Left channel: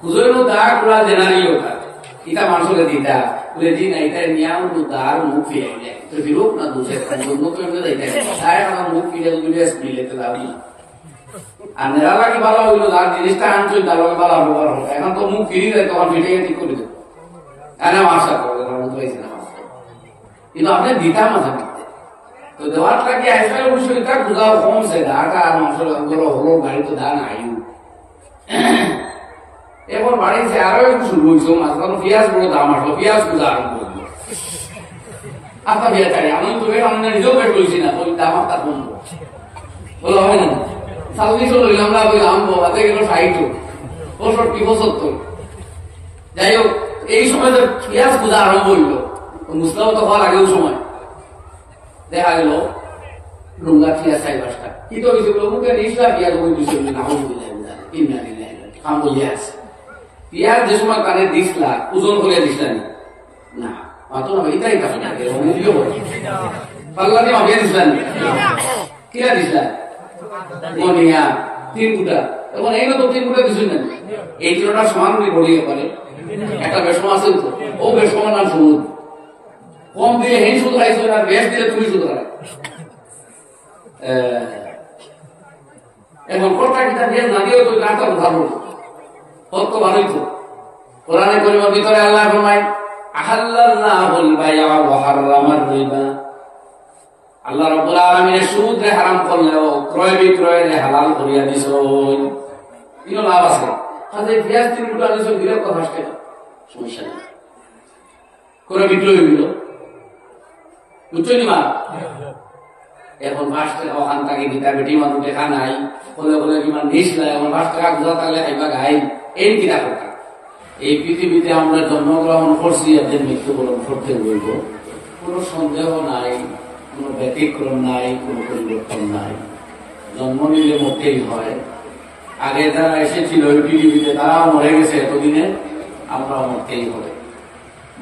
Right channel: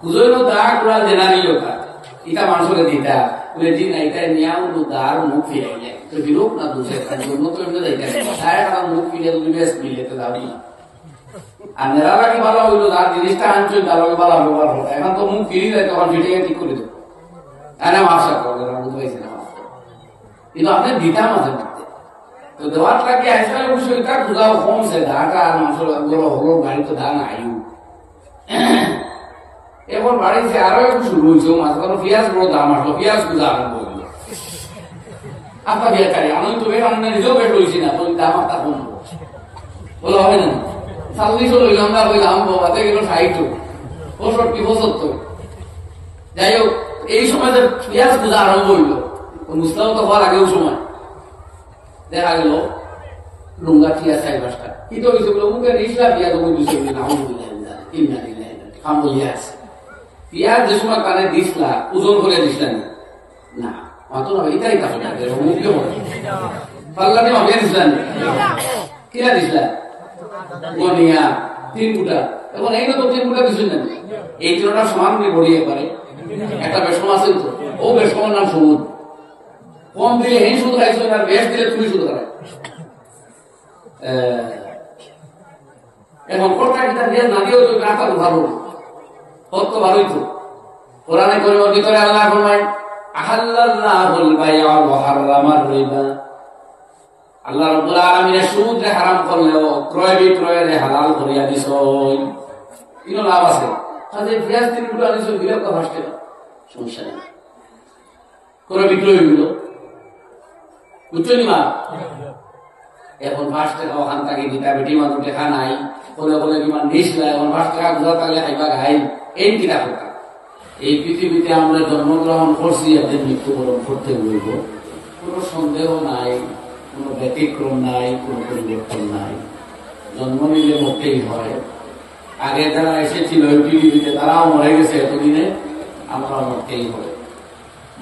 কুজইনো দা গুলা জেনারি ওটা ইটা মানুষকে দিতা বলে দিন এটা নিয়াম তো দার মুখ ফিরাইলে তো বিরূপ না দুসে জন্য তো এমনি যাইতে সারা কারণ মুখ ফিরে দুটো মিলে তো দাও না আর নেরালা কি ভালো হইলো দার জিনিসটা আনছই তার লগে ভালো ব্যবহার হবে এখন তো মুখ ফিরে যায় তখন ফিরে ঠিক করে দেবো এনে মার্শা করে বুঝতে না কিন্তু আপনি দিতা মাঝে দিতে তো দেওয়ার লাগে আজকাল অবশ্যই এটা বুঝাও কমছে ঢাকা আর মাংস হলো গাড়ি তো দান আয়ু এখন বাড়িতে আরো একটু শুরু হয়েছে মাঝখানে পেঁয়াজ বড় দাম আসলো পেঁয়াজ গুলো আরম্ভ হইল আপনার বেকারি আমি তো বের আমরা নিজেও বের হয়েছি না বলি দাম আপনার কমবো বলো হবে না 40 লইলাম না ওই দাম বাদে গেল 60 65 75 যাই হোক এই সময় পেঁয়াজ গুলো আরম্ভ হইল মুসলাম তো হওয়ার আগেও সময় দেখা গেল লুঙ্গা ঠিক আছে 5টা কিন্তু ওই সব মুখে নিসলা পেঁয়াজ ওই 200 না হল কিনা দিলেন কাম বলিয়া আছে পেঁয়াজ যে সময় কানে দিসলা ওজন করে দিসলেন না মাত্র না এটাই কাছে না পাল্লা দিয়ে মাপিয়ে দিসলেন কিনা দিসলেন গনিয়া 3 ফুটা এখন এই তো 3 ফুটা দিসুন না এই তিনটা সমান করে গড়িয়ে পারে একটা বেশম আছে তো ও বেশমের নাম সমুদ্র কম দিয়ে হেন সুদ খাইছো আর বেশ দিলে তুমি সুদ খাই এখন কোনটা কিটা দিয়ে না দিও তো রাখা ভালো কত ভালোই তো কোরআনে কারীমের ভিতরে আল্লাহ ফরমায় আহাল্লাল্লাহুল বাই'a ওয়া হাররামার রিবা আল্লাহ রাব্বুল আলামিন সুদ হারাম করলেও ক্রয় বিক্রয় হালাল করিয়া দিছেন ইনো লাভ আছে তাহলে পেঁয়াজ 3 ফুটা দিছেন দিলে কত আসছে সমস্যা নেই ক্রয় বিক্রয় হইল বুঝছনি মা এখন 5 টাকা ওখান থেকে দিতা বেটি মানুষ টাকা নাই বলে বলে কিমান নিসলা এখন 5 টাকা গুলা থাকলে খাইবা খাই এই কিনা কথা এই পৃথিবীতে আমরা জন্মগ্রহণ করছি এদের মৃত্যুবরণ করতে বলব কোন সন্দেহ নাই কোন ব্যতিক্রম নাই কোন পরিবর্তন নাই জন্ম নিলে মরতেই হয় আগে যারা এসেছিল ওই পৃথিবীতে তারাও মরে গেছে এতদিনে আমরাও মরতেই হবে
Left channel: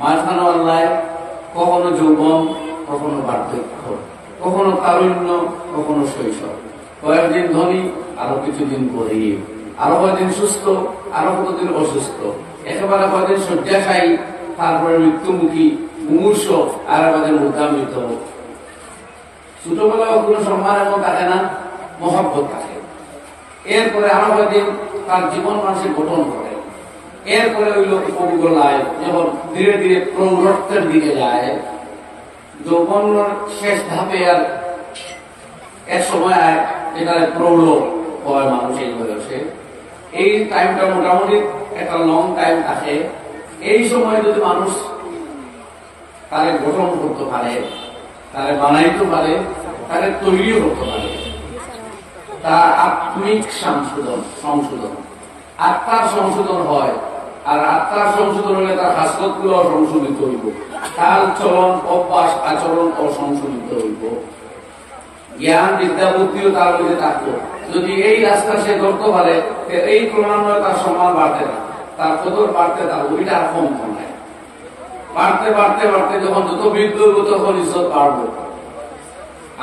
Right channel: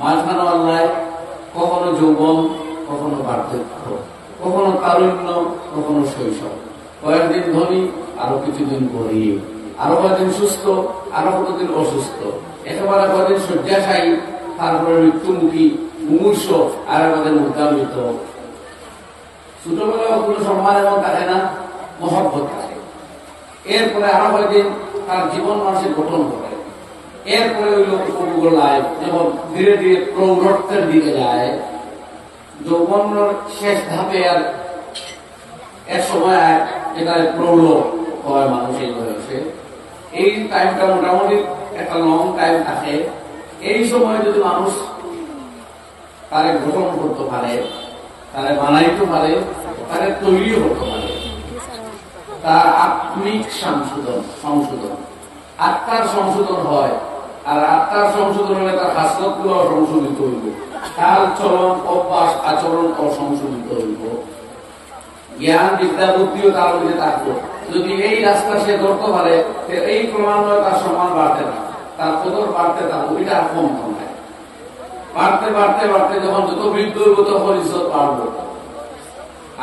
মাঝখানে আল্লাহ কখনো যৌবন কখনো বার্ধক্য কখনো তারুণ্য কখনো শৈশব কয়েকদিন ধনী আরো কিছুদিন গরিব আরো কয়েকদিন সুস্থ আরো কতদিন অসুস্থ একেবারে কয়েকদিন শয্যাশায়ী তারপরে মৃত্যুমুখী মুমূর্ষ আর কয়েকদিন উদ্দামিত ছোটবেলা কোনো সম্মান এমন থাকে না মহব্বত থাকে এরপরে আরো কয়েকদিন তার জীবন মানুষের গঠন করে এরপরে ওই লোক উপভোগ লাইফ যখন ধীরে ধীরে প্রৌঢ়ত্বের দিকে যায় যৌবনের শেষ ধাপে আর এক সময় এটা প্রৌঢ় হয় মানুষ এই বয়সে এই টাইমটা মোটামুটি একটা লং টাইম থাকে এই সময় যদি মানুষ তারে গঠন করতে পারে তারে বানাইতে পারে তারে তৈরিও করতে পারে তার আত্মিক সংশোধন আত্মার সংশোধন হয় আর আত্মার সংশোধন হলে তার হাসপাতগুলো সংশোধিত হইব কাল চলন অভ্যাস আচরণ অসংশোধিত হইব জ্ঞান বিদ্যা বুদ্ধিও তার মধ্যে থাকতো যদি এই রাস্তা সে ধরতে পারে এই ক্রমান্বয়ে তার সম্মান বাড়তে না তার কদর বাড়তে থাকবো এটা আর কম নয় বাড়তে বাড়তে বাড়তে যখন যত বৃদ্ধ হইব তখন ইজ্জত বাড়বো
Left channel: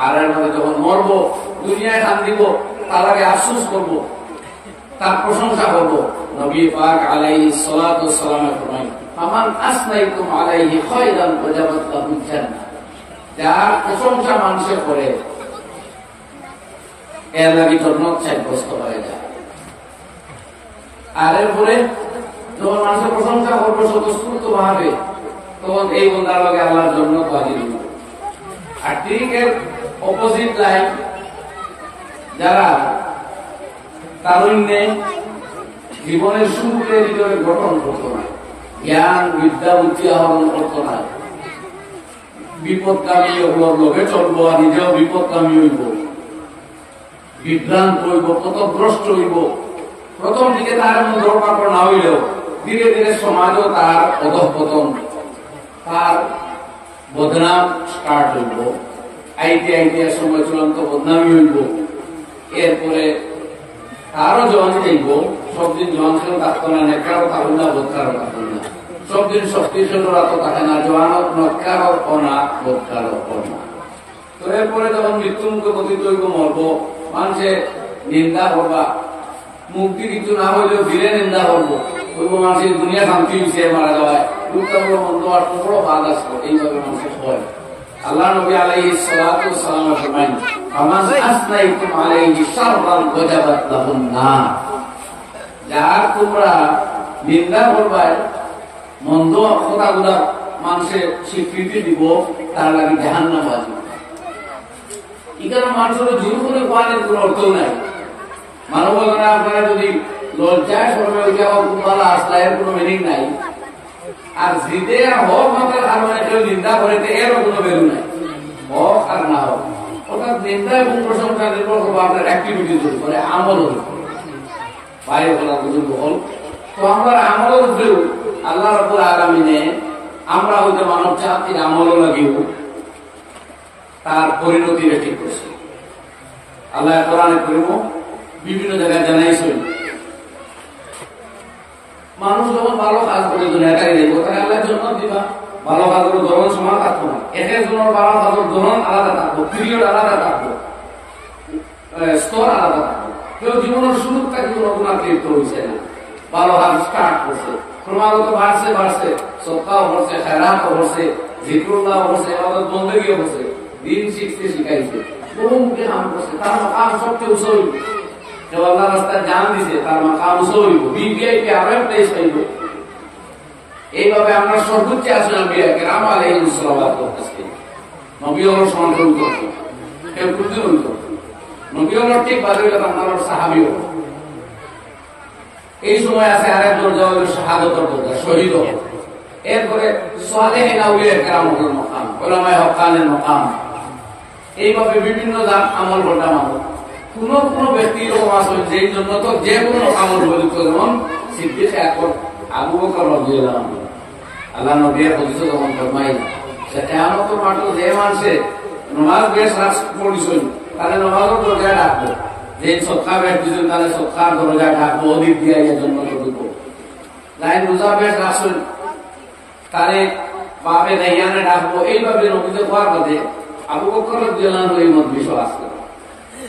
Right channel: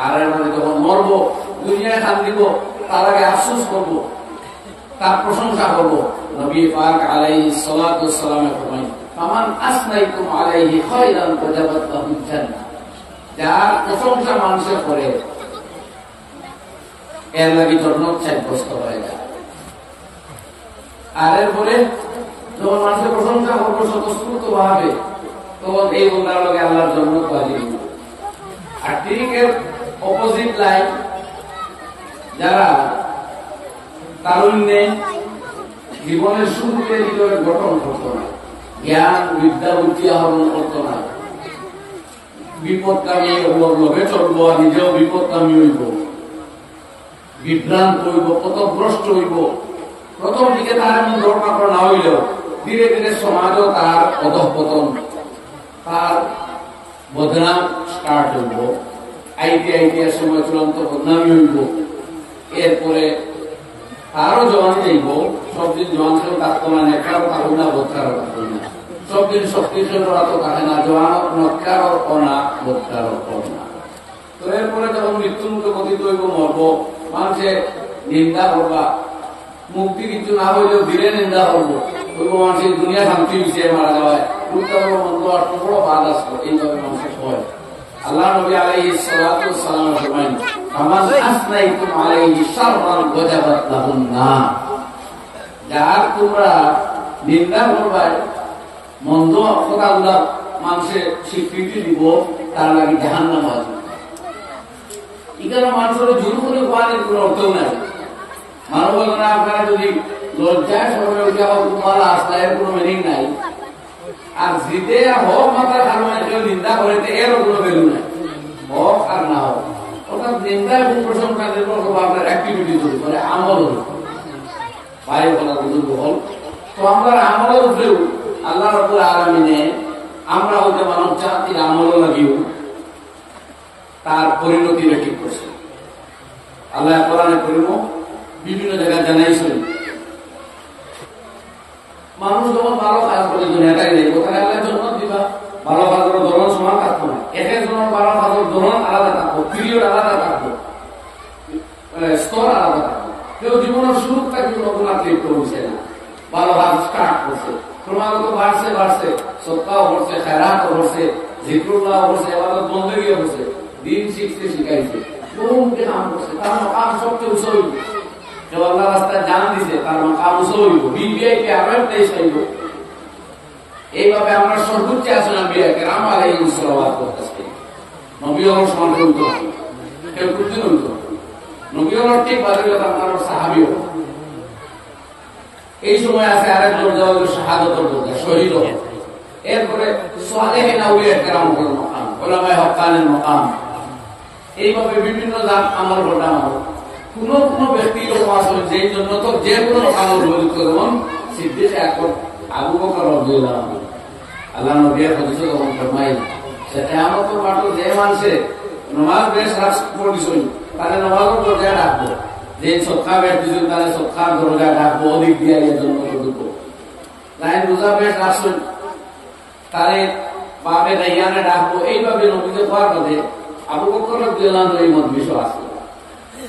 আর এর মধ্যে যখন মরবো দুনিয়ায় খান দিব তার আগে আফসোস করবো তার প্রশংসা করবো নবী পাক আলাইহিস সালাতু ওয়াস সালাম ফরমায় ফামান আসনাইতুম আলাইহি খায়রান ওয়াজাবাত লাহুল জান্নাহ যার প্রশংসা মানুষ করে এর লাগি জান্নাত সাব্যস্ত হয়ে যায় আর এরপরে যখন মানুষের প্রশংসা করবো স্বতঃস্ফূর্ত ভাবে তখন এই বন্দার লগে আল্লাহর জান্নাত হাজির হইব আর ঠিক এর অপোজিট লাইন যারা তারুণ্যে জীবনের শুরুতে নিজেকে গঠন করতো না জ্ঞান বিদ্যা বুদ্ধি আহরণ করতো না বিপদকামী লোভে চলবো আর নিজেও বিপদকামী হইব বিভ্রান্ত হইব পথভ্রষ্ট হইব প্রথম দিকে তার এমন ধর্মাকর না হইলেও ধীরে ধীরে সমাজও তার অধঃপতন তার বদনাম স্টার্ট হইব আইতে আইতে সময় চূড়ান্ত বদনামী হইব এরপরে তারও জোয়ান যাইব সবদিন জোয়ান ছিল থাকতো না নেকারও থাকল না বোধকারও থাকল না সবদিন শক্তিশালীরা তো থাকে না জোয়ান নকারও অনা বোধকারও অনা তো এরপরে যখন মৃত্যুমুখে পতিত হইব মরব মানুষে নিন্দা করবা মুক্তি কিছু না হইলেও দিলে নিন্দা করবো, ওই মানুষের দুনিয়া শান্তি হয়েছে মারা যাওয়ায় উল্টা বড় মন্দ আর বড় বাদ আসলো, এইভাবে মানুষের হয়। আল্লাহ নবী আলাইহিস সালাতু ওয়াস সালাম ফরমাইন, ফামান আসনাইতুম আলাইহি শাররান ওয়াজাবাত লাহুন নার, যার তোমরা নিন্দা করবাই, মন্দ কথাগুলা মানুষের স্বীকৃতি দিব, তার লাগে জাহান্নাম আছে। এখানে মানুষের জোর করে কোয়ানের কোন অর্থ নাই। মানবতা আপনারা যদি লজ্জায় সরবে উঠে ভালো আসলে এর কোনো মিনিং নাই। আর জিদে হোক মাত্রার কারণে কেউ নিন্দা করে এরও কোনো ভ্যালু নাই, হোক আর না হোক। অর্থাৎ নিন্দা এবং প্রশংসা নির্ভর করবো আপনার অ্যাক্টিভিটির উপরে, আমলের উপরে, বাইরে করার বুজুর্গ হল। তো আমরা আমলের উপরেও আল্লাহ রাব্বুল আলামিনে আমরা হয়তো মানব জাতির আমলও লাগিও তার পরিণতিটা ঠিক করছে। আল্লাহ কোরআনে করিম বিভিন্ন জায়গায় জানাইছেন, মানুষ যখন ভালো কাজ করে দুনিয়াটাই নেই, কোথায় আল্লাহ জন্য দিবা, ভালো কাজের ধরন সমান থাকবো না, এক একজনের ভালো কাজের ধরন আলাদা থাকবো, পিরিয়ড আলাদা থাকবো, স্তর আলাদা থাকবো। কেউ জীবনের শুরু থেকে গুণাগুণার লিপ্ত হয়েছে না, ভালো কাজ স্টার্ট করছে, ক্রমাগত বাড়ছে বাড়ছে, সপ্তাহ করছে, খায়রাতও করছে, জিকরুল্লাহ করছে, ইবাদত বন্দেগীও করছে, দিন শিখতে শিখাইছে, বহু মুখে কাম করছে, তার মাকাম সবচেয়ে উঁচু হইব। কেউ আল্লাহ রাস্তায় জান দিছে, তার মাকাম উঁচু হইব, বিবিআইপি আরো একটা হইব। এইভাবে আমরা সর্বোচ্চ আছেন আম্বিয়া কেরাম আলাইহিস সালাওয়াতু ওয়াস তাসলিম, নবী হওয়ার সমান হইত, কেউ করতে হইত, নবী হওয়ার ঠিক বাজে আপনার সাহাবীও। এই সময় আছে আরেক দরজা হলো শাহাদাতের দরজা, শহীদ হওয়া। এরপরে সালেহিন আউলিয়া কেরামের মাকাম, উলামায়ে হক্কানের মাকাম। এইভাবে বিভিন্ন জাত আমল ঘটা মানুষ। কোন কোন ব্যক্তি এরকম আসলে যেই জন্য তো যে কোনো আমল বলিত, যেমন সিদ্দিক আকবর, আবু বকর রাদিয়াল্লাহু আনহু, আল্লাহ নবীর হাদিস যখন ফরমাইলেন যে কিয়ামতের মাঠে যে মানুষে নামাজ বেশ রাত পড়িছেন তাহলে নামাজের দরজায় ডাকবো, যে সদকা বেশ দিছেন তাহলে সদকার দরজায় ডাকবো, অধিক দিয়ে এর জন্য ঢুকব। যাই রোজা বেশ রাখছেন তাহলে বাবে রাইয়ানে ডাকবো। এইভাবে নবীতে হওয়ার বাদে আবু বকর রাদিয়াল্লাহু আনহু এই মত বিষয় আছে।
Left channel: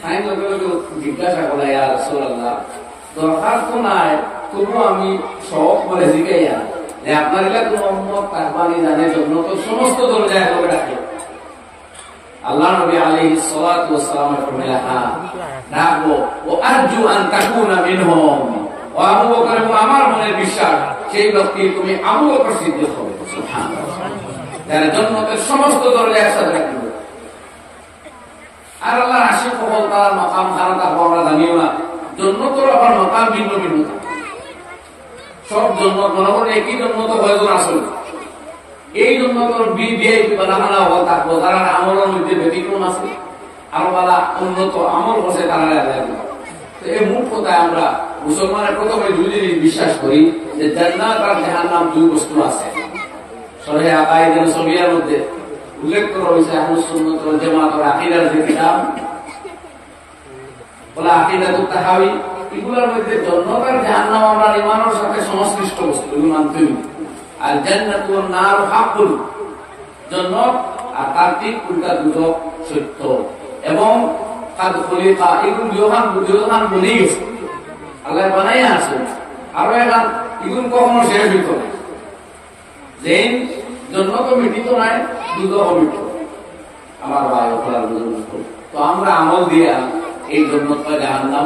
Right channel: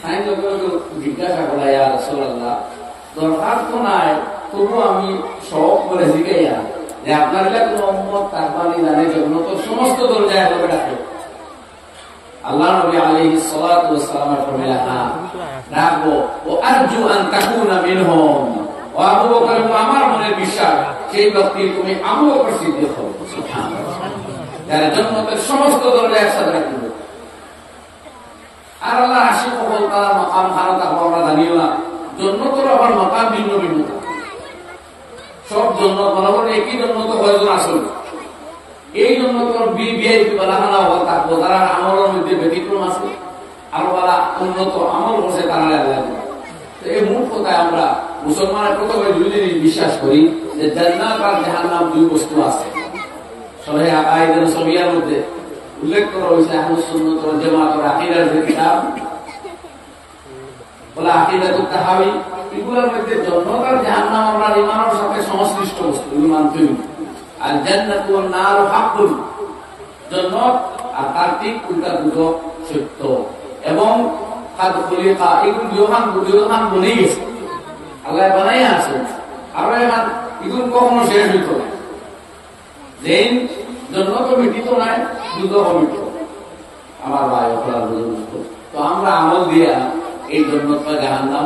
তাই লোকে লোকে জিজ্ঞাসা করা, ইয়া রাসূলুল্লাহ, দরকার তো নাই, তবু আমি শখ করে জিজ্ঞাসা যে আপনার কোন উম্মত তাকবানি জানে জন্য তো সমস্ত দরজায় লোকে ডাকে। আল্লাহ নবী আলাইহিস সালাতু ওয়াস সালাম ফরমাইলেন, হ্যাঁ ডাকবো, ও আরজু আন তাকুনা মিনহুম, ও আবু বকর, আমার মনের বিশ্বাস সেই ব্যক্তি তুমি আবু বকর সিদ্দিক হবে, সুবহানাল্লাহ, যারা জান্নাতের সমস্ত দরজা একসাথে রাখবে। আর আল্লাহ আশিক হল তারা মাকাম খানা থাকবো আমরা জানিও না, জন্নতর আবার মাকাম ভিন্ন ভিন্ন থাকে। সব জন্নত মনে করেন একই জন্নত কয়েকজন আসল, এই জন্য তোর বিআইপি বালাখানা হল থাকবো, তারা আমলের মধ্যে ব্যতিক্রম আছে, আরো বালা উন্নত আমল করছে তারা। এই মূল কথায় আমরা মুসলমানের প্রথমে দুই জিনিস বিশ্বাস করি, যে জান্নাত আর জাহান্নাম দুই বস্তু আছে। সহিহ আকাইদ রাসূলিয়ার মধ্যে উল্লেখ করা হয়েছে, আহলে সুন্নাত ওয়াল জামাতের আকীদার যে কিতাব বলে আকীদাতুত তাহাবী, এগুলোর মধ্যে জান্নাত আর জাহান্নাম আমরা ঈমানের সাথে সংশ্লিষ্ট বস্তু, এগুলো মানতে হবে। আর জান্নাতু ওয়ান নারু হাক্কুন, জান্নাত আর তার ঠিক উল্টা দুটো সত্য, এবং কাদ খলিকা, এগুলো দুইখান বনেই গেছে, আল্লাহ বানাই আছে। আরো এখন এগুলো কখনো শেষ হইত না, যেই জান্নাত মিটিত নাই, দুটো মিটিত। আমার ভাই অপরাধ তো আমরা আমল দিয়া এই জান্নাত বা জাহান্নাম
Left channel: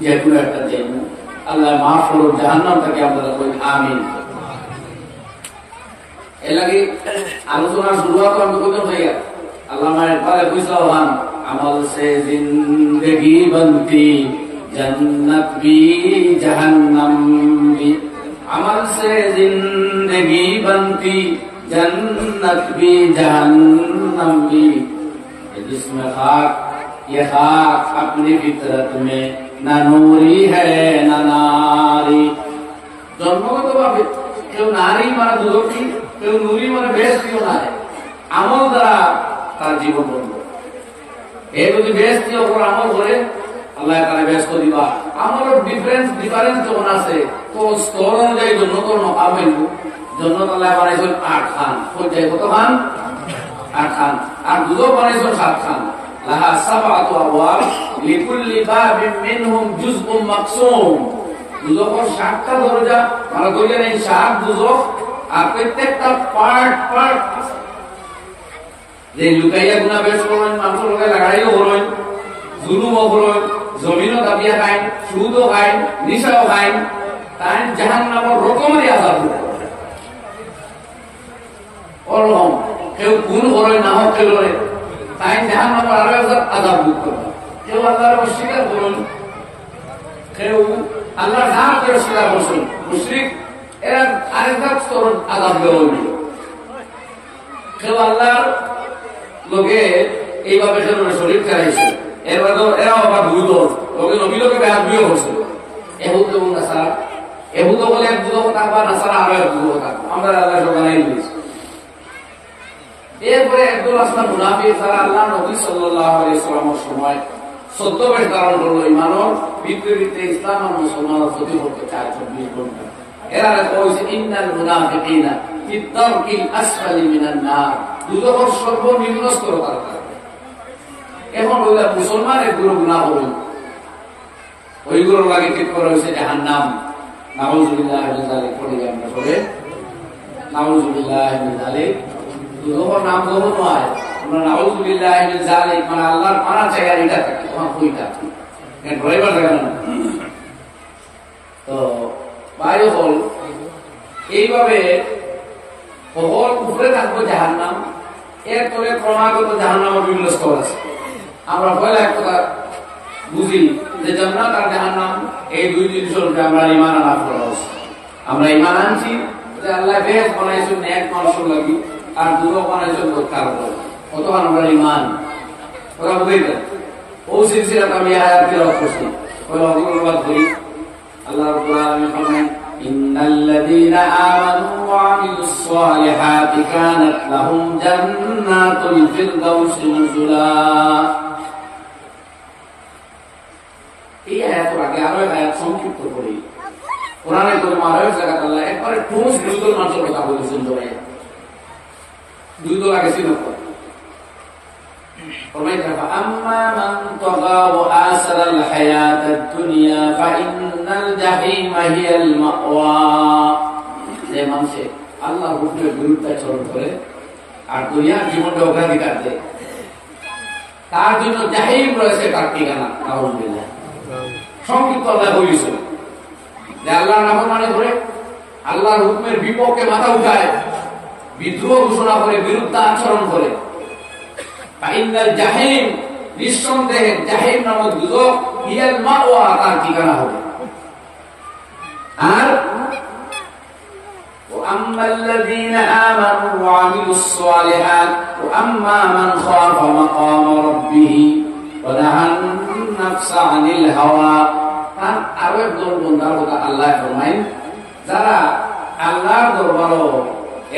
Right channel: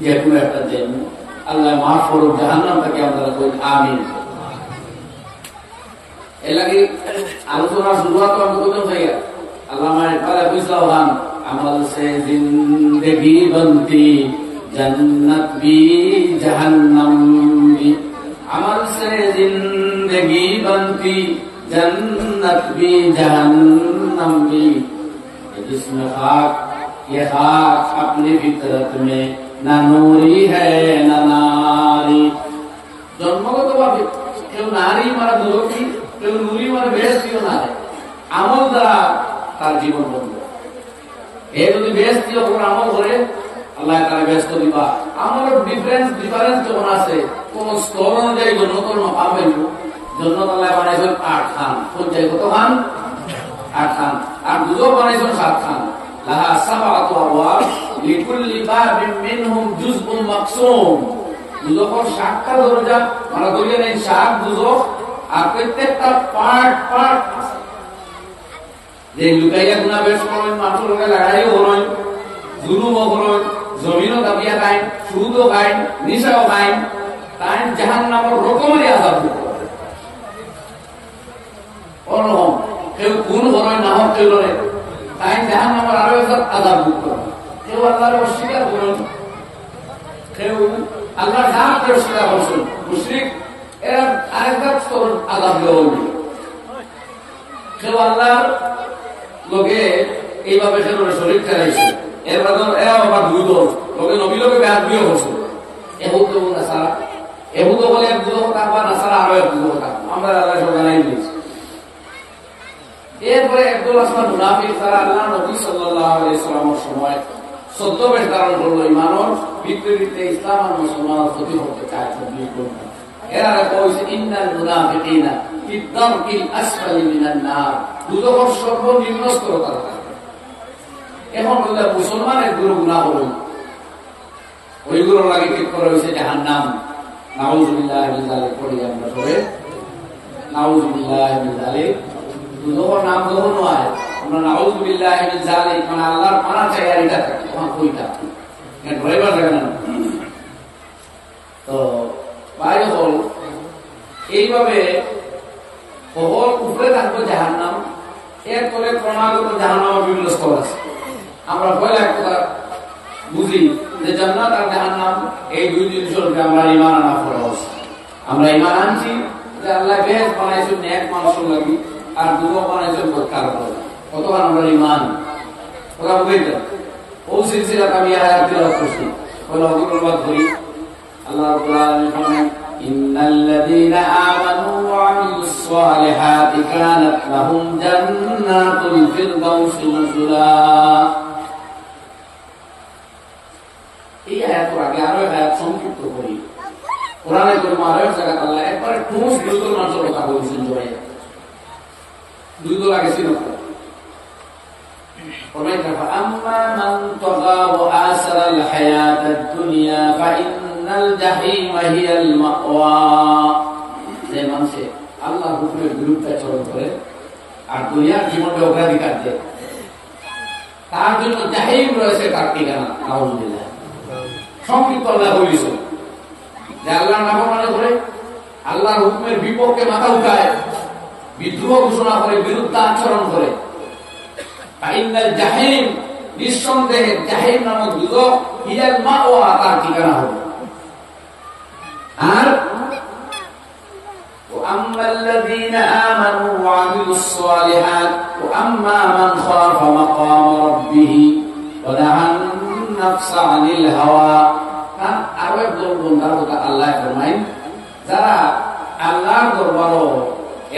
যে কোনো একটা দেব, আল্লাহ মাফ করুক, জাহান্নাম থেকে আপনারা কই আমিন। এর লাগে আলোচনা শুরুয়াত আমি কইতাম ভাই, আল্লাহ মায়ের পারে কইসাওয়ান, আমল সে জিন্দেগি বনতি जन्नत भी जहन्नम भी, अमल से जिंदगी बनती जन्नत भी जहन्नम भी, जिसमें खाक ये खाक अपनी फितरत में न नूरी है न नारी। জন্মগত ভাবে কেউ নারী মানে দুর্গী, কেউ নুরি মানে বেহেশতীও না, আমল দ্বারা তার জীবন বন্ধ। এ যদি বেহেশতী ওপর আমল করে আল্লাহ তাআলা ব্যস্ত দিবা। আমাদের ডিফারেন্স যখন আছে তো স্তর অনুযায়ী জন্নতর মাকাম হইব। জন্নত আল্লাহ বানাইছেন 8 খান, কোন জায়গায় কত খান? 8 খান। আর দুধও বানাইছেন 7 খান। লাহা সাবআতু আবওয়াব লিকুল্লি বাবিন মিনহুম জুজউম মাকসুম। দুজখের 7টা দরজা, মানে দরজা নেই 7 দুজখ, আর প্রত্যেকটা পার্ট পার্ট আছে। যে লুকাইয়া গুনাহ বেশ করেন, মানুষ লোকে লাগাইও করেন, জুলুমও করেন, জমিনও দাবিয়া খাইন, সুদও খাইন, নিশাও খাইন, তাই জাহান্নামের রকমেরই আযাব দিতে পারে। ওরকম কেউ খুন করেন না হোক কেউ তাই জাহান্নামের আরো একবার আযাব দিতে পারে। কেউ আল্লাহর অস্বীকার করেন, কেউ আল্লাহর নামকে অস্বীকার করছেন, মুশরিক, এরা আরেকটা স্তর আযাব দেওয়া। কেউ আল্লাহর লোকে এইভাবে সেজন্য শরীর খারাইছে, এরপরে এরাও আবার দুই দল লোকে নবী লোকে ব্যাধ বিয়ে করছে। এহুদ এবং নাসারা, এহুদ বলে এক দুটো কথা বা নাসারা আরো এক দুটো কথা, আমরা আল্লাহ সব জানাই দিয়েছি। এরপরে একদল আসলাম মুনাফিক, তারা আল্লাহ নবী সাল্লাল্লাহু আলাইহি ওয়াসাল্লামের সময় ছদ্মবেশ ধারণ করলো, ইমানর বিপরীতে ইসলাম আর মুসলমানের ক্ষতি করতে চায় 24 ঘন্টা। এরা কইছে ইন্নাল মুনাফিকিনা ফি দারকিল আসফালি মিনান নার, দুজখের সর্বনিম্ন স্তর তারা থাকবে। এখন বললে মুসলমান একগুলো গুনাহ করুন, ওইগুলোর লাগে ঠিক করা হয়েছে জাহান্নাম। নাউযুবিল্লাহি মিন যালিক পড়ি আমরা সবে, নাউযুবিল্লাহি মিন যালিক। দুজখের নাম যখন হয় আমরা নাউযুবিল্লাহি মিন যালিক, মানে আল্লাহর পানা চাই আর এটা থাকে, তখন কইটা কেন ড্রাইভার জায়গা না। তো বাইরে হল এইভাবে হল উপরে থাকবো জাহান্নাম, এরপরে ক্রমাগত জাহান্নামের বিভিন্ন স্তর আছে। আমরা পয়লা এক কথা বুঝি যে জান্নাত আর জাহান্নাম এই দুই জিনিসের উপরে আমরা ঈমান আনা ফরজ। আমরা ঈমান আনছি যে আল্লাহ বেহেশত বানাইছেন নেক মানুষের লাগি, আর দুজখ বানাইছেন বদকার করে, কতক্ষণ আমরা ঈমান কথা বুঝাইতেন। ও সিলসিলাতে আমি আয়াত তিলাওয়াত করছি, পয়লা ওগুলোর বাদ করি। আল্লাহ রাব্বুল আলামিন ফরমায় ইন্নাল্লাযীনা আমানু ওয়া আমিলুস সালিহাতি কানাত লাহুম জান্নাতুল ফিরদাউসি নুজুলা। এই আয়াতের আগে আরো এক আয়াত সংক্ষিপ্ত করি। কোরআনে কারীমে আরো এক জায়গায় আল্লাহ একবারে ঠোস দুই দল মানুষের কথা বলেছেন। জবাই দুই দল আগে ছিল ফরমাইতা ফাআম্মা মান তাগা ওয়া আসারাল হায়াতাদ দুনিয়া ফাইন্নাল জাহিমা হিয়াল মাওয়া। যে মানুষ আল্লাহর হুকুমের বিরুদ্ধাচরণ করে আর দুনিয়ার জীবনকে অগ্রাধিকার দেয়, তার জন্য জাহিম রয়েছে তার ঠিকানা। নাউযুবিল্লাহ। সংক্ষিপ্ত আল্লাহ বলেছেন যে আল্লাহর নাফরমানি করে, আল্লাহর হুকুমের বিপক্ষে মাথা উঠায়, বিদ্রোহ ঘোষণা করে, বিরুদ্ধে আচরণ করে, ফাইন্নাল জাহিম, নিঃসন্দেহে জাহিম নামক দুজখ হিয়াল মাওয়া, তার ঠিকানা হবে। আর وأما الذين آمنوا وعملوا الصالحات وأما من خاف مقام ربه ونهى النفس عن الهوى। আরো একজন বন্দার কথা আল্লাহ ফরমায়, যারা আল্লাহর দরবারও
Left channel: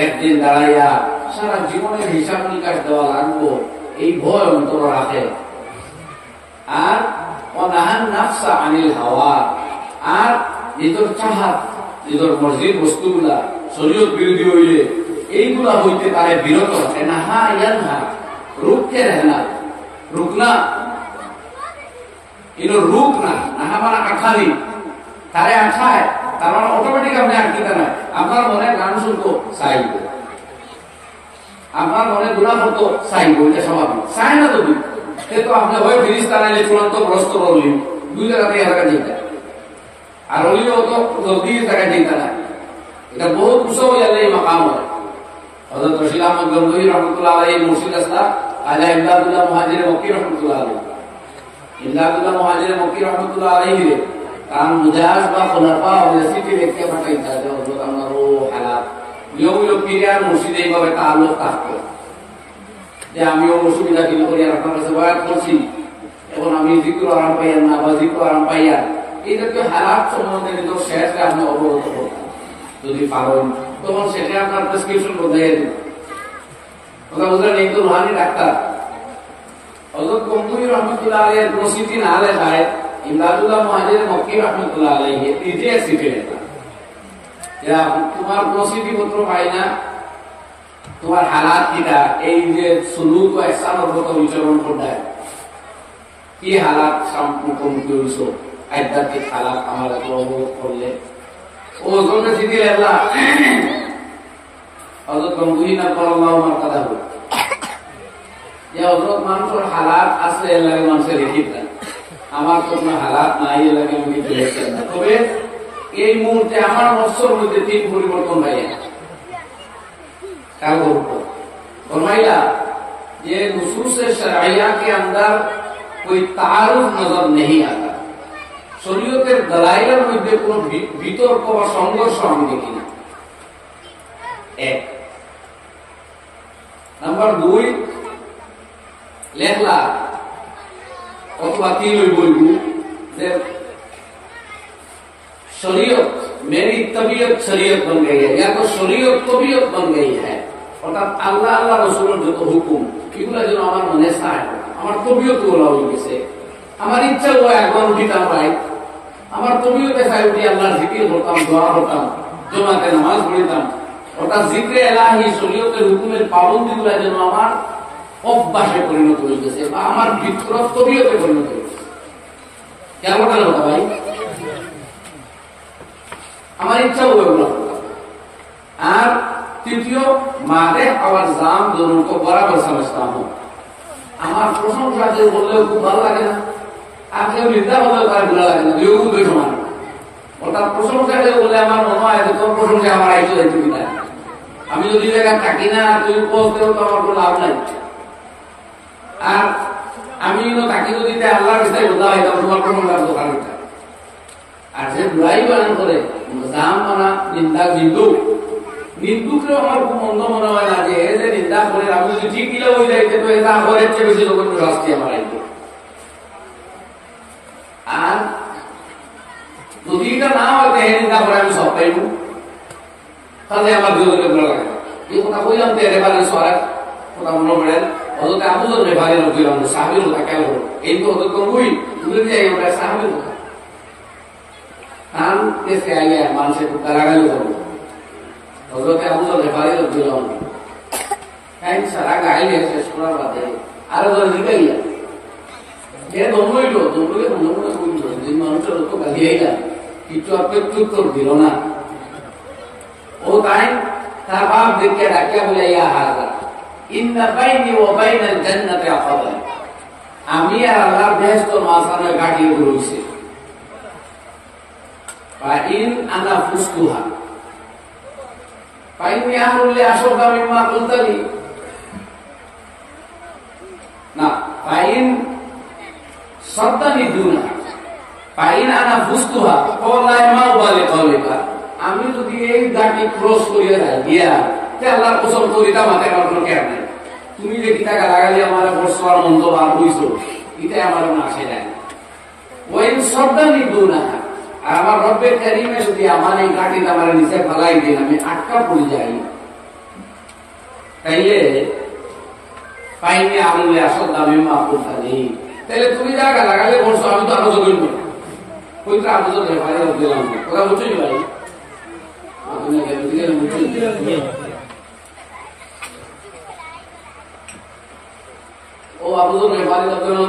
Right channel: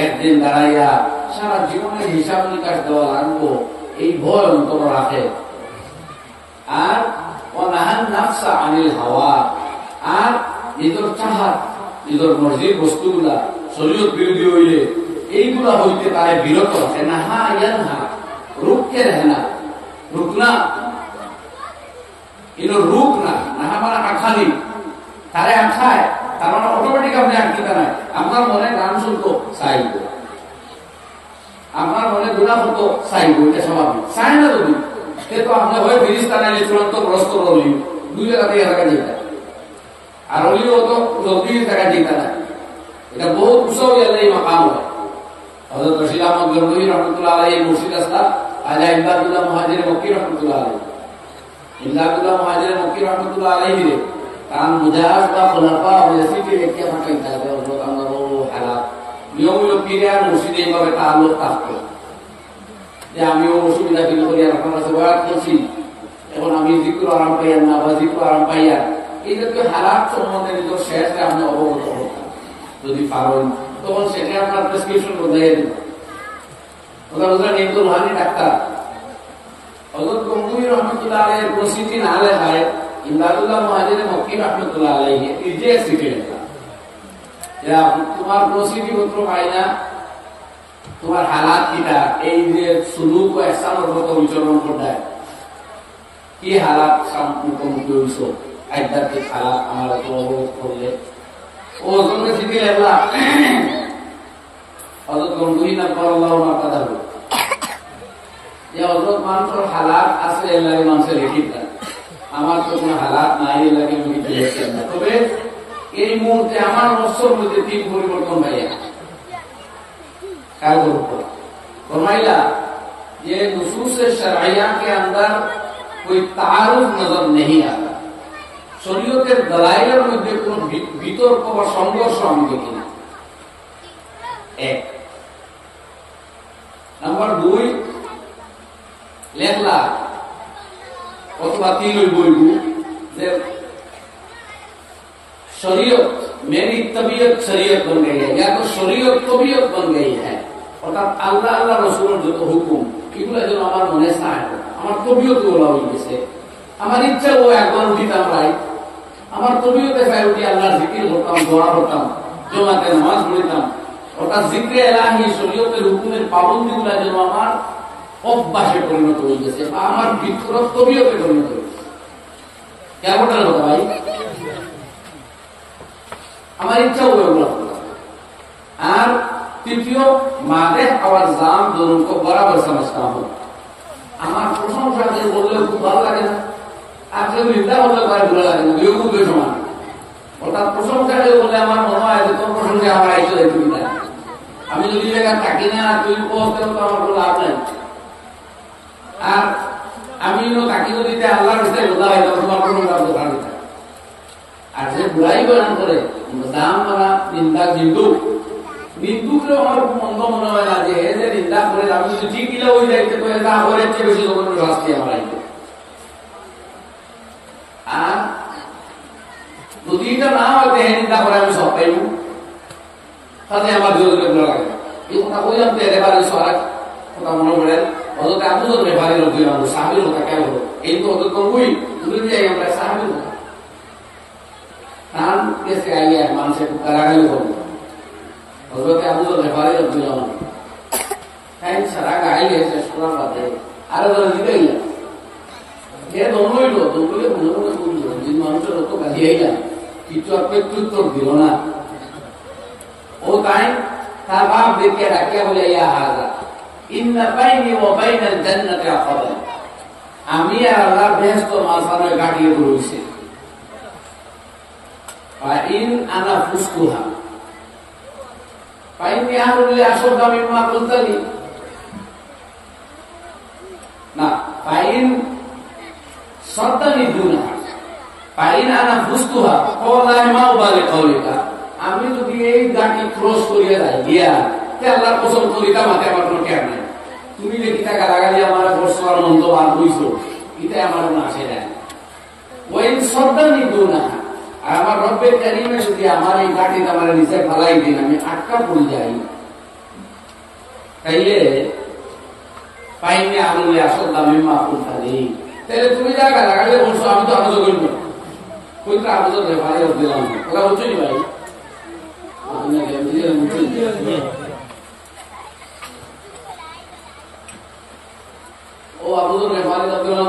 একদিন দাঁড়াইয়া সারা জীবনের হিসাব নিকাশ দেওয়া লাগবো এই ভয় অন্তর রাখে, আর ওয়ানাহান নাফসা আনিল হাওয়া, আর নিজের চাহাত নিজের মর্জির বস্তুগুলা শরীয়ত বিরোধী হইলে এইগুলা হইতে তারে বিরত রাখে। নাহা ইয়ানহা, রুখকে রাখে না, রুক না, এগুলো রুক না। নাহা মানে আখানি, তারে আখায়, তার মানে অটোমেটিক আপনি আঁকিতে নাই। আপনার মনে গান শুনতো চাইব, আপনার মনে গুণা করতো চাইব, এটা স্বাভাবিক। চাই না যদি সে তো আপনি হয় ফিরিস্তা নাইলে চূড়ান্ত গ্রস্ত হলি, দুই জায়গাতে এলাকা যেটা, আর হলিও তো জলদি জায়গায় যেটা না। এটা বহুত উৎসব এই মাকাম হয়। হযরত রশিদ আহমদ গঙ্গোহী রহমাতুল্লাহ আলাইহি মুর্শিদ আসলাম খাজা ইমদাদুল্লাহ মুহাজির মক্কি রহমাতুল্লাহ আলাইহি, ইমদাদুল্লাহ মুহাজির মক্কি রহমাতুল্লাহ আলাইহি রে তার মুজাজ বা খোলাফা ওয়াসিটি রেখে পাঠাইতা হযরত আমরু হালাত নিয়ম হলো পীর আর মুর্শিদ এইভাবে তাআল্লুক থাকতো যে আমিও অসুবিধা ফিল করি আর আপনার কাছে বয়াত করছি, এখন আমি জিকির আরাম পাইয়ার না বা জিকির আরাম পাইয়ার, এই জাতীয় হালাত সম্বন্ধে নিজের শেষে আপনি অবগত করতেন যদি পারেন, তখন সেটা আপনার প্রেসক্রিপশন বদলাইয়া দিবেন। কথা বুঝলেন? এই তো রুহানি ডাক্তার হযরত গঙ্গোহী রহমাতুল্লাহ আলাইহির প্রসিদ্ধি না লেখায় ইমদাদুল্লাহ মুহাজির মক্কি রহমাতুল্লাহ আলাইহি নিজে সিটে লেখা, তোমার প্রসিদ্ধি পত্র পাই না, তোমার হালাত কিটা, এই যে সুলুক ও ইহসানের মতো বিচরণ করতে কি হালাত মুখোমুখি হইছ, আধ্যাত্মিক হালাত আমার অবরোধ করলে ও তোমরা চিঠি লেখলা হযরত গম্ভীর আল্লাহ মার্কাদা হল যে হযরত মানুষের হালাত আছে এলাকা মানুষের লিখিত না, আমার তো কোনো হালাত নাই এলাকা আমি কিছু লিখছেন না। তবে এই মুহূর্তে আমার নফসের মধ্যে 3 পরিবর্তন ভাইয়া ख्याल फरमाइला ये नुसूस शरइया के अंदर कोई तारुफ नजर नहीं आता, शरीयतेर दलाइलेर मध्य कोनो बितर्क बा संघर्ष आमि देखि ना। 1 नम्बर 2 लेखला अथवा 3 বলবো যে शरीयत मेरी तबीयत शरीयत बन गई है, या तो शरीयत तबीयत बन गई है, অর্থাৎ আল্লাহ আল্লাহ রসুলের যত হুকুম এগুলো যেন আমার মনে চায়, আমার তবিয়ত ওলা হয়ে গেছে, আমার ইচ্ছা ও একবার উঠিতাম ভাই, আমার তবিয়তে চাই উঠি আল্লাহর জিকির করতাম, দোয়া করতাম, জমাতে নামাজ পড়িতাম, অর্থাৎ জিক্রে এলাহি শরীয়তের হুকুমের পাবন্দি গুলা যেন আমার অভ্যাসে পরিণত হয়ে গেছে বা আমার ভিতর তবিয়তে পরিণত হয়ে গেছে। কেমন কথা ভাই, আমার ইচ্ছা হলো এগুলো করতাম। আর তৃতীয় মাদে আওয়ার জাম दोनों को बराबर समझता हूं, আমার প্রশংসা যে বললেও খুব ভালো লাগে না, আর কেউ নিন্দা বললেও তার ভালো লাগে না, দুই খুবই সমান। অর্থাৎ প্রশংসা যে বলে আমার মনে হয় যে তোর প্রশংসা আমার আইতো এই তুমি না, আমি যদি জায়গা থাকি না তুই পৌঁছতেও তো আমার কোনো লাভ নাই। আর আমি থাকি যদি আল্লাহর কাছে বলতে হয় তবে তোমার প্রশংসা বলতে পারি না। আর যে বুড়াই বয়ান করে জাম মানা নিন্দা নিন্দুক, নিন্দুকেও আমার খুব মন্দ মনে হয় না যে যে নিন্দা করে আমি যদি ঠিক দিলে ওই যাইতে তো এটা আমার চেয়ে বেশি লোক শাস্তি আমার আইতো। আর যদি এটা না হয়তো হে নিন্দা করে আমি সব পাইব, তাহলে আমার জোরে ভালো লাগে না। এই কথা কইলাম তো এবারে সরাক কথা মনে পড়ে অযথা আবুজর ব্যাপারে লোক দিলাম সাহাবীর কথা কেন হলো এই তো অত কমই ভুলে যাই আমরা সাহাবীর কথা কান কেসে আইয়া মানুষের গালাগালি করবো হযরত আবু যর গফারী রাদিয়াল্লাহু আনহু কাই সারা গায়ে গেছে শোনার বাদে আর বলে দিবাইয়া এ দমইলো দমইলে মনে মনে কইলো দিন মানুষের তো গালি আইলা কিছু অপেক্ষা দিল না। ও তাই তার বাপ দেখে ডাকিয়া বলে ইয়া হাযা ইন্না বাইনি ওয়া বাইনাল জান্নাতি আকাবান, আমি আর আল্লাহ বেহেশতের মাঝখানে গাড়ি রইছে। ফাইন আনা ফুসতুহা ফাইনি আমরুল্লি আশরদা মিম্মা কুনতালি না ফাইন সাদ্দানি দুনা ফাইন আনা ফুসতুহা ওয়াল্লাহি মা উবালি কওলিকা, আমি যদি এই গাড়ি ক্রস করিয়া যাই গিয়া তে আল্লাহর কসম করি তামাতে আমার কোনো কেয়ার নাই, তুমি যে কিতা গালাগালি আমার বর্ষা আর মন্দ বার হইছো এটা আমার কোনো আসে যায় না। ওই সাদ্দানি দুনা, আর আমার রব্বে কারীমে যদি আমার এই গাড়ি আমার নিচে ফেলাই দিন আমি আটকা পড়ে যাই, তাইলে পাইনি আমলে আসল মিম্মা কুনতালি, তাহলে তুমি যা গালাগালি বলছো আমি তো আরো জগিন করি কইতা আবুজর ব্যাপারে দিলাম কথা বুঝছো নি ভাই, ও আবুজর ব্যাপারে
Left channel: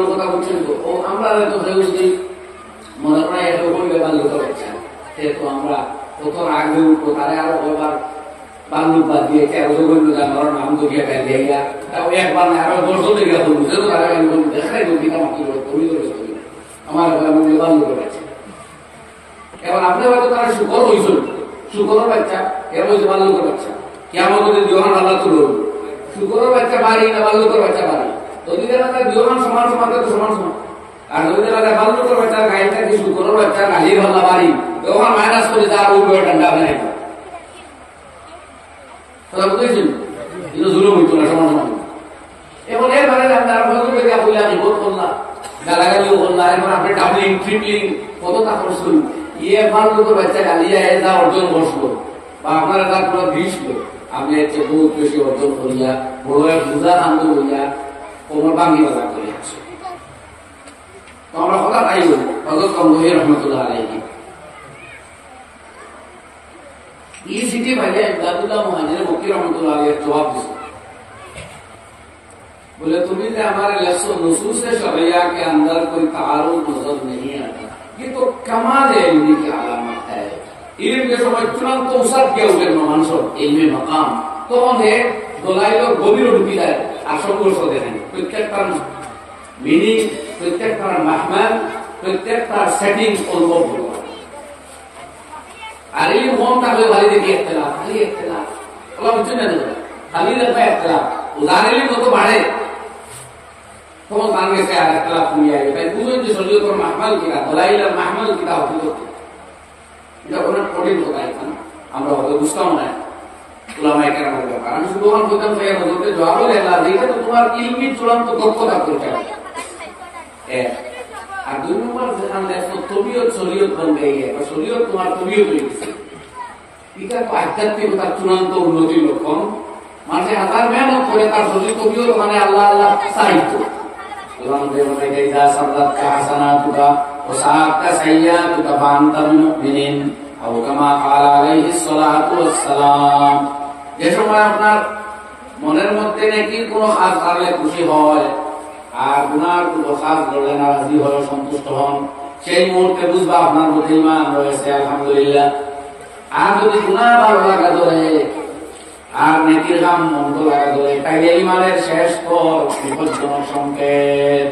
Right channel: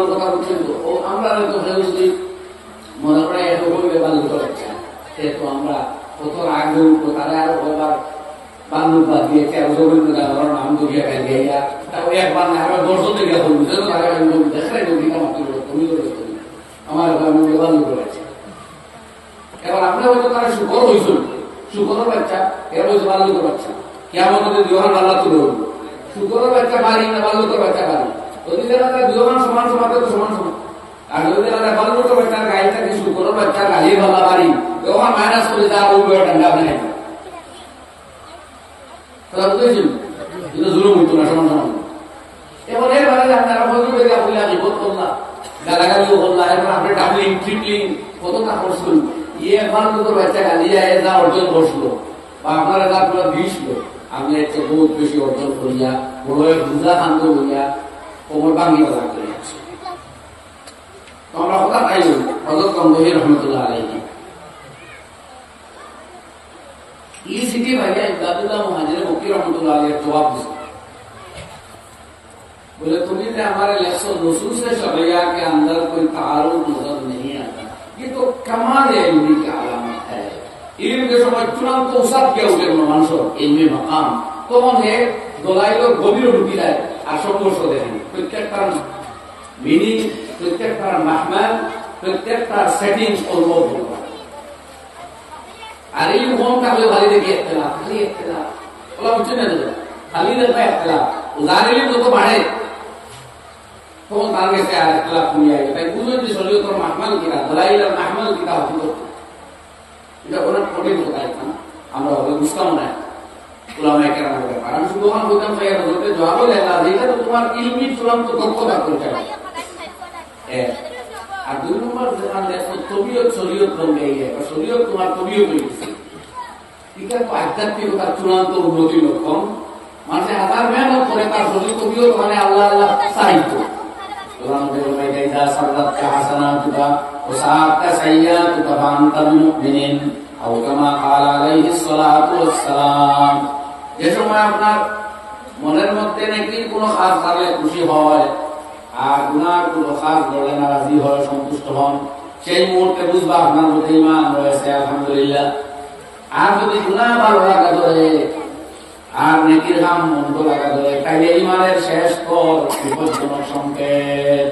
কথা বুঝছেন তো, ও আমরা তো যদি মনে করা এত বলবে বাল্যুক চায় সে তো আমরা কত আগে উঠবো তারা আরো এবার বাল্যুক বাদ দিয়ে তেরো জগন্য জানার নাম তো গিয়ে গাই দেয়া তাও একবার না আরো 10 জন গিয়ে বলবো যেন তারা দেখাই তুমি তুমি আমার বাল্যুক রয়েছে। এবার আপনি হয়তো তারা শুকর হয়েছিল, শুকরের বাচ্চা এর হয়েছে বাল্যুকের বাচ্চা, কেমন যদি দিওহান আল্লাহ তুলে শুকরের বাচ্চা বাড়ি না বাল্যুকের বাচ্চা বাড়ি, যদি তারা দিওহান সমান সমান তো সমান সমান। আর যদি তারা বাল্যুকের বাচ্চার গাড়িটা কি শুকরের বাচ্চার গাড়ি ভাল্লা বাড়ি তখন মাইনাস করে তার ওই বয়ে ঠান্ডা বানাই কথা বুঝেছেন, কিন্তু জুলুম হইতো না সমান সমান। এবার এর বাইরে আপনারা হয়তো বেরিয়া বললাম বিপদ করলাম গালাগালিও করলাম, এবার আপনি ডাবলিং ট্রিপলিং কত তা করছেন, ইয়ে বাল্যুকের বাচ্চা গালিয়া যা অর্জন করছিল বা আপনারা যা পুরো দিয়েছিল আপনি এতে বহুত বেশি অর্জন করিয়া বড় এক বুঝা খান্ত হইয়া কোমর ভাঙ্গি বাজা করে আসছে। তো আমরা কথা তাই বলি হযরত গম্ভীর রহমতুল্লাহ আলাইহি এই সিটি ভাইয়া ইমদাদুল্লাহ মুহাজির মক্কি রহমতুল্লাহ আলাইহি জবাব দিছে বলে তুমি ने हमारे नुसूस शरिया के अंदर कोई तारुफ नजर नहीं आता। ये तो कमाल इल्मी की अलामत है। इल्म के समय चुनाव तो उसत के उठे मानसो इल्मी मकाम तो उन्हें দলাইলো গভীর ঢুকি যায় আর সংঘর্ষ দেখেন। প্রত্যেকটার মিনিং, প্রত্যেকটার মাহমাল, প্রত্যেকটার সেটিংস অনুভব হতে পারে। আর এই মন থাকলে খালি দেখি একতলাফ, খালি একতলাফ ওলা বুঝছেন না, খালি দেখবে একতলাফ। উদার এলিম যত বাড়ে তখন তার গেছে আর একতলাফ কমিয়ে আসবে। তাই বুঝবেন যে শরীয়তের মাহমাল কিনা, দলাইলের মাহমাল কিনা হতে করতে এটা অনেক কঠিন কথা। এখন আমরা হয়তো বুঝতাম না উলামায়ে কেরামের ব্যাপার। আমি শুধু ওখানে বলতাম ভাইয়া হজরতে জবাব দেলা যেটা তো তোমার ইলমি চূড়ান্ত দক্ষতা পরিচয়। আর দুই নম্বর যেখানে দেখো তবিয়ত শরীয়ত বন গই है और শরীয়ত তোমার তবিয়ত হয়ে গেছে। এটা তো আধ্যাত্মিকতার চূড়ান্ত উন্নতির লক্ষণ। মানুষ হাজার মেহনত করে তার শরীর তবিয়ত ওখানে আল্লাহ আল্লাহ সাহিত্য আল্লাহ বেরোবে গাইদা সাল্লাত কা হাসানাতুকা ওয়া সাআতা সাইয়াতুকা ফাআনতাল মুমিনিন আও কামা ক্বালা আলাইহিস সালাতু ওয়াস সালাম। যে সময় আপনার মনের মধ্যে নাকি কোনো খাস কারণে খুশি হয় আর গুনার কোনো খাস ধরলে নারাজি হয়, সন্তুষ্ট হন, সেই মুহূর্তে বুঝবা আপনার মধ্যে ঈমান রয়েছে আলহামদুলিল্লাহ। আর যদি গুনাহ ভালো লাগা ধরে আর নেকির কাম মন্দ লাগা ধরে তাইলে ঈমানের শেষ স্তর বিপজ্জনক সংকেত।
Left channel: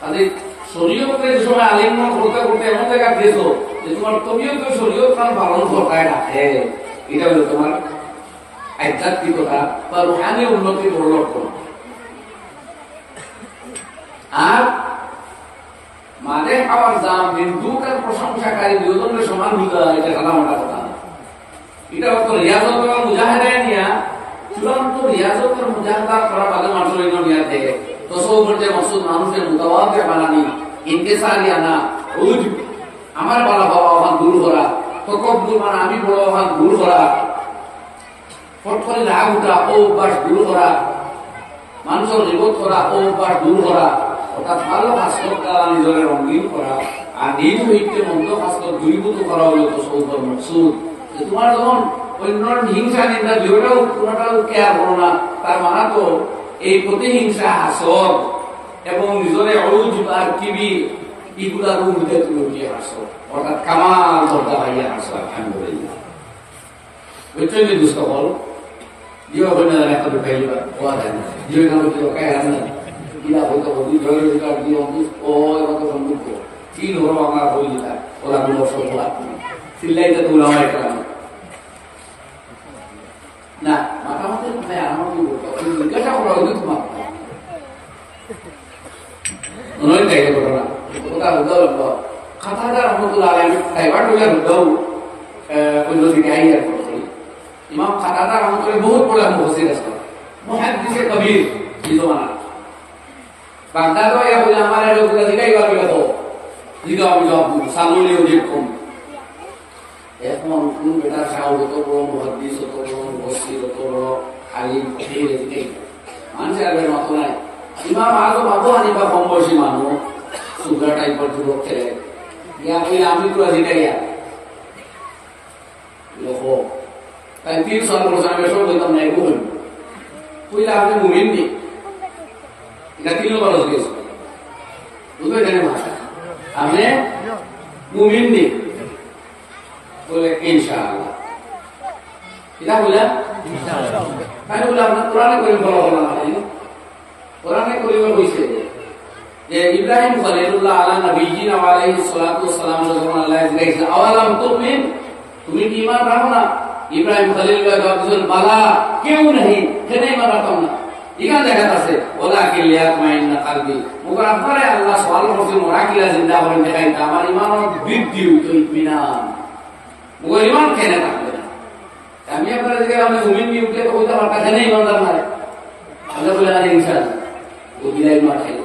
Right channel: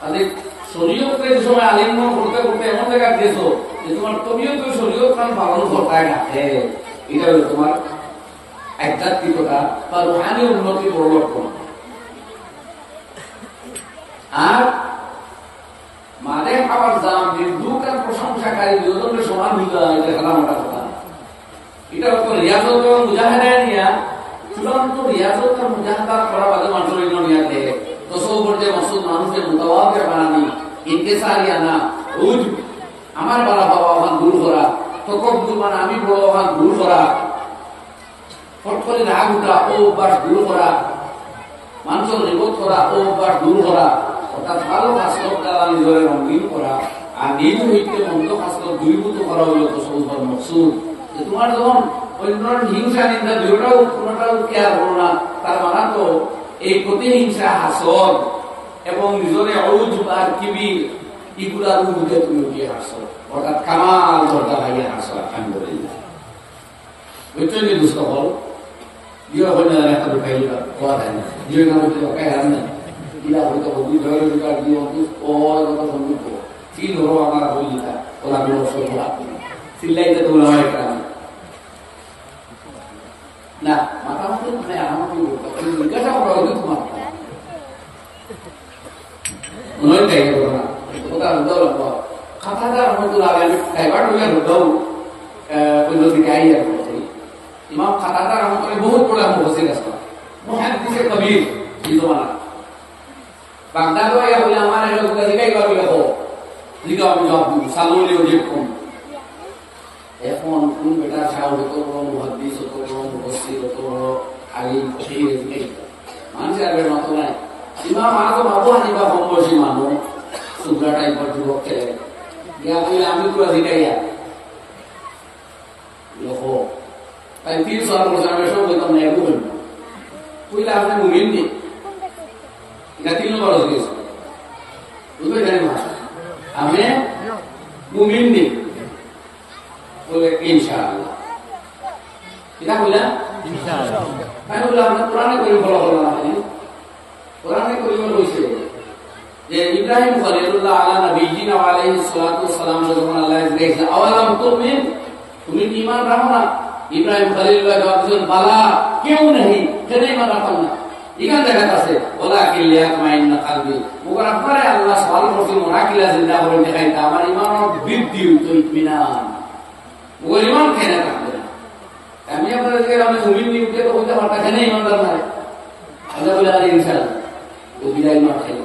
তাদের শরীয়তকে যে সময় আলিঙ্গন করতে করতে এমন জায়গা গেছো যে তোমার তবিয়ত শরীয়ত কান পালন করতে ডাকে, এটা হলো তোমার আধ্যাত্মিকতা বা রুহানি উন্নতি বড় লক্ষণ। আর মাঝে খাওয়ার দাম নির্দুকার প্রশংসাকারী দুজনের সমান বুঝা, এটা সাদা মোটা কথা। এটা হতো রিয়াজত এবং মুজাহিদায় নিয়া চূড়ান্ত রিয়াজত আর মুজাহিদা করা বাদে মানুষের নিয়াতে তসব্বুর যে মকসুদ মানুষের মুতাওয়াজ্জিহ বানানি, ইনকিসারি আনা, উজব আমার বলা বাবা ওখান দূর করা, তকব্বুর মানে আমি বড় ওখান দূর করা, ফট করে রাগ উঠা ও অভ্যাস দূর করা, মানুষের রিবত করা ও অভ্যাস দূর করা, অর্থাৎ ভালো হাসলত দ্বারা নিজের রঙিন করা আর নিজ হইতে মন্দ হাসলত দূরীভূত করা হলো তসব্বুর মকসুদ। তোমার যখন অন্য হিংসা নিন্দা দুটাও কোনটাও কেয়ার করো না, তার মানে তো এই প্রতিহিংসা হাসদ এবং নিজরে উজব আর কিবির এগুলার উর্ধে তুমি উঠিয়ে হাসো, অর্থাৎ কামাল দরজা ভাইয়া হাসো আলহামদুলিল্লাহ। বুঝছেন কি দুস্থ বল জিও হইনা একটা দুখাইবা হওয়া যায় না, জিও গান হচ্ছে কাই হার না কিলা হইতে বলি ধরে দিকার জিও ও কত সম্পর্ক তিন হলো আমার হই দিতা ওরা গুলো সব হলা সিল্লাইতে তো ওলা হয় একটা না মাথা মাথা মানে আমার কি বলবো জিজ্ঞাসা করা হয়তো তোমার নয় তাই ঘটনা ওটা হলো খাতাদার মতো লাগে আমি ড্রাইভার হইলে হইতাও অন্যদিকে আই আর ইমাম খাতাদার আমার করে বহুত বড় মুফাসসির আছে মুহাদ্দিসে কবির এই জমানা বাগদাদ হইয়া বলে আমার এরকম দিকাইবা কি হবো দিকা আমি জবাব সালুলি ওজিব কম। এখন কোন বেটা ছাও যত বড় মুহাদ্দিস যত বড় মুফাসসির যত বড় আলিম ফকিহ দিকাই মানুষের আর মতো নাই। ইমাম আযম আবু হানিফা কম বয়সী মানুষ সুগ্রা টাইপের যুবক ছেলে গিয়া বলে আমি তো দিকাইয়া লোক তাই 3 সাল বলছে আমি সব বলতাম না এগুলো কইলা আপনি মুমিন নি এটা 3 নম্বর হয়ে গেছে বুঝতে জানি না আপনি মুমিন নি বলে ইনশাআল্লাহ এটা বললা ইনশাআল্লাহ তাই বলে আপনি কোরআনে করিম ফলো করলেন না কোরআনে করিমে কইছে যে ইব্রাহিম খলিলুল্লাহ আলা নবিয়িনা ওয়া আলাইহিস সালাতু ওয়াস সালাম যখন আল্লাহ জিজ্ঞাসা আওয়ালাম তুমিন তুমি কি ঈমান রাখো না ইব্রাহিম খলিলুল্লাহ জবাব দিলেন বালা কেউ নেই কেন ঈমান রাখো না এখানে দেখা যাচ্ছে ওয়ালাকিন লিয়াতমাইন্না কলবি মগর আপনারে আল্লাহ সওয়াল করতে মোরাকিলা জিন্দা করে দেখাইতা আমার ঈমানের বৃদ্ধি হইতো ইতমিনান মগর ঈমান কেন থাকবে না আমি আপনারা জিজ্ঞাসা আমি মুমিন নি উঠে তো কইতে পারতা কেন ঈমানদার নাই আল্লাহ বলে আরে ইনশাআল্লাহ ও বিলাই মার খাইলো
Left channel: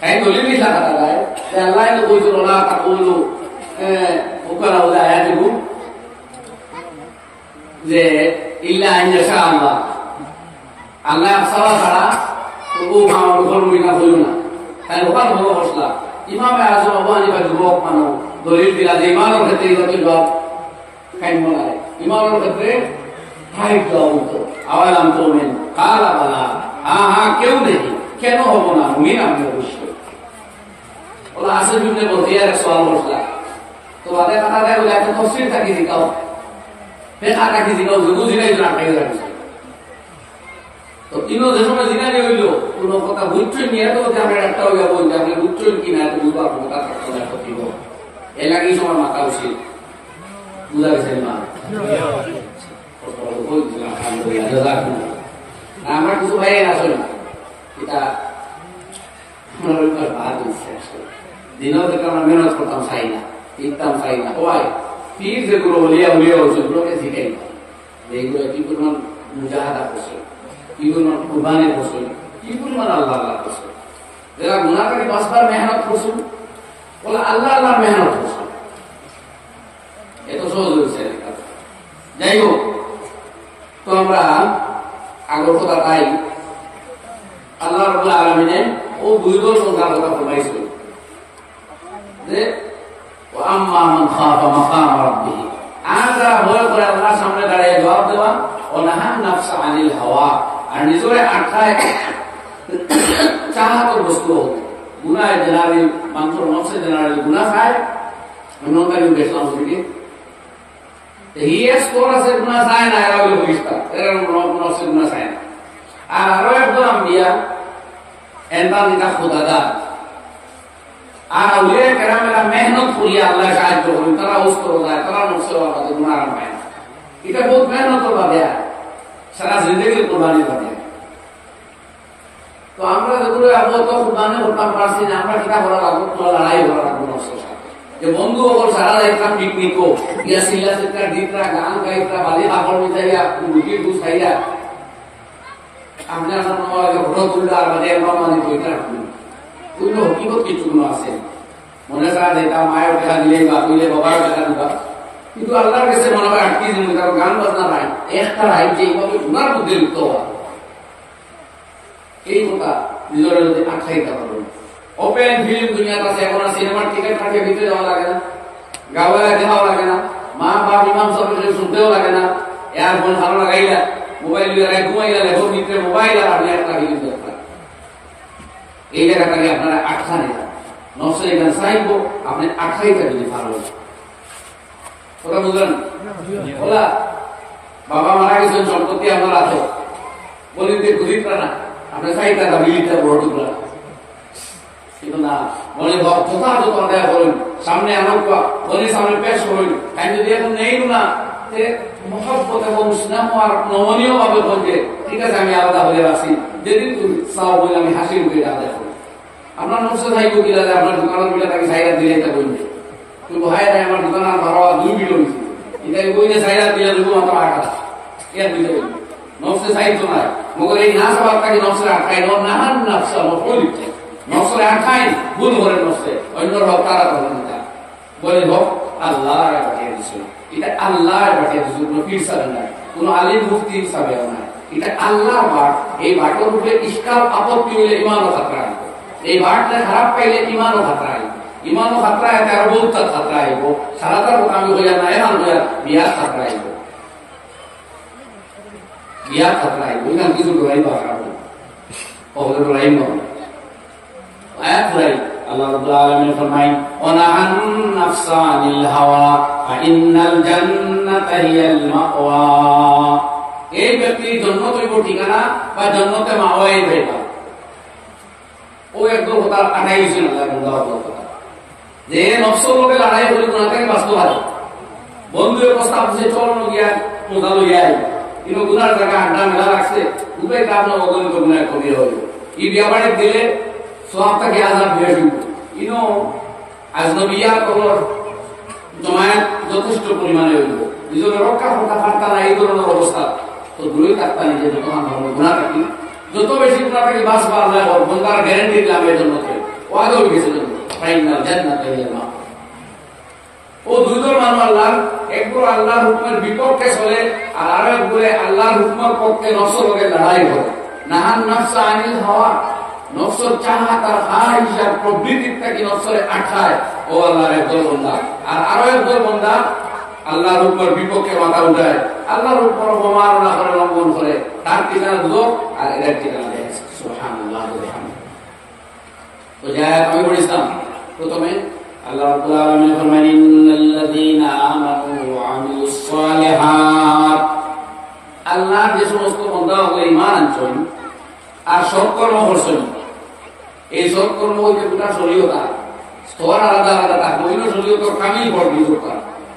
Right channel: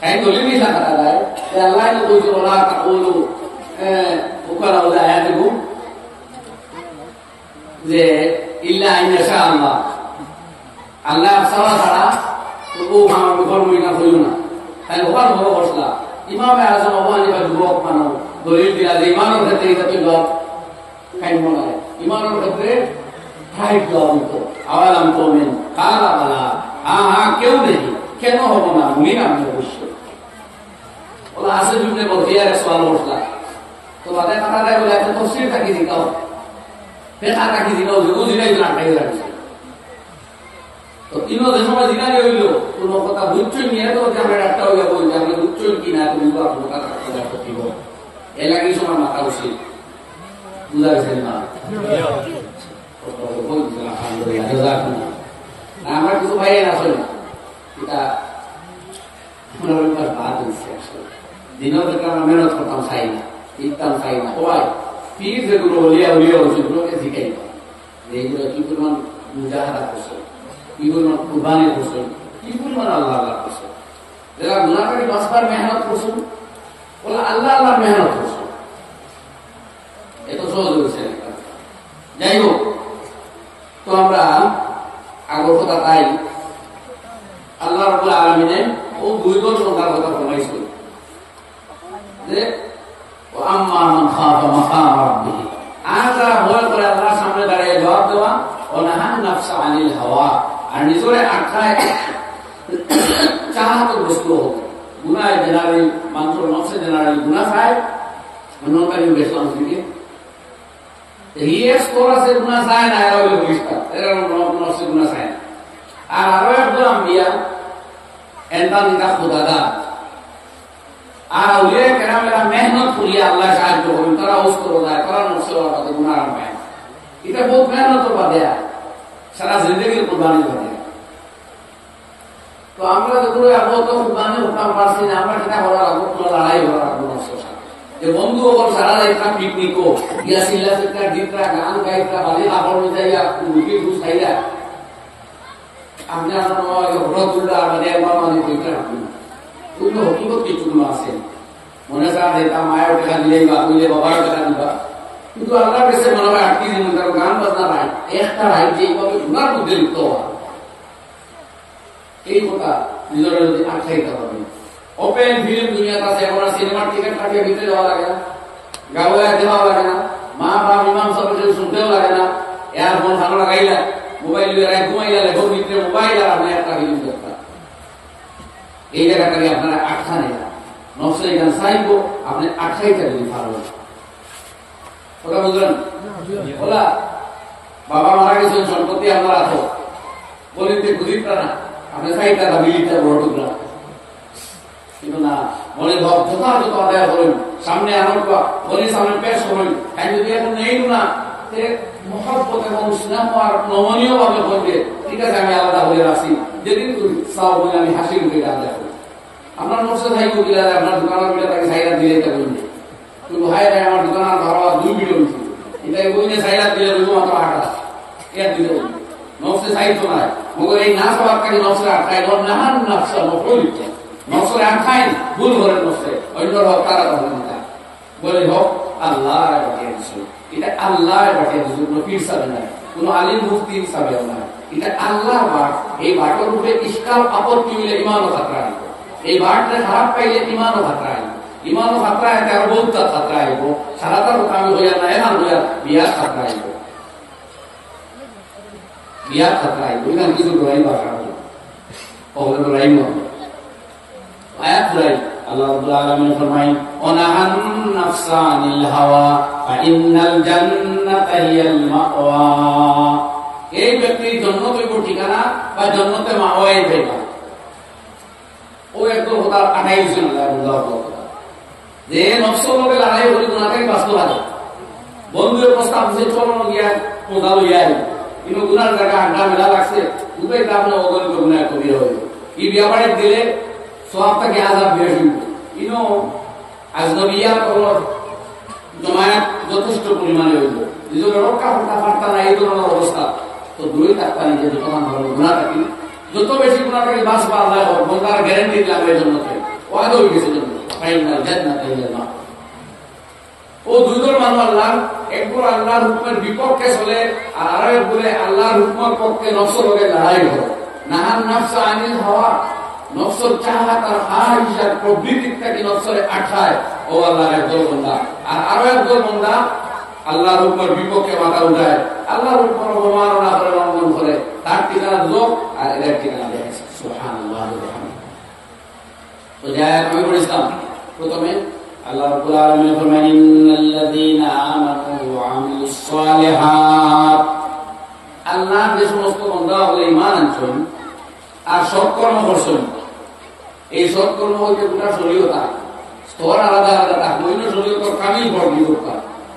তাই দলিল মিশা কথা যায় যে আল্লাহ তো কইছো না তাকউলু ওকালা ওদা আয়াত দেবো যে ইল্লা ইনশা আল্লাহ আল্লাহ সারা ছাড়া তো ও আমার উপর মিনা হইল না তাই ওখানে বড় মশলা ইমামে আযম আবু হানিফা যুবক মানুষ দলিল দিলা যে ইমানের ক্ষেত্রে এটা কি জবাব খাইব না ইমানের ক্ষেত্রে হাই তো আওয়ালাম তো মেন কালা বালা, হ্যাঁ হ্যাঁ কেউ নেই, কেন হবো না মুমিন আমি অবশ্যই। বলা আছে বিবনে বলতে আর সওয়াল বসলা তো বাদে কথা দেয় বলে একটা তফসির থাকি দিকাও, ফেকা থাকি দিকাও, যে বুঝিনাই তো আটকাই রাখছে। তো ইনো যে সময় জিনারে হইল কোন কথা বুঝছই নিয়ে তো আমরা একটা হইয়া বই যে আপনি বুঝছই কিনা তো বুঝবা কথা কথা করতেই হবে। এর লাগে সময় মাথা উচিত বুঝা গেছে মা আমার কিছু ভাই আসলে এটা আমার বাদ হচ্ছে আসলে দিনও থেকে আমরা মেহনত করতাম চাই না, ইকতাম চাই না। সবাই পীর যেগুলো হলিয়া হলিয়া হচ্ছে ওগুলোকে শিখাই না, এইগুলো কি পরিমাণ মুজাহাদা করছে, কি পরিমাণ কুরবানি করছে, কি পরিমাণ আল্লাহ আল্লাহ করছে। যারা গুনাহগারী বাঁচবার মেহনত করছে বলে আল্লাহ আল্লাহ মেহনত করছে, এত সহজ হয়েছে। যাই হোক, তো আমরা আগর কথা তাই আল্লাহ রাব্বুল আলামিনে ও দুই দল সংখ্যার কথা ফরমাইছে যে আম্মা মান খাফা মাকাম রাব্বিহি, আর যারা ভয় করে আল্লাহর সামনে দাঁড়িয়ে জবাব দেওয়া, ও নাহান নাফসা আনিল হাওয়া, আর নিজরে আটকায় চাহাতের বস্তু হবে। গুনায় জেনারেল মানুষের নফসে জেনারেল গুনাহ খায়, অন্যকারী বেশলাম থেকে স্কোর আছে গুনাহ চায় না, এরা বলে বলিস এরা নফসে গুনাহ চায় না। আর আরো একদল আম্বিয়া এনবা নিতা খুদাদার, আর আউলিয়া কেরামেরা মেহনত করিয়া আল্লাহ সাহায্য করেন, তারা অস্ত্র যায়, তারা নফসের বাদে গুনাহ পায় না। এটা বহুত মেহনতের বাদে সারা জিন্দগির কোরবানির বাদে। তো আমরা যেগুলো আবহাওয়া কোরবানি করতাম পারছি না, আমরা কিনা করা রাখবো, পুরো লড়াই করা রাখবো নফসের সাথে। যে বন্ধু ওর সারা রাইতা পিকনিক ইয়া সিল্লা সেটা দিতরা গান গাইতরা বালি কাপড় মিটাইয়া মুরগির দুধ খাইয়া আপনি আপনার মামা ঘর তুললা আর বাদে মামা দিতে রাখবেন। ওইগুলো হকিকত কিছুগুলো আছে, মনে চায় দিতাম মায়ের টাকা দিলেই বা কইলে বাবার টাকা দিবা, কিন্তু আল্লাহর কাছে মনে হয় আটকে দিন গান বাজনা রাইট একটা রাইট যে এইভাবে গুনার মধ্যে লিপ্ত হওয়া, এই কথা নিজেরা যদি আটকাইতে পারবেন। ওপেন ফিল্ম দুনিয়াতে আছে, এখন সিনেমার টিকিট কাটিয়ে ভিতরে যাওয়া লাগে না, গাওয়া দেওয়া লাগে না, মা বাপ ইমাম সাহেব শুনতেও লাগে না, এয়ারফোন ভালো লাগাইলা, মোবাইল ঘুমাইলা, লেখক ভিতরে মোবাইল আর আপনি একটা ফিল্ম দেখবেন। এই জায়গাটাকে আপনারা আটকা নেই, নফসের এখানে চাইব আপনি আটকাইটা যদি পারবেন। কথা বুঝলেন? বলা বাবা মারা গেছেন, সম্পত্তি আপনার আছে, বলিতে গুলিটা না আপনি চাইটা না মিলিটা বড় টুকরা, কিন্তু না মনে ভাব যথাযথ আদায় করেন, সামনে আনন্দ মনের সামনে পেশ করেন। তাই যদি এখন নেই না মহব্বত এবং স্নেহ আর নমনীয় ভাবে বলবে ঠিক আছে আমি আলাদা হয়ে রাখছি, যেদিন তুমি চাও বলে আমি হাসি মুখে আদায় করি। আপনার নকশা থাকবো কি দাদা, আপনার দোকানের বিটা তাকে সাইরা দিলে এটা বলবে তুই ভাই রায় আমার দোকানের ভাড়া 2 বিটা হয়েছে, এটাই বই না সাইরা দিলে দেবো মাত্র 8 এর বিটা বলবে নকশে সাইড তো নাই। মগর এই না সবার তাকে নকশা আটকায় নাহান নকশা নকল লিখতে নকশারে আটকায় ভুল করে নকশে অন্য হোক তারা তখন বলে হোক আল্লাহ পাঠিয়ে দিচ্ছিল, এটা আল্লাহ পাঠিয়ে দিচ্ছে, কোনো পীর সাথে নাই, কোন আলিম মুফতি সাবেও নাই, এটা আল্লাহ বাট। এই বাটের উপরে ইস্কাল আপত্তি হইলে ইমানও খাতরা আইব, এই বাটটা খারাপ পাইলে ইমানও খাতরা আইব, ইমানও খাতরা আইতে আর বহুত খাতরা আইব, সারাটার কথা আমি হইয়া না এরান হইয়া বিয়ার খাতরা আইব, বিয়ার খাতরা আইব। এখানে কিছু ডরাইব ওগুলো ডরাইব আয়াত ডরাই। আল্লাহ রাব্বুল আলামিন ফরমায় ওয়ানাহান নাফসা আনিল হাওয়া ফাইন্নাল জান্নাতা হিয়াল মাওয়া, এই ব্যক্তি জান্নাত হইব ঠিকানা বা জান্নাতে মাওয়াই পাইবা। ও একদম কথা আটাই দিছেন আল্লাহ কথা যে নফসের লগে লড়াই করি গুনাহ থেকে বাস্তবাদী বন্ধুর প্রস্তাব দিছে চলনো গিয়া মোদা লইয়া আই ইনো গুনার জায়গা আড্ডা মেলা লাগছে উপায় কারণে অগণিত গুনাহ কবি হইল। এই ব্যাপারে দিলে সবটাকে আজাব দিয়ে শুনবো ইনো আজনবিয়া করার জমায়েত যথেষ্ট পরিমাণে হইল, নিজের রক্ষা করতে পারতা না এই ধরনের অবস্থা। তো দূরেই থাকতা নিজে যতক্ষণ ভালো গুণা থাকি, যত বেশি গুণা থাকি বাঁচবা আল্লাহ বন্দার গ্যারেন্টি দিলাম এই জন্য ওয়াদা হয়ে গেছে জন্য ফাইনাল জান্নাত হিয়াল মাওয়া। ও দুই দল মানুষ আল্লাহ, একবার আল্লাহর হুকুমের বিপক্ষে চলে আর আরো একবারে আল্লাহর হুকুমের পক্ষে নফসের লগে লড়াই করে। নাহান নাফসা আনিল হাওয়া, নফসের চাহাত আর খাহিস প্রবৃত্তির থেকে নফসরে আঠায় ও আল্লাহর একদল বন্দা। আর আরো একদল বন্দা আল্লাহর উপর বিপক্ষে মাথা উঠায়, আল্লাহর উপর অবমাননা করে, লঙ্ঘন করে, তার ঠিকানা দুজক আর এদের ঠিকানা দেয় সুবহানাল্লাহ। ওই আয়াত আমি পড়েছিলাম প্রথমে। আল্লাহ রাব্বুল আলামিন ফরমান ইন্নাল্লাযীনা আমানু ওয়া আমিলুস সালিহাত, আল্লাহর যে সমস্ত বান্দা হলো ঈমান আনছেন আর সৎকর্ম করছেন, এই সৎকর্ম হইতে গোটা শরীয়ত স্তর আলাদা আলাদা থাকে। অন্য শরীয়তর কামিল বড় বিরোধ,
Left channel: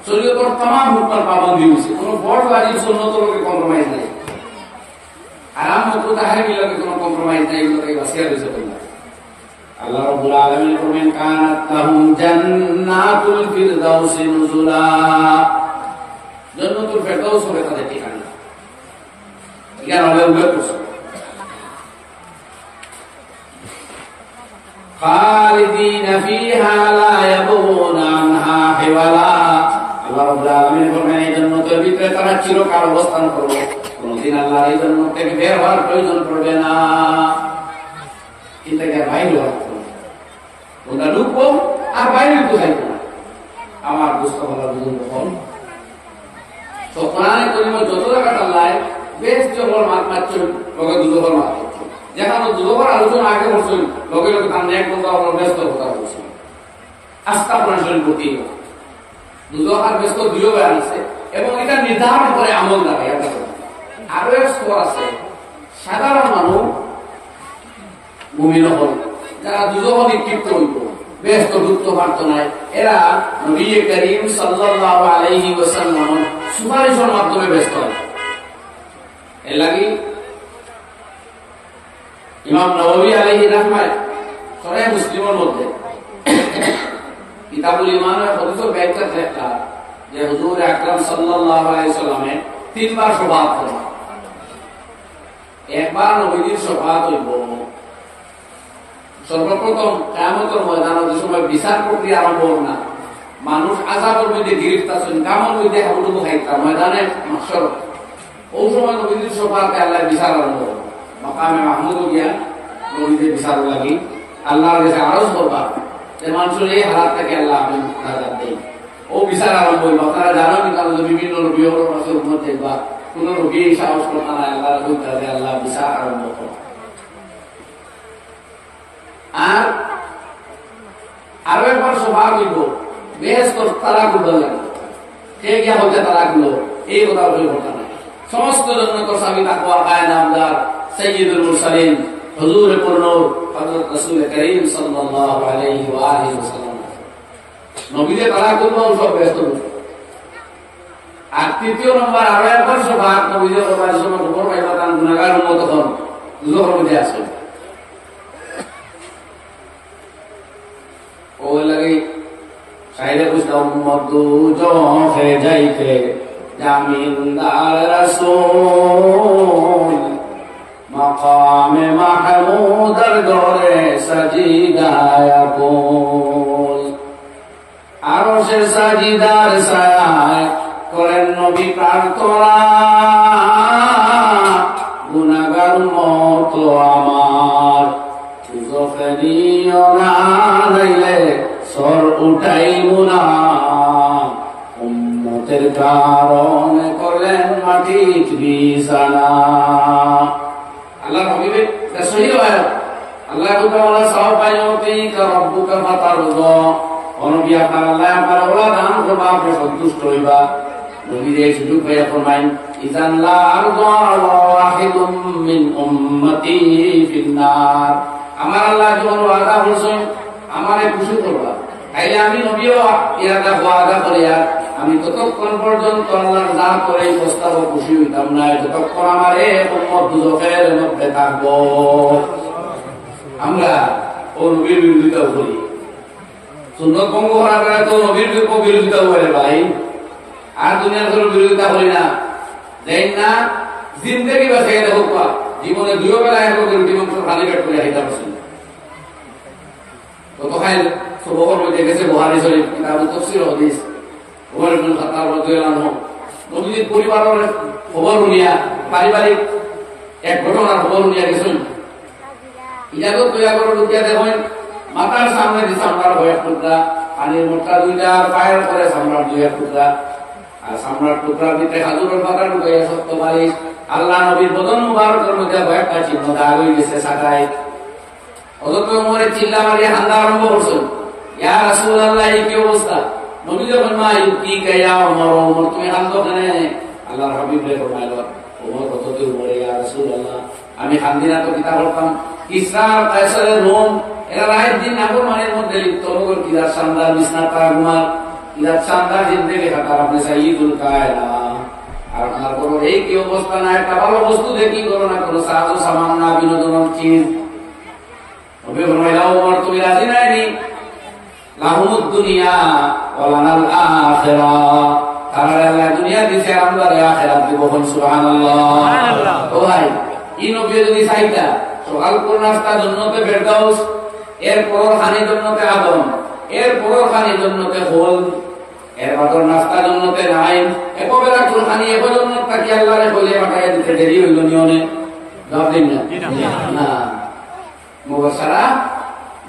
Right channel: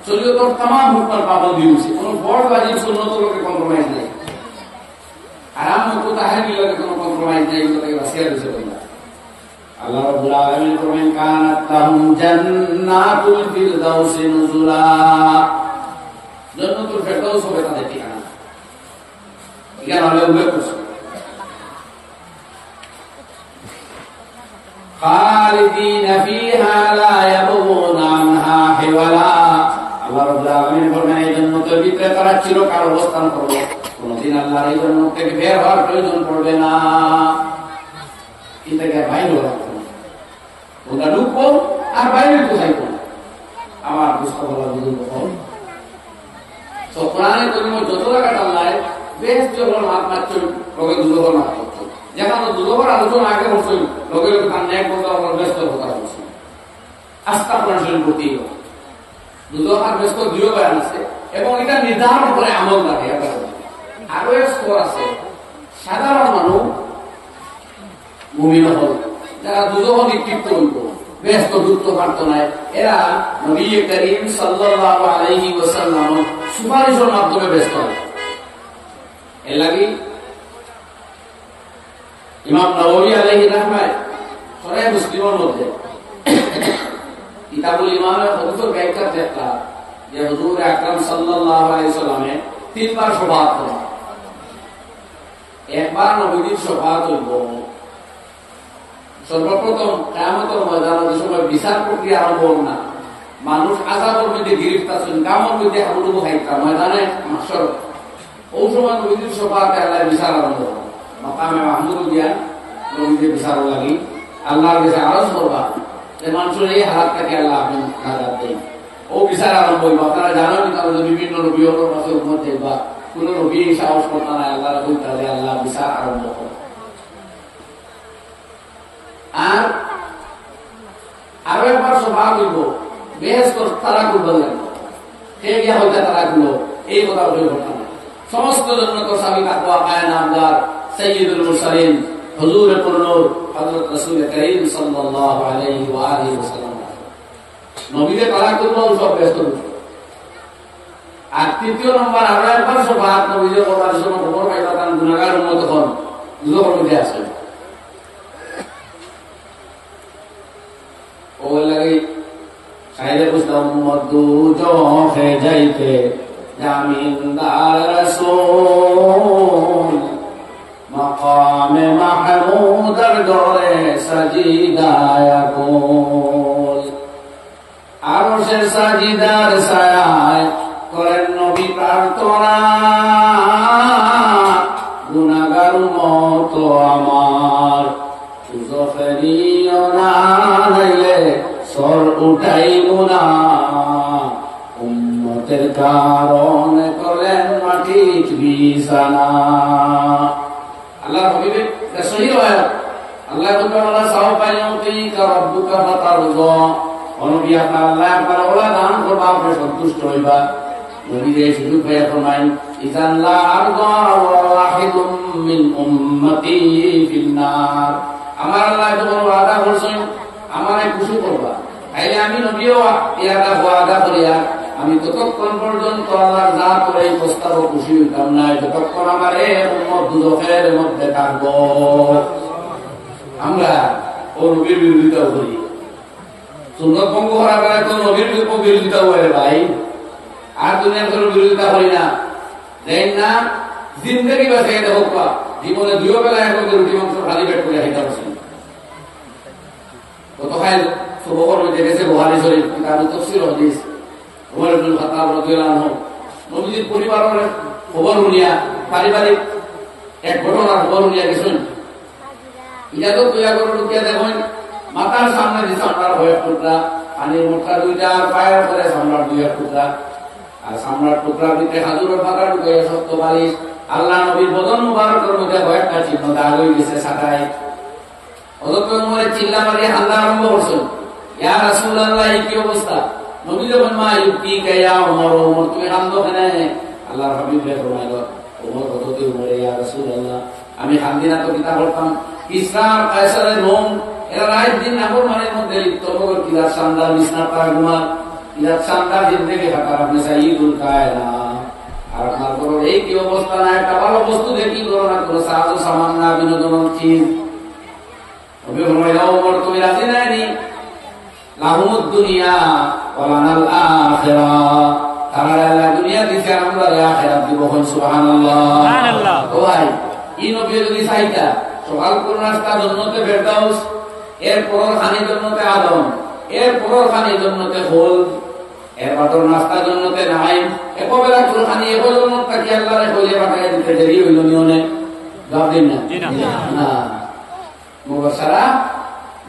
শরীয়তর তামাম হুকুমের পাবন্দি হয়েছে, কোনো বড় ওয়াজিব সুন্নত লোকে কম্প্রোমাইজ নাই, হারাম মতো তাহরিমের লোকে কোনো কম্প্রোমাইজ নাই, এগুলো থেকে বাঁচিয়ে দিয়েছে বললাম। আল্লাহ রাব্বুল আলামিন ফরমান কানাত লাহুম জান্নাতুল ফিরদাউসি নুজুলা, জান্নাতুল ফিরদাউস হবে তাদের ঠিকানা। এখানে আমরা উল্লেখ করছি খালিদিনা ফিহা লা ইয়াবগুনা আনহা হিওয়ালা। আল্লাহ রাব্বুল আলামিন ফরমান এই জান্নাতের ভিতরে তারা চিরকাল অবস্থান করবে, কোনদিন আল্লাহর এই জান্নাত থেকে বের হওয়ার প্রয়োজন পড়বে না। কিন্তু এর বাইরে রাখবো ওরা ঢুকবো আর বাইরে তো যাইবো না। আমার বুঝতে পারা বুঝুন তো কোরআনে করিমের যত জায়গা টাল্লায় বেশ যখন মাত মারছেন লোকে দুজোর মাত করছে, যেখানে দুজোর আলোচনা আগে করছেন লোকে লোকে তার ন্যাক বন্ধ আপনার ব্যস্ত কথা বলছেন। আস্থা কোরআন শরীফ করতেই হবে, দুজোর আর ব্যস্ত দুইও বয়ান আছে এবং এটা নির্ধারণ করে আমল লাগে। আরো এক স্তর আছে, সাধারণ মানুষ মুমিন হল, যারা দুজোর নিক্ষিপ্ত হইব ব্যস্ত যুক্ত পারত নাই, এরা নবী করিম সাল্লাল্লাহু আলাইহি ওয়াসাল্লাম সুপারিশের মাধ্যমে ব্যস্ত হয়। এর লাগি ইমাম নববী আলাইহি রাহমাত সহিহ মুসলিমের মধ্যে কিতাবুল ঈমানের হাদিসের ব্যাখ্যা দেখা যে হুজুর আকরাম সাল্লাল্লাহু আলাইহি ওয়াসাল্লামে তিনবার শফাআত করেন। একবার নবীর শফাআত হইব সর্বপ্রথম কিয়ামতের ময়দানে, যে সময় বিচার প্রক্রিয়া আরম্ভ হবে না, মানুষ আযাবের মধ্যে গ্রেফতার হন, কামর মধ্যে হাবুডুবু খাইতা ময়দানে মাহশর, ওই সময় নবীর শফাআতে আল্লাহ বিচার আরম্ভ হবে। মাকামে মাহমুদ গিয়া নবীদের বিচার লাগি আল্লাহর কাছে আরজ করবা যে মানুষের এই হালাত থেকে আল্লাহ আপনি নাজাত দেন। ও বিচার আরম্ভ হইব। আপনারা জানেন কিন্তু বিভিন্ন নবীর কাছে উম্মত দেখবা, কোন নবী সাহস করতে না আল্লাহর কইতা যে আল্লাহ বিচার আরম্ভ করে। আর আরো একবার শফাআত হইব, বেহেশত তালাকুল বললেন, কে গিয়া হইতে তালাকগুলো এই কথা বলে ঘটনা নাই। সমস্ত জান্নাতের চাবি তাকওয়া কায়নামদার সাইয়্যিদুল মুরসালিন হুজুরে পুরনূর হযরত রাসূল করিম সাল্লাল্লাহু আলাইহি ওয়া আলিহি ওয়াসাল্লাম নবীদের তালাকুল সব ব্যস্ত। আর তৃতীয় নম্বর আরো একবার শফাআত নবীদের করবার জন্য খবর পাইবা তার গুনাহগার উম্মত তখন দুজোর মধ্যে আছে। ওই লাগে সাইরে বুঝলাম মধু জখে যাইতে জামিনদার রাসূল মাকামে মাহমুদার দরে সাজিদায় কুল। আরশের সাজিদার ছায়ায় করেন নবী প্রার্থনা, গুনাহগার উম্মত আমার দুজখে নিও না, নাইলে সর উঠাইব না। উম্মতের কারণে করলেন মাটি বিছানা। আল্লাহ হাবিবে সহিহ আয়াত, আল্লাহ তাআলা সাওফা ইউতিকা রাব্বুকা ফাতারদা, নবী আপনার আল্লাহ আপনার ওলা দান করবা, আপনি সন্তুষ্ট হইবা। নবীর সুযোগ পাইয়া ফরমাইন ইযান লা আরদা ওয়াহিদুম মিন উম্মতি ফিন্নার, আমার আল্লাহ যখন ওয়াদা করছেন আমারে খুশি করবা, তাইলে আমি নবীও ইয়াদা ওয়াদা করিয়া আমি ততক্ষণ পর্যন্ত আল্লাহর জাত করে এই প্রস্তাব খুশি হইতাম না যতক্ষণ আমার এই উম্মত দুজখের মধ্যে থাকবো। আমরা ও নবীর বিরোধিতা করি, সুন্নত ভঙ্গ করার দ্বারা তো নবীর বিরোধিতা করে ভাই, আর দুনিয়ার কোনো বিরোধিতা করি না। দেন না জিন্দেগি বাঁচিয়ে দেখো, জীবনে দুইও বেলা এক লোকের রুটি মাংস খালি পেট করে খাইতে পারছেন। কত খাই সবর মধ্যে গেছে বুখারী শরীফ কিতাব তাফসীর হাদিস, ওমর ইবনে খাত্তাব রাদিয়াল্লাহু আনহু নবীর পরিবারের খবর শুনিয়া, পারিবারিক এক ঘটনার খবর শুনিয়া গেছেন। ইজাজত তৈয়া করে ঢুকিয়া দেখেন মাথার সামনে যে চামড়ার 2 টুকরা, পানির মোটকা 2টা, পায়ের পরে চামড়ার 2 টুকরা। আর সামরার টুকরার ভিতরে খাজুরের পাতা ঢুকাইয়া সত্য বালিশ, আল্লাহ নবীর বদন মুবারকের মধ্যে কয়েকটা চিহ্ন দাগ হয়ে গেছে সাকায়। অতঃপর উমরের চিল্লা মারিয়ে হামলা আরম্ভ করছেন, ইয়া রাসূলুল্লাহ এই কি অবস্থা? নবী যখন মা ইউকি গায়া ওমর, ওমর তুমি কান্দো কেন? আল্লাহর হাবিব রে ফরমাইল, ওমর কততে উমরে ইয়া রাসূলুল্লাহ আমি কান্দিনা তো কিতা করতাম? কিসরা কায়সারের রোম এরা রাত দিন নাফরমানির মধ্যে লিপ্ত, ওমর কিলার শানদার বিছনার পাড়া ঘুমার, কিলার শানদার জিন্দেগি কাটার আপনি সাইয়্যিদুল কায়না। আর আপনার বড় এই কি অবস্থা? না একটা ভালো বস্তু দেখি করো না, কোনো সাহায্য সামান না, বিনোদন চিজ। নবী ফরমাইল, ওমর তুমি রাজি নাইনি? লাহুমুদ দুনিয়া ওয়া লানাল আখিরাহ, তারা দুনিয়া দিছে আমরা আখিরাত দিব। সুবহানাল্লাহ। ও ভাই, এই নবী যদি চাইতা সকাল কোন নাস্তা জন্নতে ফেরদাউস, এর পরের খানি জন্নতে আদম, এর পরের খানি জন্নতে খোল, এর বাদর নাস্তা জন্নতে নাইম, একবেলা কোন খানি এক জন্নত থাকি আল্লাহরে কইলে পাঠায় দিতে দেরি হইল নিয়নে? জবাব দিন না। মুবাশশারা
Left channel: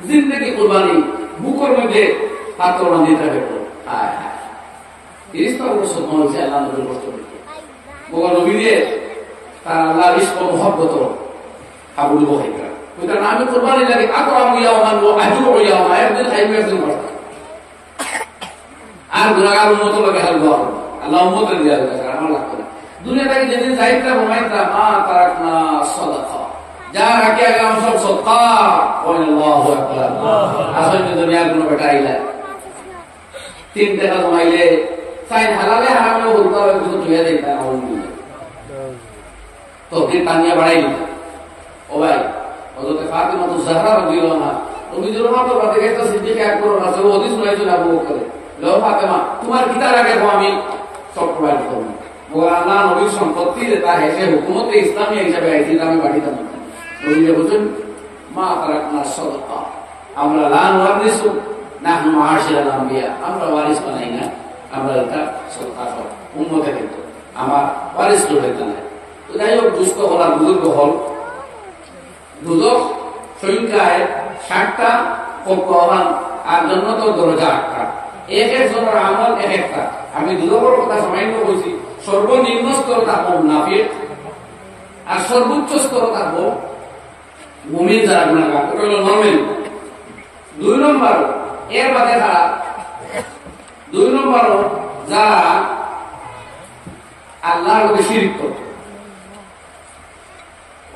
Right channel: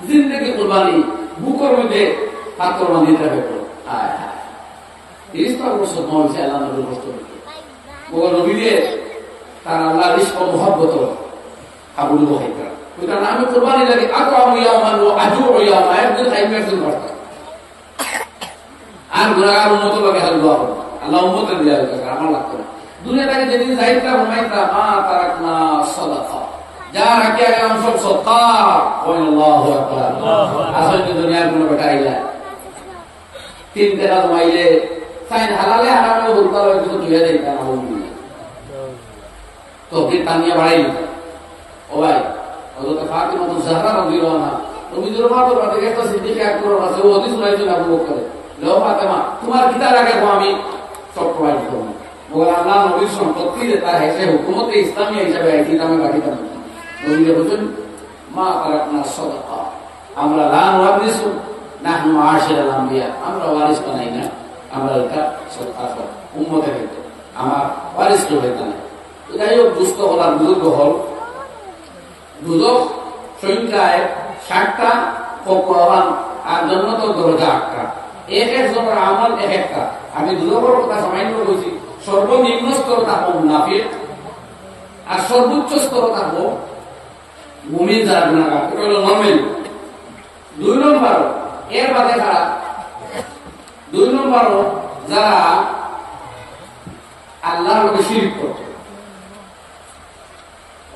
জিন্দেগি কুরবানি, বুকের মধ্যে পাত্র বান্ধিতে হবে। হায় হায়, 30টা বছর হয়েছে আল্লাহ নবীর কষ্ট দিতে। মগর নবী দিয়ে তার আল্লাহর ইশক ও মুহাব্বত হাবুল বহাইকা ওইটা নামে কুরবানি লাগে। আকরামু ইয়াওমান ওয়া আজুউ ইয়াওমা, একদিন খাইবে একদিন বাড়তা। আর গুনাহগার উম্মত লাগে হালবা, আল্লাহ উম্মতের দিয়া দিয়েছে, আমার লাগতো না। দুনিয়া থেকে যেদিন যাইতা ঘুমাইতা মা তারাকনা সাদাকা, যা রাখিয়া গেলাম সব সদকা। আল্লাহু আকবার। আসলে দুনিয়ার কোনো বেটা আইলা 3 টাকা জমাইলে সাইন হালালে হারামে বলতে হবে, কিছু তুইয়া দেই তা না তো কি তানিয়া বাড়াই। ও ভাই, হযরত ফাতিমা তো জাহরা রাদিয়াল্লাহু আনহা নবীর মাতো রাতে একটা সিদ্দিক আকবর আছে, ও হাদিস শুনাইছিল আবু বকর, লো ফাতিমা তোমার কিতা লাগে গো, আমি সব প্রোভাইড করব। মগর আল্লাহ নবীর সম্পত্তি তা হেসে হুকুমতে ইসলামিয়া হিসাবে আইছি, আমি বাকিটা নবী বলেন মা তারাকনা সাদাকা, আমরা লা নুওয়ারিসু নাহনু মাআশিরাল আম্বিয়া, আমরা ওয়ারিস বানাই না, আমরা এটা সদকা করি উম্মতের ক্ষেত্রে, আমার ওয়ারিস তো হইতা না। তো যাই হোক, দুস্থ হল আর বুজুর্গ হল, দুজক সংখ্যায় 60টা, আহ্বান আর জন্নত দরজা 8টা, এক একজনের আমল এক একটা। আমি দুজকের কথা সামান্য বলছি, সর্বনিম্ন স্তর থাকবো মুনাফিক, আর সর্বোচ্চ স্তর থাকবো মুমিন যারা গুনাহগার, এটা হলো নরমাল। 2 নম্বর এর বাদে খারাপ, 2 নম্বর যারা আল্লাহর লোকে শিরিক করত,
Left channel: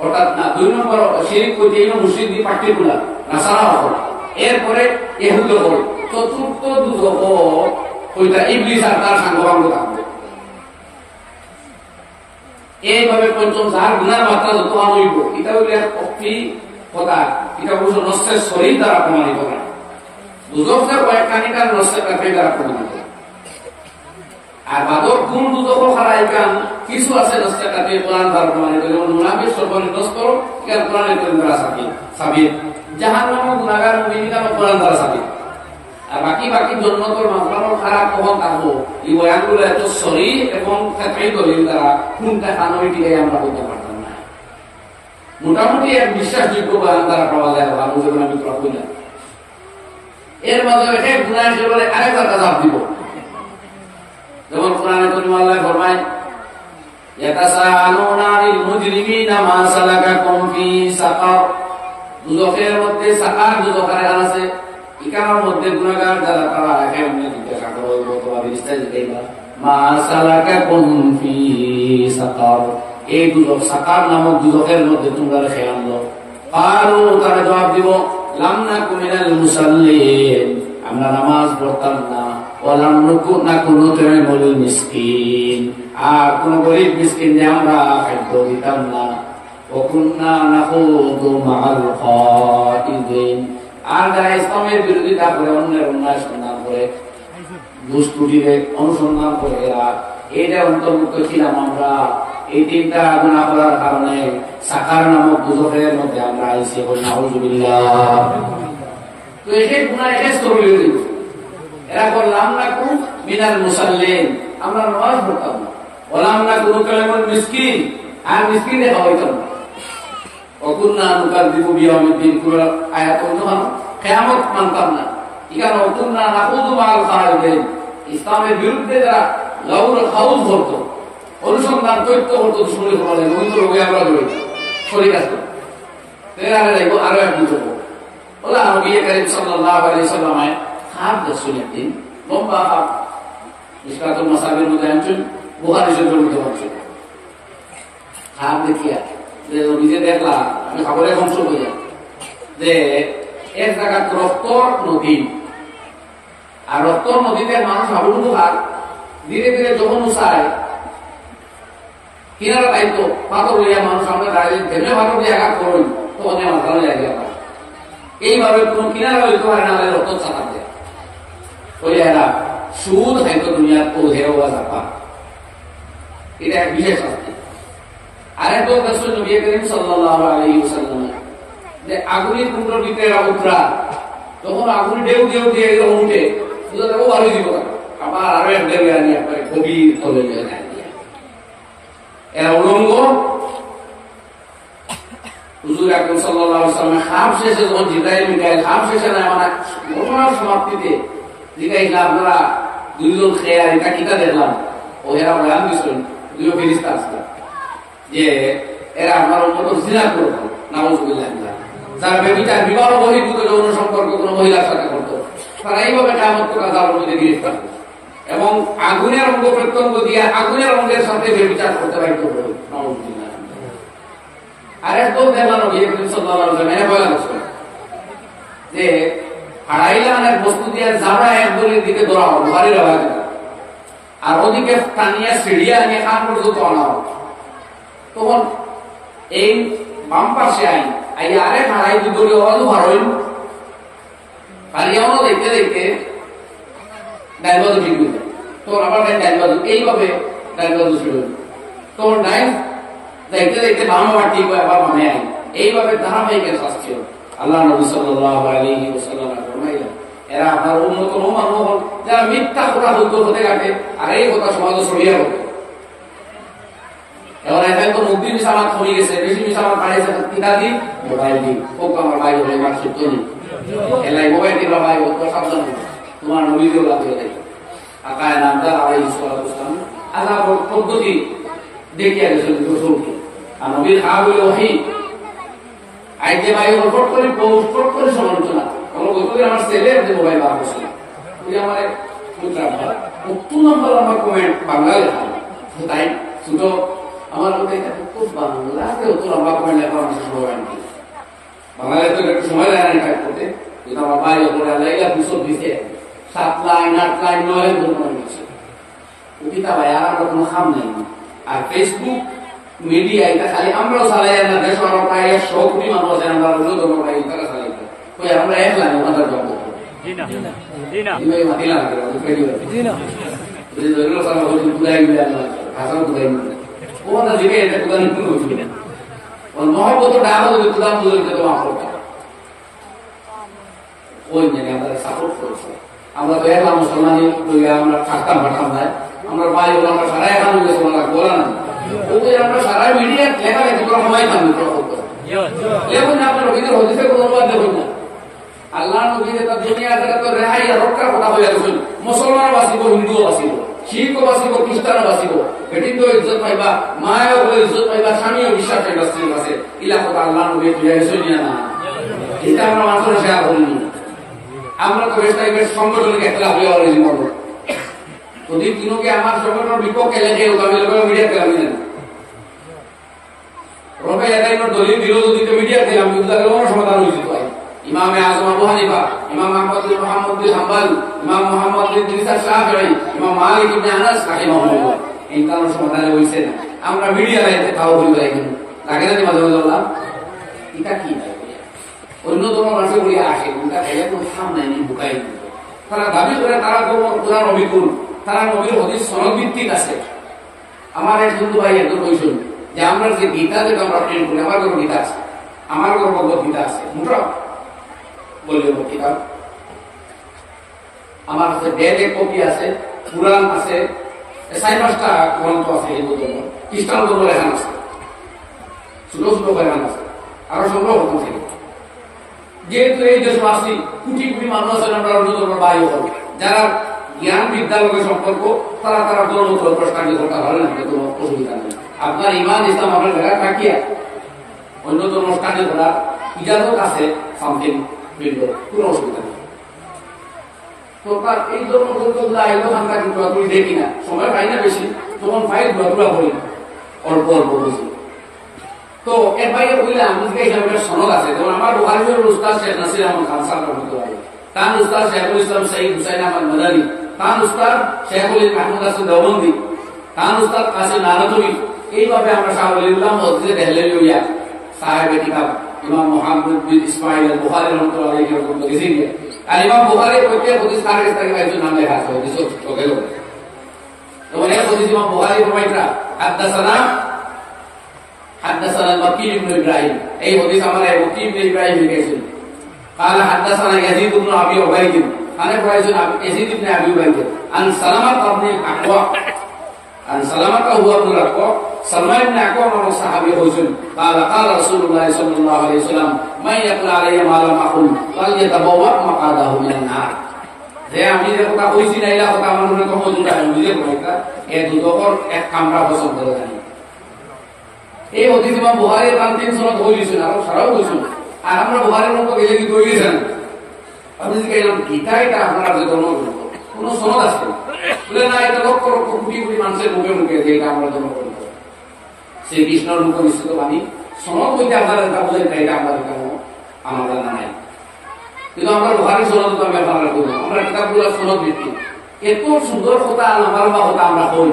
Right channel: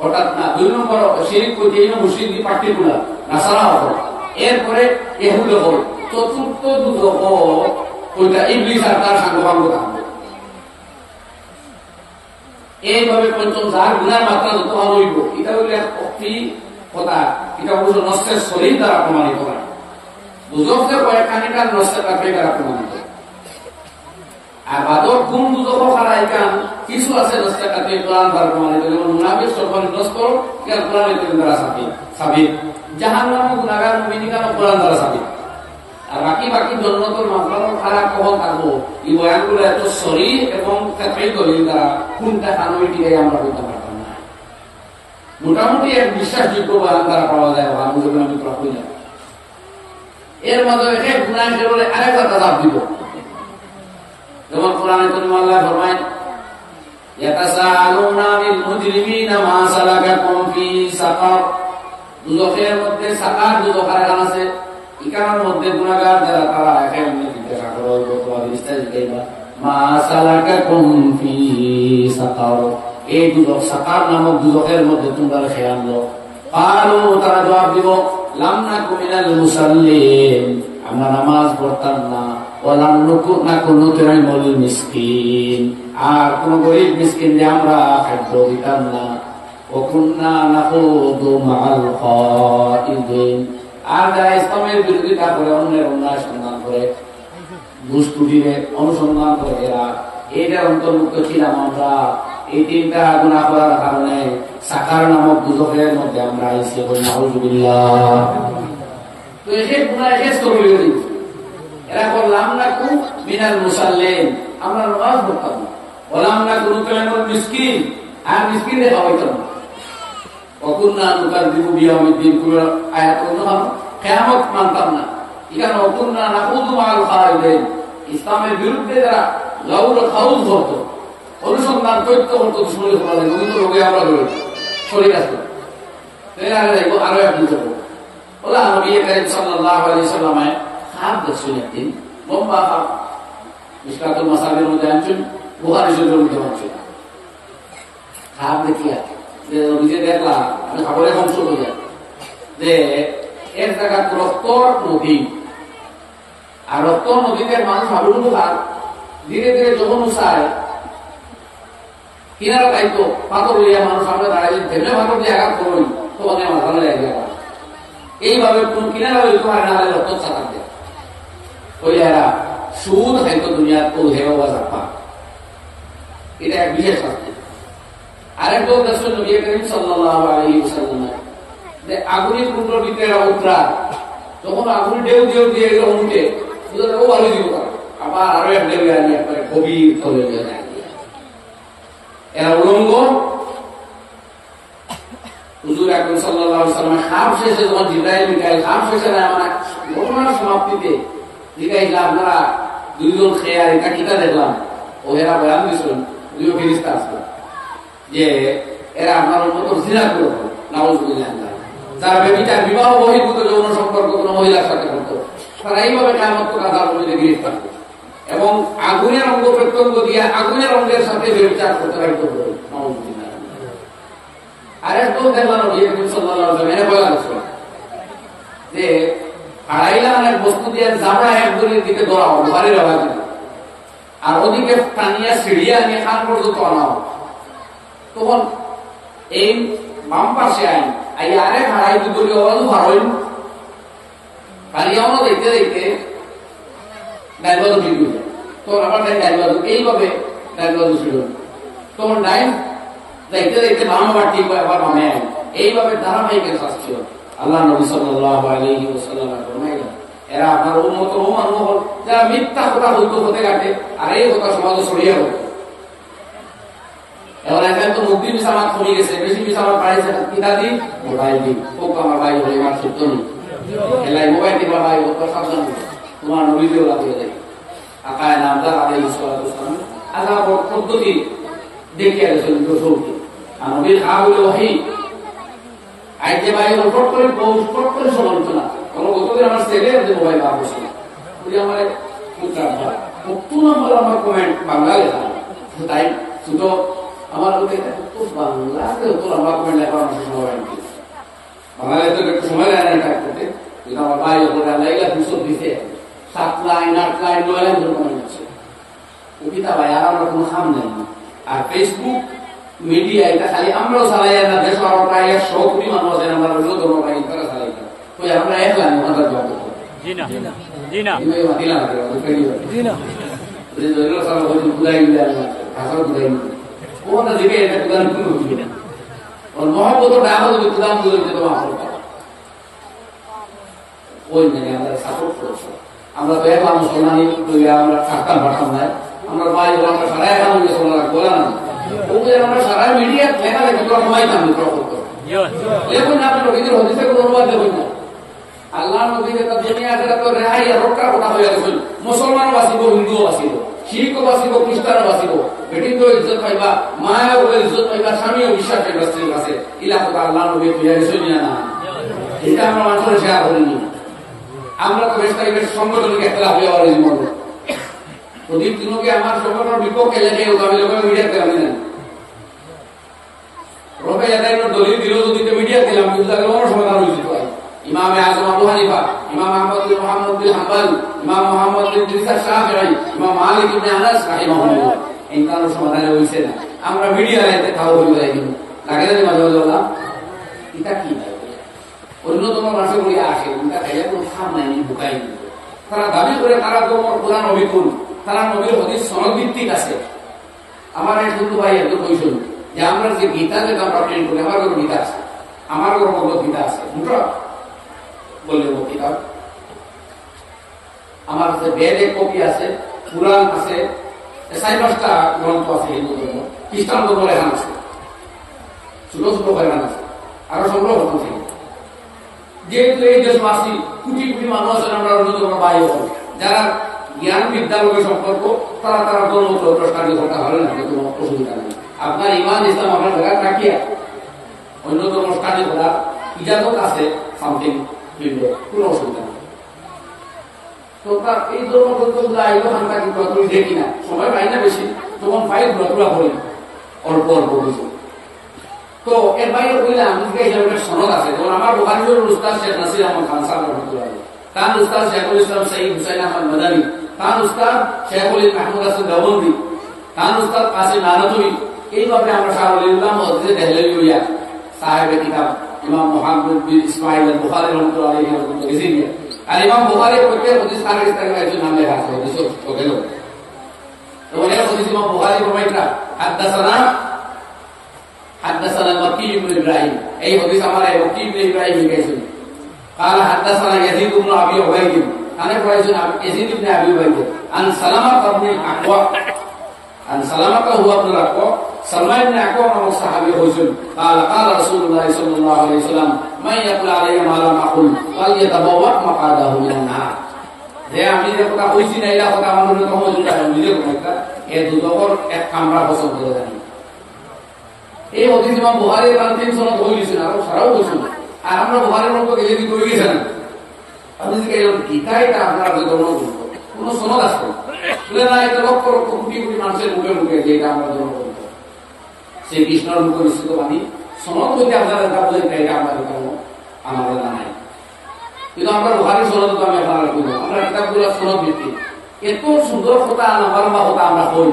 অর্থাৎ না 2 নম্বর শিরিক করতে এই মুশরিক দি পার্টিকুলার নাসারা হল, এরপরে ইহুদ হল, চতুর্থ দুজক ওইটা ইবলিস আর তার সাঙ্গপাঙ্গ থাকবে। এইভাবে পঞ্চম যার গুনার মাত্রা যত হইব, এটা হইলে এক অক্তি কথা, এটা অবশ্য নষ্টের শরীর দ্বারা প্রমাণিত হয়। দুজকের কয়েকখানিকার নষ্টের কাছে দ্বারা প্রমাণিত। আর বাদক কোন দুজক খারাই কান কিছু আছে নষ্টের কাছে কোরআন দ্বারা প্রমাণিত, যেমন মুনাফিক সর্বনিম্ন স্তর ইকান কোরআনের কারীম দ্বারা সাবিত, জাহান্নামী গুনাহগার মুমিন ইকান কোরআন দ্বারা সাবিত। আর বাকি জন্নতর মানফার খারাপ কখন থাকবো, এই বয়ানগুলো এত শরীর এবং কাতাই দলিল দ্বারা কোনটা কানুইটিকে আমরা বলতে পারতাম না। মোটামুটি এক বিশ্বাসযোগ্য বয়ান দ্বারা পাওয়া যায়, আমি যেমন আমি তোরা কই না। এর মাঝে এক গুনাহ বলে আরেকটা কাজাব দিব, যেমন কোরআনে কারীমে আল্লাহ ফরমায় ইয়াতাসাআলুনা আনিল মুজরিমিনা মা সালাকাকুম ফি সাকার, দুজকের মধ্যে সাকার দুজকার আছে, ইকানোর মধ্যে গুনাহগার যারা তারা একেবারে জিজ্ঞাসা করবে তোমার বিস্তারিত জিজ্ঞাসা মা সালাকাকুম ফি সাকার, এই দুজক সাকার নামক দুজকের মধ্যে তোমরা রেখে আনলো। কালু তারা জবাব দিব লাম নাকু মিনাল মুসাল্লিন, আমরা নামাজ পড়তাম না, ওয়া লাম নাকু নুতঈমুল মিসকিন, আর কোন গরীব মিসকিনদের আমরা খাদ্য দিতাম না, ওয়া কুননা নাখুদু মাআল খাইদিন, আর যারা ইসলামের বিরোধিতা করে, অন্যের অন্যায় সন্ধান করে, দুষ্টুটিরে অনুসন্ধান করে, এরা এইটা অন্তর্ভুক্ত ছিলাম আমরা। এই 3টা গুনাহ করার কারণে সাকার নামক দুজকের মধ্যে আমরা আইছি, নাউযুবিল্লাহ। তো এই গুনাহ এসে স্তরীয় দিচ্ছে, এরা করলাম না কু মিনাল মুসাল্লিন, আমরা নামাজ পড়তাম না, ওয়ালাম না কুনু কালামুল মিসকিন, আর মিসকিনে খাওয়াইতাম না, ওকুন্না নুকাযযিবু বিয়াউমিদ্দিন, কোন আয়াত অন্য কিয়ামত মানতাম না, এখানে ওকুন্না নাখুযু মাআল খাইদিন, ইসলামের বিরুদ্ধে যারা লাউর হাউস ধরতো, অনুসন্ধান করতে হতো, শরীর হওয়া লাগে, ওই তো রোগে আমরা জড়িত শরীর আছে। আরো একদিন তো বলা নবী করিম সাল্লাল্লাহু আলাইহি সাল্লামে খাপ দেখছেন একদিন, লম্বা খাপ, মিশকাতুল মাসাবির মধ্যে আনছেন, বুখারী শরীফের মধ্যে আনছেন। খাপ দেখিয়া যে নিজে দেখলাম, আমি খবরে অংশ বোঝা যে এক জায়গায় রক্তর নদী, আর রক্তর নদীতে মানুষ হাবুডুবু খায়, ধীরে ধীরে যখন উসায় কিনারা দায়িত্ব পাথর লইয়া মানুষ সামনে দাঁড়িয়ে যেমনি পাথর দিয়ে আঘাত করবেন তখন আমার ভালো লাগে। এইভাবে কোন কিনারা হইতে পারে না, রক্ত চাতার দেয় ওই এরা সুদ খাইতো দুনিয়ার ও হেও বা চাপা, এটা এক বিশেষ শাস্তি। আরেক দল রাসূল নবী করিম সাল্লাল্লাহু আলাইহি ওয়াসাল্লাম যে আগুনের কুণ্ডর ভিতরে উতরা, তখন আগুন ঢেউ ঢেউ দিয়ে এরকম উঠে বুঝা যাবো ভালোই দিব, আবার আরো এক ঢেউ আনি একবারে গভীর তলে যায়। এরা উলঙ্গ। হুজুর আকরাম সাল্লাল্লাহু আলাইহি ওয়াসাল্লাম খাপ শেষে যখন জিবরাইল মিকাইল খাপ শেষে না মানে ঘটনার সমাপ্তিতে জিজ্ঞাসা আপনারা দুইজন খেয়ার এটা কিতা দেখলাম, ও এরা বয়ান দিয়েছেন দুই ফেরেশতা আসলো যে এরা আপনার উম্মত জিনা করত, নাউযুবিল্লাহ, যারা বেবিচার বিবাহ বহির্ভূত যৌন সম্পর্ক কোন মহিলার সাথে করত, তারা এইভাবে কিয়ামত আযাবের মধ্যে গ্রেফতার করত এবং আগুনের অঙ্গ প্রত্যঙ্গ দিয়ে আগুনের অঙ্গের সাথে বেবিচার করতে বাধ্য করত, নাউযুবিল্লাহ। আরেক দল দেখলাম নবী করিম সাল্লাল্লাহু আলাইহি ওয়াসাল্লাম এরা বলা গেছে যে হারাইলা অনেক বস্তু দিয়ে জামা এক দড়ির দিকে ধরা হবে, ভারী রাখা যাবে, আর ওদিকে টানিয়া সিঁড়িয়া নিয়ে কান পর্যন্ত আনা হবে। তখন এই বাম পাশে আইয়া আরেক হারাই দুদলীয় আওয়াজও ভারইন পারিয়াও দেখতে দেখতে ডাইলবাজু বিক্রি যায়, তোর আবার ডাইলবাজু এইভাবে ডাইলবাজু শুরু, তোর ডাইল দেখতে দেখতে বাম আবার ঠিক হয়, আবার বামে আইন, এইভাবে ধারাবাহিক শাস্তি হবে। আল্লাহ নবী সাল্লাল্লাহু আলাইহি ওয়াসাল্লাম ফরমাইলেন এরা আপনার উম্মতের ও মানুষ হল যারা মিথ্যা কথা বলতো হতে কাটে, আর এই কথা সমাজে ছড়িয়ে গেল। এবার এখন তো মুক্তি মিসামাত কমে গেছে, বেশি মিসামাত বাড়িয়েছে, কিতা দি মোবাইল দি হোক, আমার ভাই হলে আমার সত্য নেই এলাই মোবাইল দিবা ভাই হোক, সাবধান তোমার নবীদেরও লাগে যায়। আকায় নামদার আলাইহিস সালাতু ওয়াসসালাম আযাব পদ্ধতি দেখিয়া গেছেন রাসূলকে, আর নবীর খা হইল ওহী আইতে ভাই ফট করে ফট করে সমালোচনা কোনো বলতে আমার ছেলে মোবাইল বার বসে ওই আমার কত নম্বর আমার কমেন্ট বাংলা লেখা, তাই শুধু আমার বাংলাতে অত লম্বা কমেন্ট লেখা আমার সময় হয়নি, বাংলায় তো একটু সময় লাগে না টাইপ করতে, কিন্তু আমার ভাই আল্লাহ দুশো দিছে 7 লাইন 8 লাইন 9 লাইন ধরে মনে হচ্ছে ও কিতা ভাই, আর আমরা কোনো খাম নাই। আর ফেসবুক মিডিয়া এটা খালি আমরাও চালাই না, দেশ আরো প্রায় 100 কোটি মানুষ আছেন, আমরা অন্য ধর্ম ভাই তারা চালাই ওই আমরা এক লাইন ওখান থেকে জবাব দেবো মহব্বত ডাক কুদাম ওই মেনে আমরা সাপোর্ট করছি। আমরা তো একবার মুসলমান আমরা থাকতাম পারতাম না, আমরা ভাই হলো আমরা সারা এখন বলা না, আমরা সারা মিডিয়া লেখা দেখে তোরা মহাইতাম লেখুন না, আপনার নবীদের হদিসে কোনো অনুবাদ দেখুন না। আল্লাহ নবীর একটা দুনিয়া তো রেহাই আর রক্ষার কথা হয়ে গেছেন, মুসলমানও বাঁচিব, হিন্দুও বাঁচিব, শিখও বাঁচিব, খ্রিস্টানও বাঁচিব, বেটিতেও ইজ্জত পাইবা, মায়েও বলে ইজ্জত পাইবা, স্বামীও বিশ্বাস পাইবা স্ত্রীর কাছে, ইলা কথা আল্লাহ নবী বুঝা গেছেন না, এটা আমরা মানুষের শেয়ার করিনি। আমরা তো বেশ বেশ সংগঠনিক একটা হয়ে যাওয়ার জীবন প্রদীপ দিনকে আমার সংগঠনের বিপক্ষে লেখে আমি লোকের মিডিয়া দিলাম না, রোকে এটাইনোর দলিল দিল যদি মিডিয়া দিলাম কোনো সমাধান হয়েছিল। ইমাম আযম আবু হানিফা, ইমাম আহমদ বিন মুহাম্মদ বিন হাম্বল, ইমাম মুহাম্মদ বিন ইদ্রিস আশ-শাফিঈ, ইমাম মালিক ইবনে আনাস রাহিমাহুল্লাহ, এই কারণে সমাধান হইছে না। আমরা মিডিয়া লাইতে তাও বলি লাগি লাগে না, মাঝে মাঝে বললাম এটা কি অন্যতম মানুষের বলি আসে এটা খাইয়া কোনো খাম নাই, বুকাই তারা দাবি করে তারা তোমার কোরআন অবিকুল, তারা নবীর হাদিস সনদ ভিত্তিক আছে। আমার এক হিন্দু ভাই একদম কইছেন যে আমরা যে গীতা যেটা আমরা প্রিন্ট করি, আমার কোনো গীতা আছে, আমার কোনো ভগবত গীতা আছে, মোটা বললে কিতাব আমার কাছে বেদ এক কপি আছে, পুরাণ আছে, 4-5টা গ্রন্থ আছে হিন্দু ধর্ম, খ্রিস্টান ধর্ম লেখান আছে, ছোট ছোট লেখান আছে, আরো সংগ্রহ করতাম থেকে। যেহেতু এই দেশ আসি কোটি কোটি মানুষ আছেন, আমরা অন্য ধর্মের ভাই হল যারা জ্ঞান বিদ্যার লোকের সম্পর্ক, তারা তারা ধর্ম প্রস্তাব করতে পারে না, কোনো অসুবিধা নেই। আপনার ইমান ইসলাম আপনার জায়গায় থাকিয়া অন্য ধর্ম স্টাডি করার ইজাজত আছে, সামথিং ফিল্ড, কোনো অসুবিধা নেই। তো তার এই ধর্মগ্রন্থগুলো আইলো আমরা কিন্তু তুমি দেখি না, সময় পাই না বেশি, তখন পাই ঘোরাঘুরা করি অল্প অল্প বুঝি। তো এর বাইরে বললে আমি এখানে সনদ আছে, যেমন আমার বুখারীর উস্তাদ শেখ নাসির আহমদ খান সাহেব রহমতুল্লাহ, তার উস্তাদ শেখুল ইসলাম সঈদ হুসাইন আহমদ মাদানী, তার উস্তাদ শেখুল মাহমুদ হাসান দেওবন্দি, তার উস্তাদ কাসিম নানতুবি। এইভাবে আমরা শাহ ওলিউল্লাহ মসজিদে দেহলেভি হইয়া সাহেবে কিতাব ইমাম মুহাম্মদ বিন ইসমাইল আল বুখারী রহমতুল্লাহ আলাইহি রহমতুল্লাহ গেছিলেন। আর ইমাম বুখারী প্রত্যেক হাদিস তার ইস্তাগফার একজন নাম লেখা আছে, হাদিস ওকে লোক। যেমন এক হাদিস ইমাম বুখারী ফরমাইতা হাদাসানা মক্কি ইবনে ইব্রাহিম, এই হাদিস আমার মক্কি ইবনে ইব্রাহিম লিখেছেন। قال حدثنا يزيد بن ابي عبيد انا قريش يزيد بن ابي عبيد عن سلمة بن الاكوع عن سلمة هو ابن الاكوع سلمة بن الاكوع هو صحابي رسول قال قال رسول الله صلى الله عليه وسلم من يقول علي ما لم اقل فليتبوأ مقعده من النار। যে আমি যে কথা কইছি না এটা কথা আমার মনে কম যেটা আমি বুঝে কোনটা এই দুদকর এক কামরা পছন্দ করে জানি। এই হাদিস ইমাম বুখারী তার 3 সনদ হইছেন আর সারাও হইছেন। আর আমরা বুখারীর মতো গেলে কি কই গেছেন, আপনি যে এই গীতাটা আপনারা যে ধর্ম কোন সনদ আছে বলে না, এটা লক্ষ লক্ষ কোটি কোটি মানুষের মুখে মুখে যে এটা আমরা ধর্ম করব, সেই কৃষ্ণর মুখ নিশ্চিত বাণী সনদ হইতে আপনারা এটা বলেন এটা আমাদের কারণ আমার জানা নাই। কিন্তু আমরা বুখারীর সনদ তো আমি আপনারা কই না, আমরা কিতাবগুলোর সনদ ভিত্তি এত সুন্দর কথা আমার বা কথা আমরা কই।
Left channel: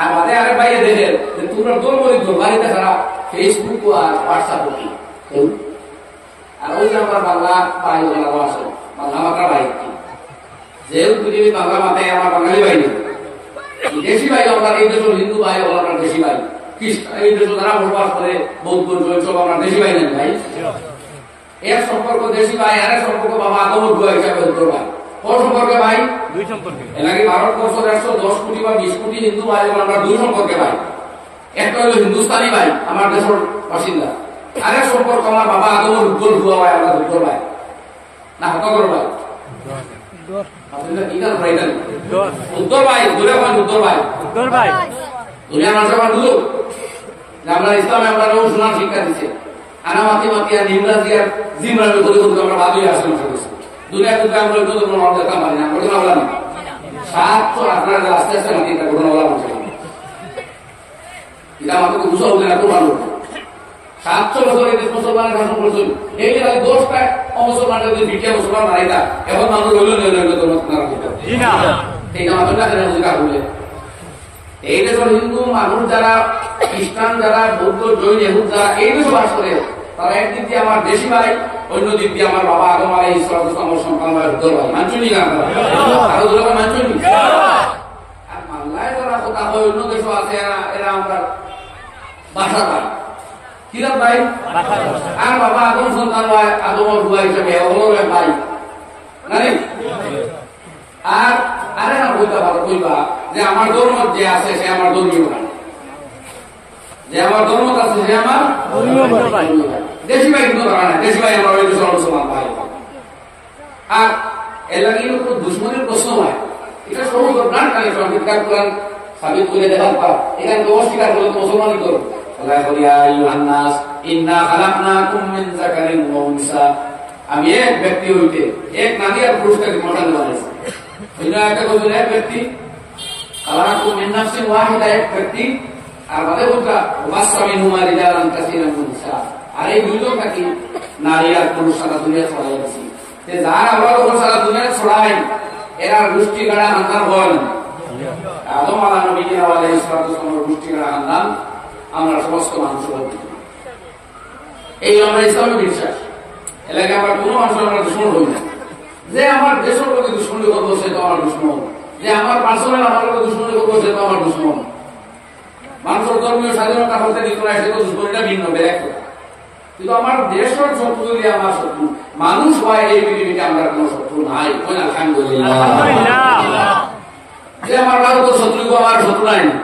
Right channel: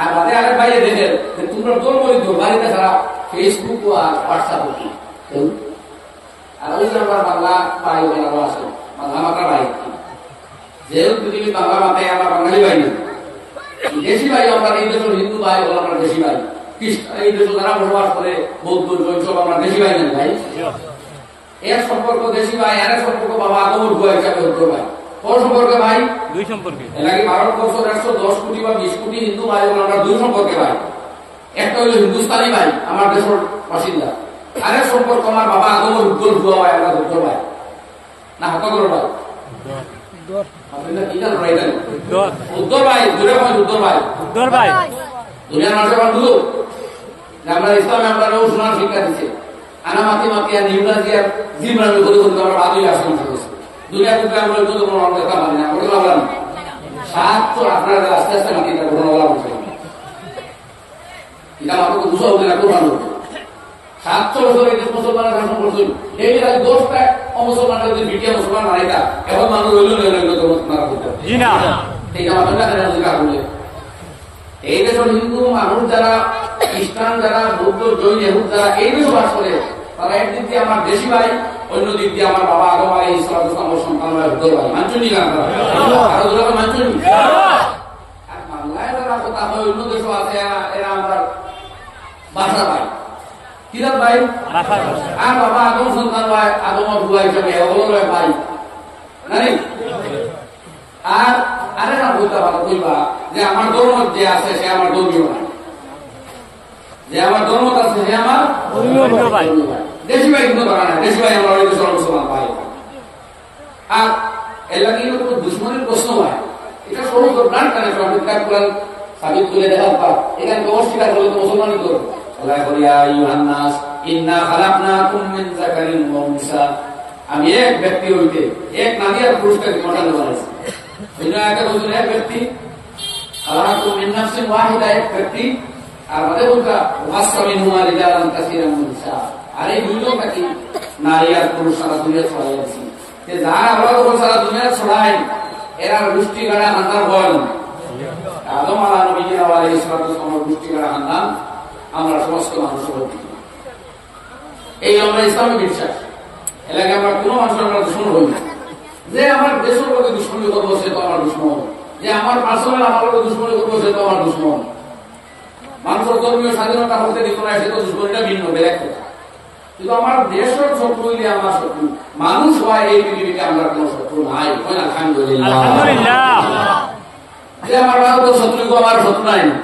আর বাদে আরেক ভাইয়ে দেখেন যে তোমরা দৌড়বড়ি বাড়িতে ছাড়া ফেসবুক আর হোয়াটসঅ্যাপ কি আর ওই যে আমার বাংলা ভাই বলারও আছে, বাংলা মাত্রা ভাই যেহেতু পৃথিবীর বাংলা মাথায় আমার বাঙালি ভাই নেই, দেশি ভাই আমরা এই দেশের হিন্দু ভাই হল আমরা দেশি ভাই, খ্রিস্টান এই দেশে যারা বসবাস করে বৌদ্ধ জৈন সব আমরা দেশি ভাই নেই ভাই। এক সম্পর্ক দেশি ভাই, আরেক সম্পর্ক বাবা আগমন গুয়া হিসাবে উত্তর ভাই। কোন সম্পর্কে ভাই? দুই সম্পর্কে। এলাকি ভারতবর্ষ 110 কোটি বা 20 কোটি হিন্দু ভাই আমরা দুই সম্পর্কে ভাই। একটা হলো হিন্দুস্তানি ভাই, আমার দেশের বাসিন্দা, আরেক সম্পর্ক আমার বাবা আগমন উত্তর ভুয়া ভাই, আমরা উত্তর ভাই না হতগর ভাই উত্তর ভাই দূরে ভাই উত্তর ভাই দুনিয়ার মানুষের আমরা বুঝুক আমরা ইসলামে আমরা শোনার শিক্ষা দিচ্ছে। আনা মাতি মাতি আর নিমরাজি আর জিমরাজি করে করতে আমরা ভালোই আসি মানুষ করেছি দুনিয়া, কিন্তু আমরা ওই কোনো দেখা পারি না, ঘটনা বললাম 700 আপনারা আস্তে আস্তে মাতি এটা ঘটনা বলা বলছে এটা আমাকে বুঝা উঠে না, খুব ভালো 700 বছর এই দেশ মুসলমানের শাসন করছিল, এই যে খালি 10টা অমুসলমানের যদি দ্বিতীয় মুসলমান নারীটা এখন মানুষ রইল এইটা মাত্র বলে। এই দেশের হিন্দু মানুষ যারা, খ্রিস্টান যারা, বৌদ্ধ জৈন এহুদ যারা এই দেশে বাস করে, তারা একদিক দিয়ে আমার দেশি ভাই, অন্য দিক দিয়ে আমার বাবা আদম আলাইহিস সালাতু আমার সন্তান ভাই উত্তর ভাই। মানছুনি না আপনারা? আরো দুটো ভাই মানছুনি? আর বাংলায় যারা কথা হয় অন্য দেশও আছে, এরা আমরা বাসা ভাই, কিরত ভাই, আর বাবা আদম সন্তান ভাই, আদমের বুয়া হিসাবে হলো ভাই জানি। আর আরে না বলতে পারো কইবা যে আমার ধর্ম যে আছে সে আমার ধর্মীয় ভাই, যে আমার ধর্ম আছে সে আমার ধর্মীয় ভাই। দেশি ভাই কিন্তু ধরা না, দেশি ভাই আমরা ওই দেশের মুসলমান ভাই। আর এর লাগে কোনো দুশ্মনের প্রশ্ন হয়, এটা সমস্ত প্রাণ কানেকশন বিজ্ঞান কোরআন সাবিত করে দেখার পর এখানে অস্বীকার করলে তো মুসলমানই করবে। আল্লাহ বলিয়া আইয়ুহান নাস ইন্না খালাকনাকুম মিন যাকারিন ওয়া উনসা, আমি এক ব্যক্তি হইতে এক নারী আর পুরুষকে মতান্ত বানাইছি। অন্য একটা বলছেন এক ব্যক্তি, খালাকাকুম মিন নাফসিন ওয়াহিদা এক ব্যক্তি, আর আমাদের বলতা ওয়াসা মিনহুমা রিজালান কাসীরান ওয়া নিসা, আর এই দুইজন থাকি নারী আর পুরুষ সারা দুনিয়া ছড়াই দিছি। যে যার আমরা যখন সারা দুনিয়া ছড়াই এরা গোষ্ঠী গাড়া খানদান হয়, আদম আলাইহিস সালাম গোষ্ঠী গাড়া খানদান আমরা সমস্ত মানুষ বলতে, এই আমরা ইসলামী বিশ্বাস। এলাকায় আমরা কোনো মানুষের আমরা দুশ্মন হই না, যে আমার দেশের লোকে দুশ্মনী করবো সে তো আমার দুশ্মন, যে আমার পার্সোনাল আমার লোকে দুশ্মনী করবো সে তো আমার দুশ্মন। মানুষের ধর্মীয় স্বাধীনতা বলতে দিত না, সে তো দুশ্মনীটা ভিন্ন বেড়ে কথা। কিন্তু আমার দেশের শত্রু হইলে আমার শত্রু, মানুষ হয় এই পৃথিবীতে আমরা কোন শত্রু নাই, যে আমার ভারতের শত্রু আমার শত্রু নাই না,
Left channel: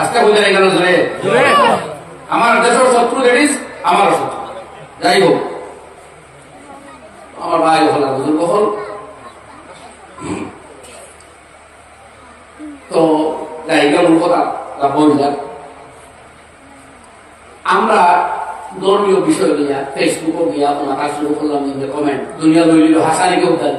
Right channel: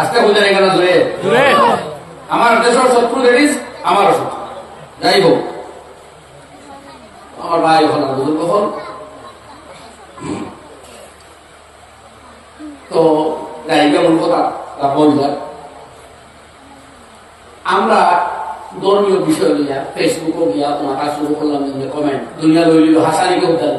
আজকে বলতে এখানে জোরে আমার দেশের শত্রু দেখিস আমারও শত্রু, যাই হোক আমার ভাই হল বুজুর্গ হল। তো জায়গা মূল কথা বল যাক, আমরা ধর্মীয় বিষয় নিয়ে ফেসবুকও গিয়া ওনার কাজ শুরু করলাম যে কমেন্ট দুনিয়া লইল হাসানিকে উদ্ধার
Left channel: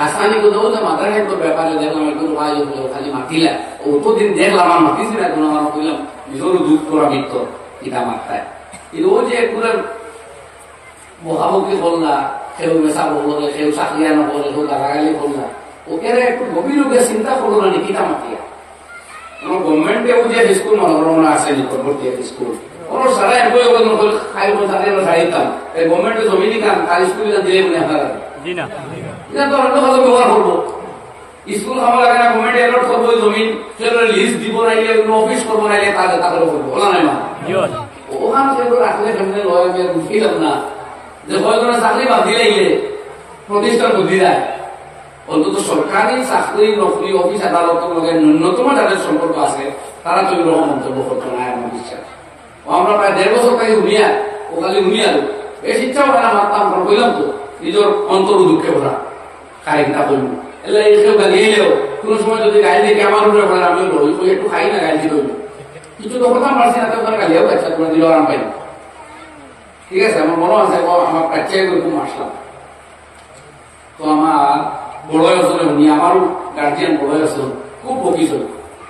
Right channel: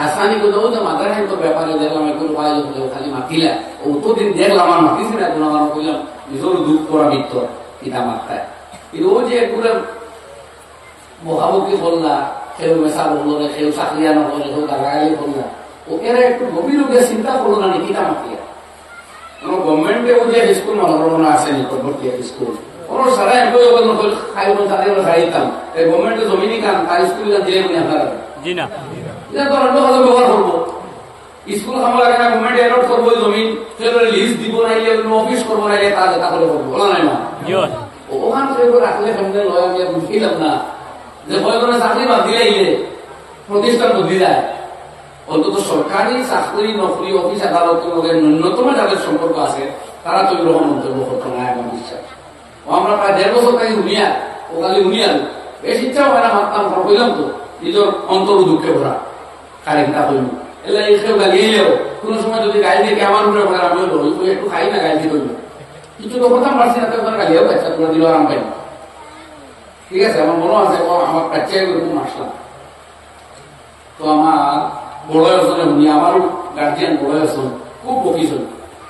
হাসানিকে দেবো যে মাথার তো ব্যাপারে দেখলাম একটু ভাই হলেও খালি মাতিলা অতদিন দেখলাম আর মাতিছি না কোনো আমার করলাম নিজেরও দুঃখ করা বৃত্ত পিতা মাত্রায় কিন্তু ও যে পুরো মহামুখী করলা কেউ মেশা বললে কেউ চাকরিয়া নকরে কেউ গালাগালি করলা ওকে একটু গভীর লোকের চিন্তা করলো না পিতা মাতিয়া গভর্নমেন্টে যে স্কুল মনোরমা আছে নিকটবর্তী স্কুল কোন সারা এমপ্লয়ি খাই তাদের ছাড়িতাম গভর্নমেন্টে জমিনি কাম তার স্কুল দিলে মনে আপনারা এটা তো অন্য কাজে ব্যবহার করবো স্কুল খাওয়া লাগে না গভর্নমেন্ট অ্যালট করবো জমিন লিস্ট দিব নাইলে অফিস করবো নাইলে তারপরে করবো বলা নাই মা ওখানে সেগুলো রাখলে ফ্যামিলি লয় আমি বুঝলাম না যে কয়েকজনের চাকরি বাদ দিলে প্রতিষ্ঠান বুদ্ধি যায় অন্তত সরকারি চাকরি নকরি অফিস আদালতের মধ্যে ন্যূনতম যাদের সম্পর্ক আছে তারা তো এরকম মন্তব্য করতো না আমার বিশ্বাস ও আমরা প্রায় 1.5 বছর থেকে উনিয়া ও খালি উনিয়া বেশ ইচ্ছাও হয় না মারতাম কইলাম তো নিজের অন্তর দুঃখে ভরা খাইটা হইল এলে কেউ গালিয়েলেও কোনো সময় যদি গাড়ি দেখে আমার উপরে পড়ে আমিও ধরি একটু খাই না গাড়ি হইল কিন্তু তো কথা পারছি না তো গালিও খাইছা তোমরা দিলেও আরাম পাই না ঠিক আছে আমার মনে আছে আমার কাছে এরকম আসলাম তো আমার বড় আসলে উনি আমারও গার্জিয়ান বড় আসল খুব বকিস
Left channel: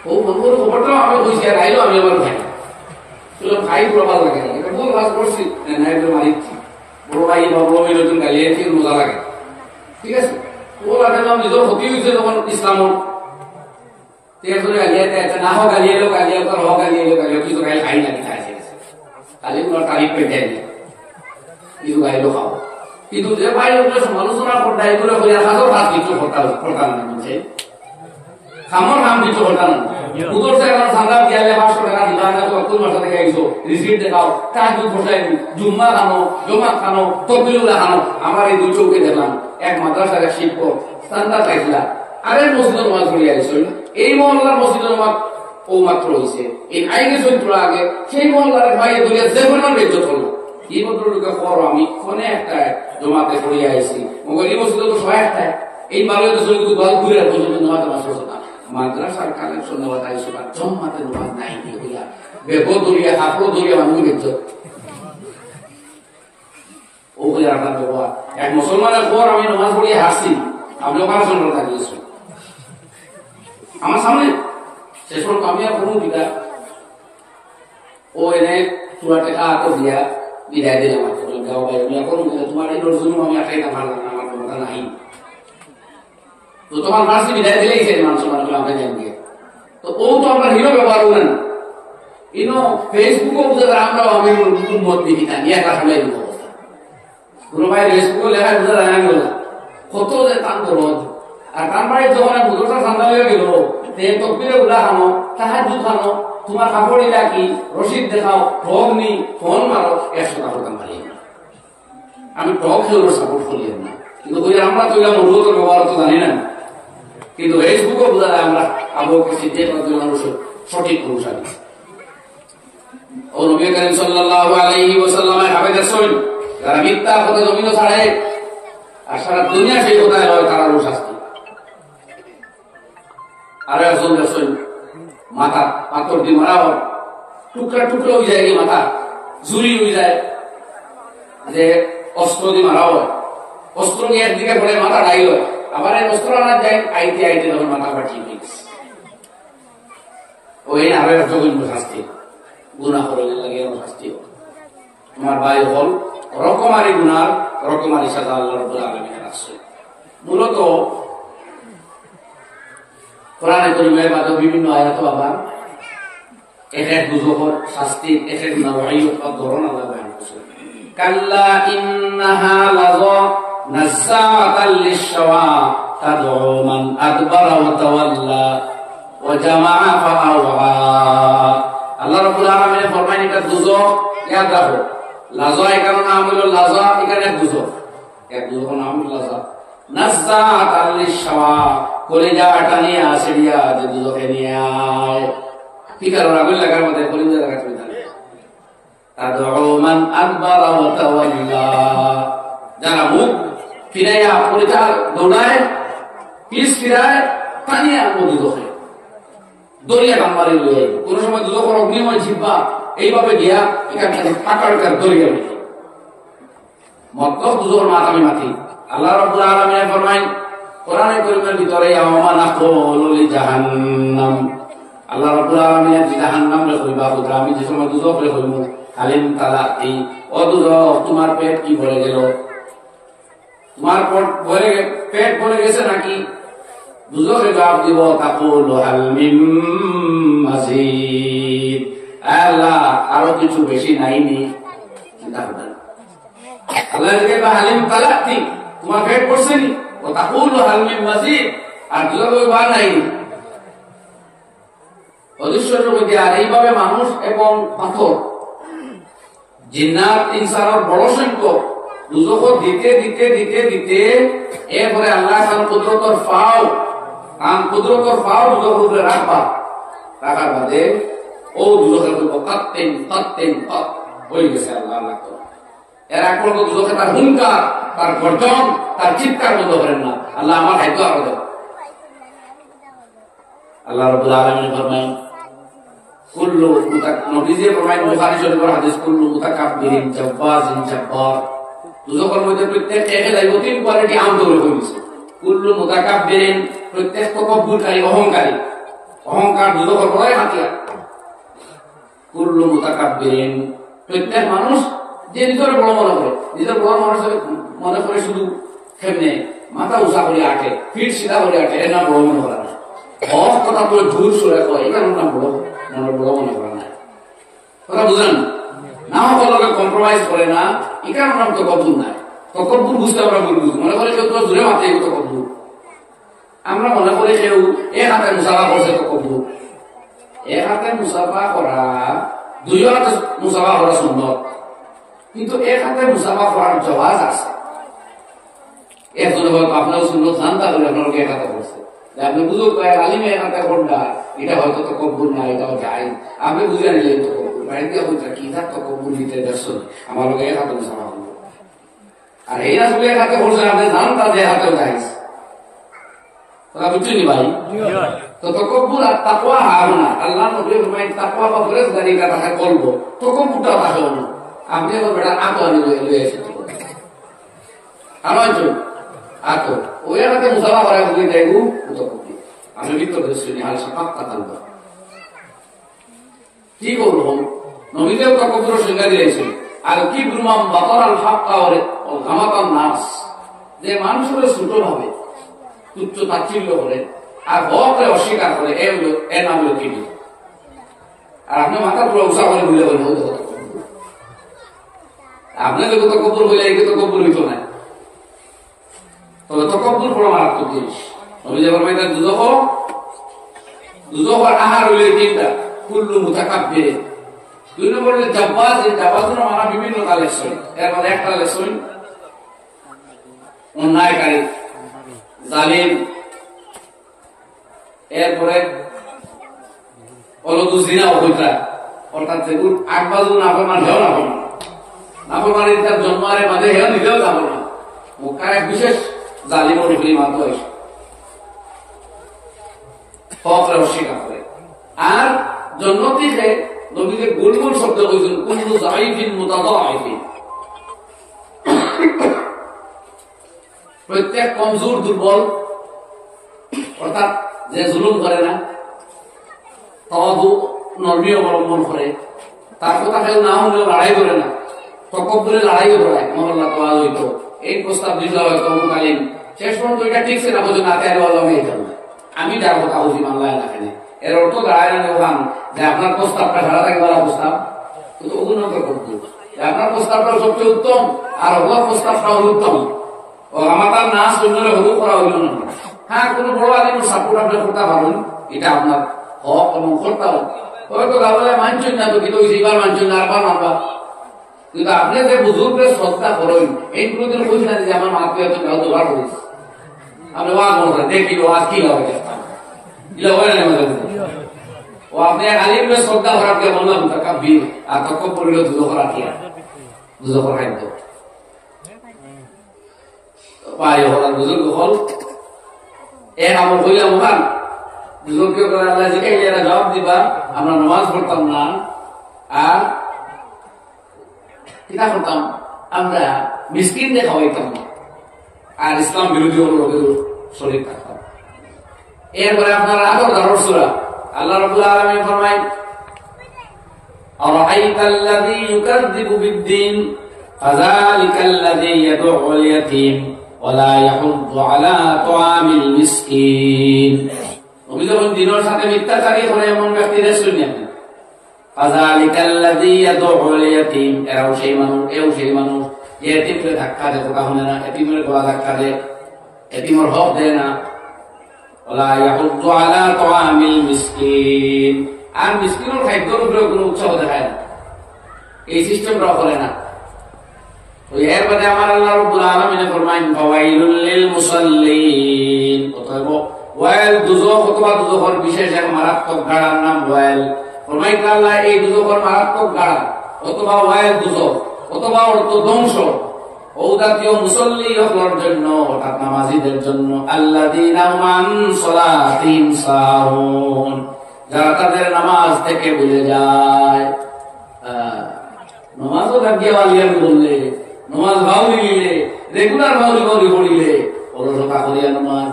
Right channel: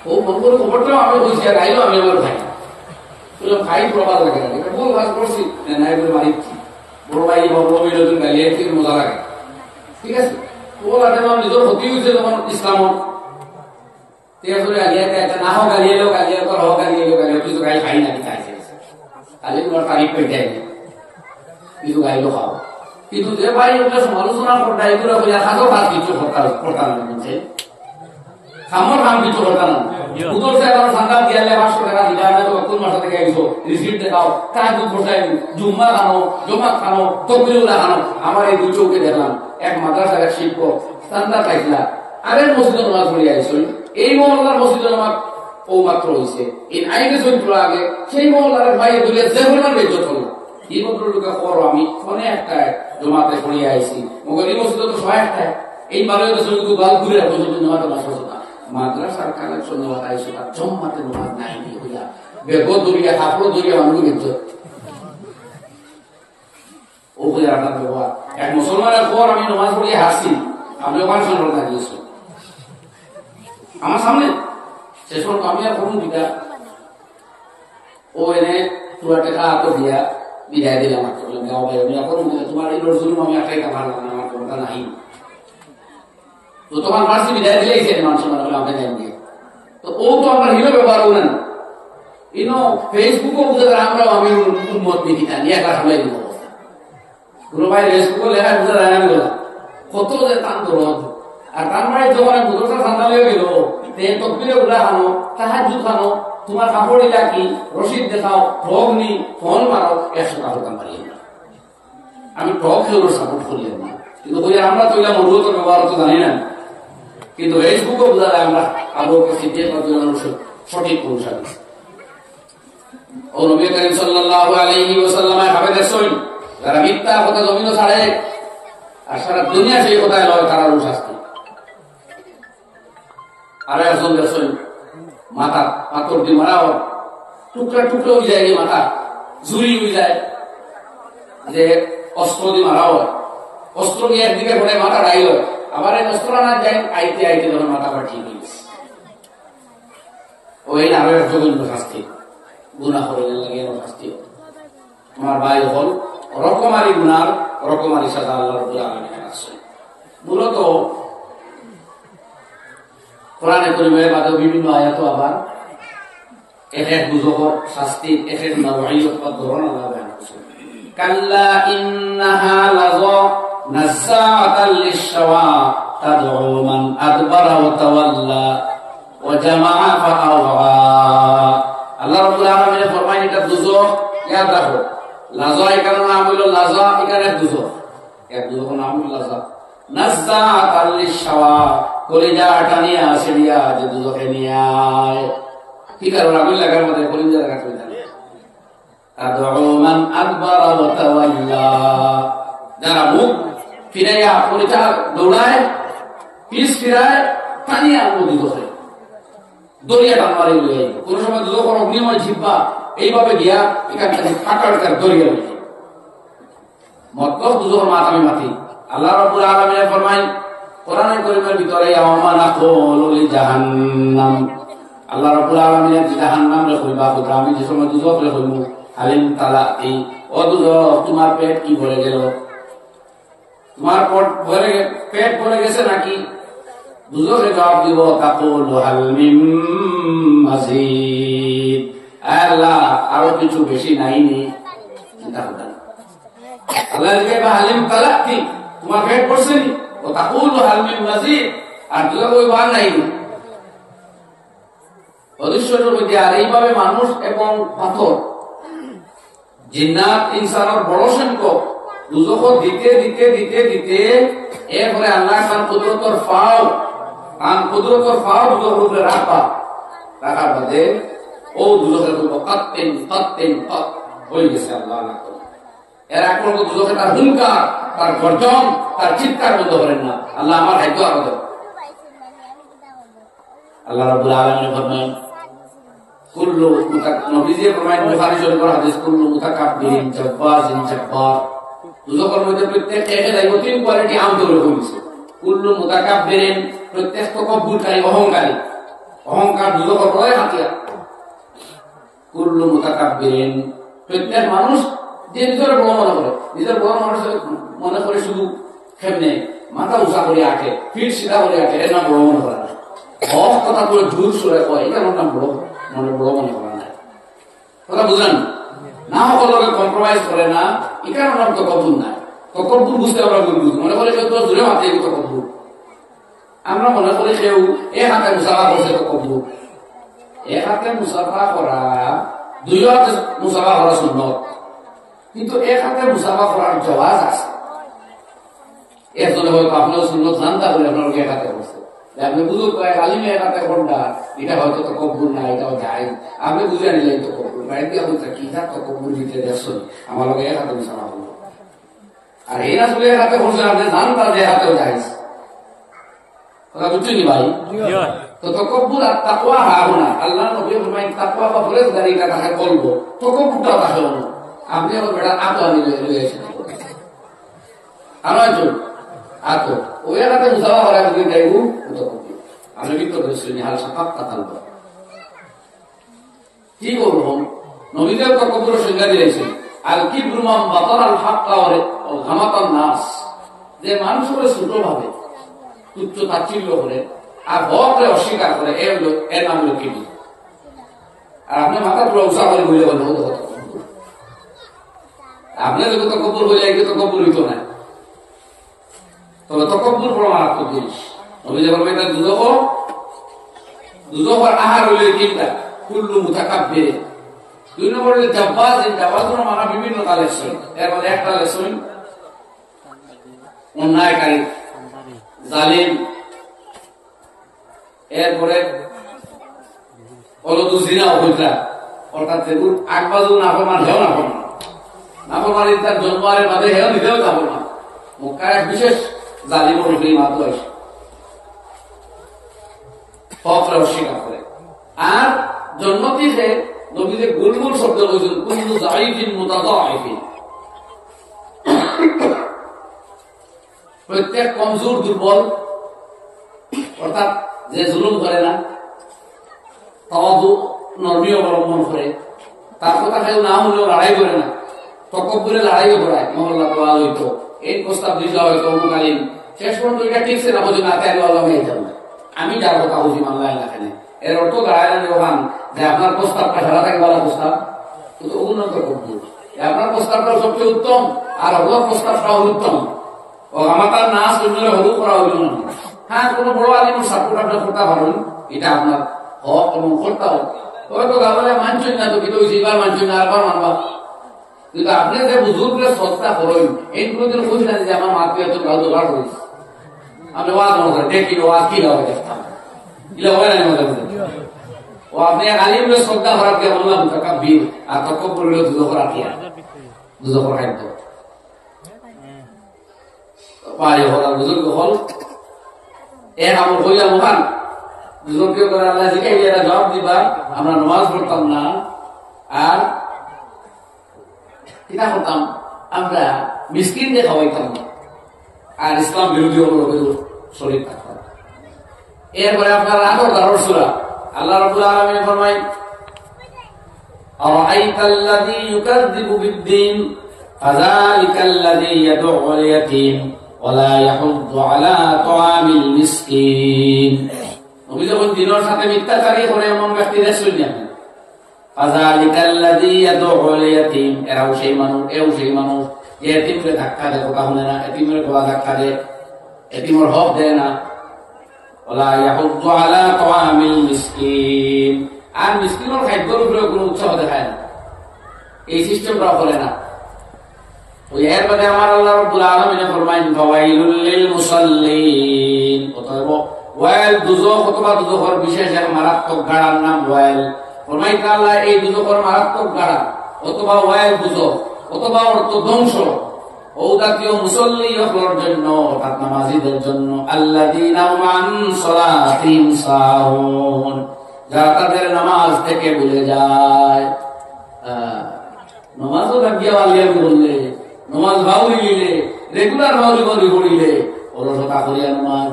ও মন করে খবরটাও আমি হয়েছি আর আইলো আমি আমার ভাই বললাম ভাই পুরো ভালো লাগে এটা ভুল কাজ করছি না এগুলো মারিচ্ছি বড় ভাই বা বড় ভাই নতুন গালিয়েছি মজা লাগে ঠিক আছে ও লাগলাম নিজের ক্ষতি হয়েছে তখন ইসলাম গালিয়াতে আছে না হোক গালিয়েলো গালিয়ে তো হোক গালিয়েলো গালিয়ে কিছু গাই খাই না খাই খালি ওনার তারিখ পেটে কিছু গাইলো খাও কিন্তু যে বাইরে সমালোচনা করতে এগুলো হাজার হাত কিছু করতাম না বলছে খামর কাম কিছু করতাম না উদর সে সান্দা দিয়ালে 500 টাকা দিবা না তো কোন মাসে থেকে আইছো রিসিপ্ট দেখাও তাহাজ্জুদ বসাই জুম্মা খানো জমাত খানো তকবিরুল্লাহ খানো আমার এই দুই চৌকে দেখলাম এক মাদ্রাসার এক শিক্ষক সান্দা পাইছিলা আরে মসজিদে নামাজ পড়ি আইছো এই মহল্লার মসজিদে নামাজ ও মাত্র হইছে এই আইনে চরিত্র আগে সেই মহল্লার বাইরে দুনিয়া যে পরিমাণ বেজ্জত হলো এই ভদ্রলোকে করো আমি ফোনে একটা জমাতে পড়িয়ে আইছি মগর এই মসজিদে তো 100 এই বারে তো শুধু গাল ঘুরে রাখো জমাতে মাস হতো না মাদ্রাসার কালেকশন নেওয়া আইসো আর জমাতে নামাজ নাই হইলা বেগো দরিয়া হাফড়ো দরিয়া মানুষ ইজ্জত ও হইয়া আপনার ব্যবহার এক মুসলমানের পর আমি নামাজ পড়িয়ে হাসছি আমি ওখানে সন্ধ্যা দাঁড়িয়েছি আমার সামনে সে সময় আমি আর কোনো দিকা ও এনে পুরা টাকা তো দিয়া বিদায় দিলাম আমাকে বললাম গাও ভাই আমি এখন তোমার এই রসুন আমি আটাইটা পারলাম না আমার ক্ষমতা নাই তো তোমার মাসি বিদায় দিলেই সে মানুষ মানে আমাকে দেন দিয়ে তো ও তো আমরা হিরো ব্যবহার করেন ইনো ফেসবুকও বুঝে আমরাও আমি উন্মত দেখি না নিয়ে কাজ সামলাই দিব অবস্থা কোনো ভাই ফেসবুকও লেখা বুঝে যায় না বলে কত যে তান রোদ আর তার বাড়ির যখন বুধরটা ঠান্ডা হয়ে গেল তকবিরে উলা খানো তাহাজ্জুদ খানো তোমার কাপড় ইলা কি রশিদ দেখাও ঠগ নি ফোন মারো 100 টাকা দাম পারি আমি ঠগ খেয়ে সাপোর্ট করি না কিন্তু বই আমরা তো এলাম অনুরোধ ব্যবহার তো জানি না কিন্তু ফেসবুকও বোঝা যায় আমরা আবহাওয়াকে সিদ্ধিয়ে সঠিক অনুসারী ও নবী করিম সাল্লাল্লাহু আলাইহি ওয়াসাল্লামের হাবিবের সৈন যারা মিথ্যা কথা জমিনও ছাড়ে আর সারা দুনিয়া সেই কথায় লয় তারা শাস্তি আর একজন সৈন মাথা পাথর দিয়ে মারা হয় টুকরা টুকরো হয়ে যায় মাথা জুরি হয়ে যায় যে অস্ত্র দিয়ে মারা হয় অস্ত্র নিয়ে একদিকে পড়ে মাথা ডাই হয় আবার এই অস্ত্র আনা যায় আইতে আইতে তখন মাথা পাঠিয়ে দিয়েছে ওই আরো এক জঘন্য শাস্তি গুণা হলে লাগে শাস্তি আমার ভাই হল রকমারি গুনার রকমারি সাজা আল্লাহ রাব্বুল আলামিন রাখছে মূলত কোরআনে কারীমের মধ্যে বিভিন্ন আয়াত আবার এক বুঝকর শাস্তি এক নওয়াইয়ত ধরন আল্লাহ বয়ান করেছেন কাল্লা ইন্নাহা লাযা নাযাআতাল লিশ-শাওয়া তাদউ মান আদবারা ওয়া তাওয়াল্লা ওয়া জামাআ ফাআওয়া আল্লাহ রাব্বুল আলামিন ফরমান এটা দুজক याद রাখো লাযা এর নাম হলো লাযা এখানে দুজক এক দুজকের নাম হলো লাযা নাযাআতাল লিশ-শাওয়া কলিজা টানিয়া আসিয়া যে দুজকে নিয়ে আয় কি কারণ আগুন লাগার মধ্যে কলিজা লাগা চলে যায় তাদউ মান আদবারা ওয়া তাওয়াল্লা যারা মুখ ফিরাইয়া পরিচয় দৌড়ায় পিস ফিরায় টানিয়ে আনবো দুদকে, দরিয়া টান মারি লইয়া আইব। কোন সময় দুদকের অগ্নিময় জিব্বা এইভাবে গিয়া এখান থেকে পাকাড়কার দরিয়া লইয়া মতলব দুদকের মাথামি মাটি। আল্লাহ রাব্বুল আলামিন ফরমায় কোরআনে কারীমের ভিতরে ইয়াউমা নাকুলু লিজাহান্নাম, আল্লাহ রাব্বুল আলামিন জাহান্নাম রে কইবা খুদরা আমি যে সময় দুদক রে কইমু হালিম তালাতি, ও দুদক তোমার পেট কি ভরে গেল, তোমার পেট ভরে গেছে নাকি? দুদকে জবাব দিব তাকুলু হাল মিন মাজিদ, আল্লাহ আরো কিছু বেশি নাইনি। চিন্তা করবেন আল্লাহ দিকে হালিম তালাতি তোমার পেট ভরছে নি, ও তাকুলু হাল মিন মাজিদ, আর দুদক কইবা নাইনি। অদৃশ্যের মধ্যে আর এইভাবে মানুষ এবং পাথর জিন্নাত ইনসানের বড় সংখ্যক দুজখ দিতে দিতে দিতে দিতে এরপরে আল্লাহ খান কুদরতর ফাও দুজখের উপরে রাখার বাদে ও দুজখের কাত্তেন হয়ে গেছে। আল্লাহ আল্লাহ এর এক পর্ব দুজখে তার হুঙ্কার, তার গর্জন, তার চিৎকার বন্ধ করেন না। আল্লাহ আমার খাদ্য আরো দেন। আল্লাহ রাব্বুল আলামিন ফরমায় কুল্লু নবীজি ফরমায় বুখারী শরীফের হাদিস কুল্লু মুতাকাব্বিরিন জাব্বাজিন জাব্বার, দুজকের মধ্যে প্রত্যেক একে যাইব তিন কোয়ালিটি আম ধরে হইছে। কুল্লু মুতাকাব্বিরিন প্রত্যেক তকব্বুরকারী অহংকারী, অহংকার দুজকের বড় হাতিয়ার। কুল্লু মুতাকাব্বিরিন প্রত্যেক মানুষ যে নিজের বড় মনে করে, নিজের বড় মানুষ মনে করে শুধু কেমনে মাথা উঁচা করে আটে, ফিট সিধা করে আটে, এর নাম বড় মনে করা না। হক কথা তুলে দূর সরে কয় এই কারণ নাম বড় মনে করা নাই। কথা বুঝলেন না? সকলকে কম্প্রোমাইজ করে না, এই কারণ নাম তকব্বুর নাই। তকব্বুর বুঝতে আমরা বুঝবো মনে করে কেউ দূরে মাথে তকব্বুর। আমরা মনে করি কেউ এক হাতে মুসাফা করছে তকব্বুর। এক হাতে মুসাফা করা, দুই হাতে মুসাফা করা সুন্নত, কিন্তু এক হাতে মুসাফা করার জওয়াজ আছে। একজনে হয়তো আপনার সুন্নত জানতা বলে আপনাকে এক হাতে করছে, আপনি বুঝুক আলিমে এক হাতে কোনটা, এটা হয়তো তকব্বুর না, এটাও যায়। আপনি বুঝে নিলেন তকব্বুর বাইরে দিয়া বলছে কি তার তকব্বুর নিতে দেখছেন আমার লোক এক হাতে মুসাফা করবো, আর এই আসলে এক হাতে করছে আপনি জানতা যে হাতেও যাইছে। কথা বুঝছেন ভাই? তো তকব্বুর আর তাকওয়া হার না। আল্লাহ নবী ফরমায় তাকওয়া বা পরেজগারি কা তাকে বলবো, তকব্বুরটাও তাকে না। আপনি আমার বেটা আতো আনি লয়ে এসে আরো একজন আতো ওই এলাকাতে মুসাফা করা যদি যাইবো তকব্বুর। আমি ভিতর শ্রেণী হাল সাফাত কাতাল কি করবো? নবীদের তকব্বুর সংজ্ঞা দিয়েছেন আর কি ব্রুমাম বাতর আল হাক্কা ওরে ঘামাতান নাস, যে মানুষের ছোট ভাবে তুচ্ছ তাচ্ছিল্য করে আর হকরে অস্বীকার করে, এর নাম হলো কি? আর আপনি মাথা পুরো উৎসাহ করে বুঝলে বলেন আপনি যদি তকব্বুর হইলে এই তকব্বুর হইতো না। তবে তকব্বুর বড় মারাত্মক জিনিস। নবী যখন মেয়েদের দুজখর আহার হইলে তিনটা, কুল্লু মুতাকাব্বিরিন। দুই নম্বর হইলে জাব্বাজ, জাব্বাজের মানা বিভিন্ন কালের সই। এর মধ্যে একটা লেসই অন্যায়কারী, জালিম। এরপরে অলদু জিনা অভিজ্ঞতা, অর্থাৎ যেগুলো আগবাজু নাফরমান হেও নাফরমান, নাফরমানি তার জন্মারের মাঝে হেও নিজেও নাফরমান। মক্কার এক বিশেষ জালিম অনুযায়ী মাত্র এসে হকরে অস্বীকার করে। আর জন্মতিতে নবীদের গুলগুল শব্দ কইছেন কুল্লু যাইফিন মুতাদাইফিন, প্রত্যেক কমজোর দুর্বল, অর্থাৎ যে জুলুম করে না, তাওয়াদু নরমি অবলম্বন করে, তার কথা কেউ না হলেও লড়াই করে না, তকব্বুরে লড়াইও করায়। মহল্লা তো আজ হইতো এই প্রস্তাব দিল হয়তো মুকালিম, শেষ পর্যন্ত এটা ঠিকছে না বলছে না তাই আমি যার কথা বুঝি মানলাই না কেন। এর অর্থ দাঁড়ায় না ওখান যে আপনার প্রস্তাবটা সারা থাকে বলা প্রস্তাব, কিন্তু অভিনয় করবো আপনার প্রস্তাবটা সবচেয়ে উত্তম আর ওগুলোর প্রস্তাবটা অনুত্তম। ও আমার তার না শূন্য হলু করা হইল না। হ্যাঁ, কোন বড় আলিমের সাপোর্ট আপনি করতে পারেন, এটা আপনার হক এবং করতে হবে। হয়তো গাবলে মানছেন না তো কিন্তু এবার মানছেন না, আবার মানবা। কিন্তু আপনি যে বুজুর্গের শ্রদ্ধা করেন এইগুলো দিন বুঝি না যে আমার মাকে এত গাও দুবার করেছে, আপনি ওয়াজ মনে করেন দেখি ওয়াজ কি লাভ দেখতাম ও আপনি এক আলিমের শ্রদ্ধা করার কে বললাম তাকাব্বির আর তাকাব্বুর হলো দুজো করা কি আর দুজো করা খাদ্য পায় হল আর বুজুর্গ হল এক আমল হইলাম ওখান দুজনকে করে আল্লাহ শিখাইলে এরা জবাব দিবা আমরা নামাজ পড়তাম না আর কিনা করতাম আমরা মিসকিন দিয়ে খাওয়াইতাম না আর ইসলাম বিরোধী লোকের শরীর থাকতাম। এরপরে আপনার আগর দারুর সূরা আল্লাহ রাব্বুল আলামিন ফরমায় আরাআইতাল্লাযী ইউকাযযিবু বিদ্দীন ফাযালিকাল্লাযী ইয়াদউল ইয়াতীম ওয়া লা ইয়াহুদ্দু আলা তুআমিল মিসকিন। নবী যখন দিনের সাথে মিথ্যাচারী করে এমন ব্যক্তিরা শুনলেন ফাযালিকাল্লাযী ইয়াদউল ইয়াতীম, এরাও সেই মানুষ এও সেই মানুষ এতিমকে ধাক্কা দেয় কথা শুনে না, এতিমের গলা ধাক্কা দেয়, এতিমের হক দেয় না। ওয়ালা ইয়াহুদ্দু আলা তুআমিল মিসকিন, আর মিসকিনের খাদ্যের উপরে কোনো উৎসাহ দেখায় না, এই সিস্টেমটা করে না। ওই এর বাদে আমার আল্লাহ রাব্বুল আলামিন ফরমায়েন ফাওয়াইলুল লিল মুসাল্লিন, অতএব ওয়াইল দুজখ অথবা দুজখের বিশেষ এক মারাত্মক গাড়ার নাম ওয়াইল। ফরমাইন আল্লাহ এই দুজখের মারাত্মক গাড়া অথবা ওয়াইল দুজখ অথবা অর্থ ধ্বংস ও জাতীয় মুসল্লি হওয়ার জন্য অর্থাৎ নামাজীদের জন্য আল্লাযীনা হুম আন সালাতিহিম সাহুন, যারা তাদের নামাজ থেকে ভুলে যায়। নামাজও লাগিয়া বালিয়া বললে নামাজ ভাউরি নিলে রেগুলার ভাউরি পড়িলে অলসতা করিয়া নামাজ,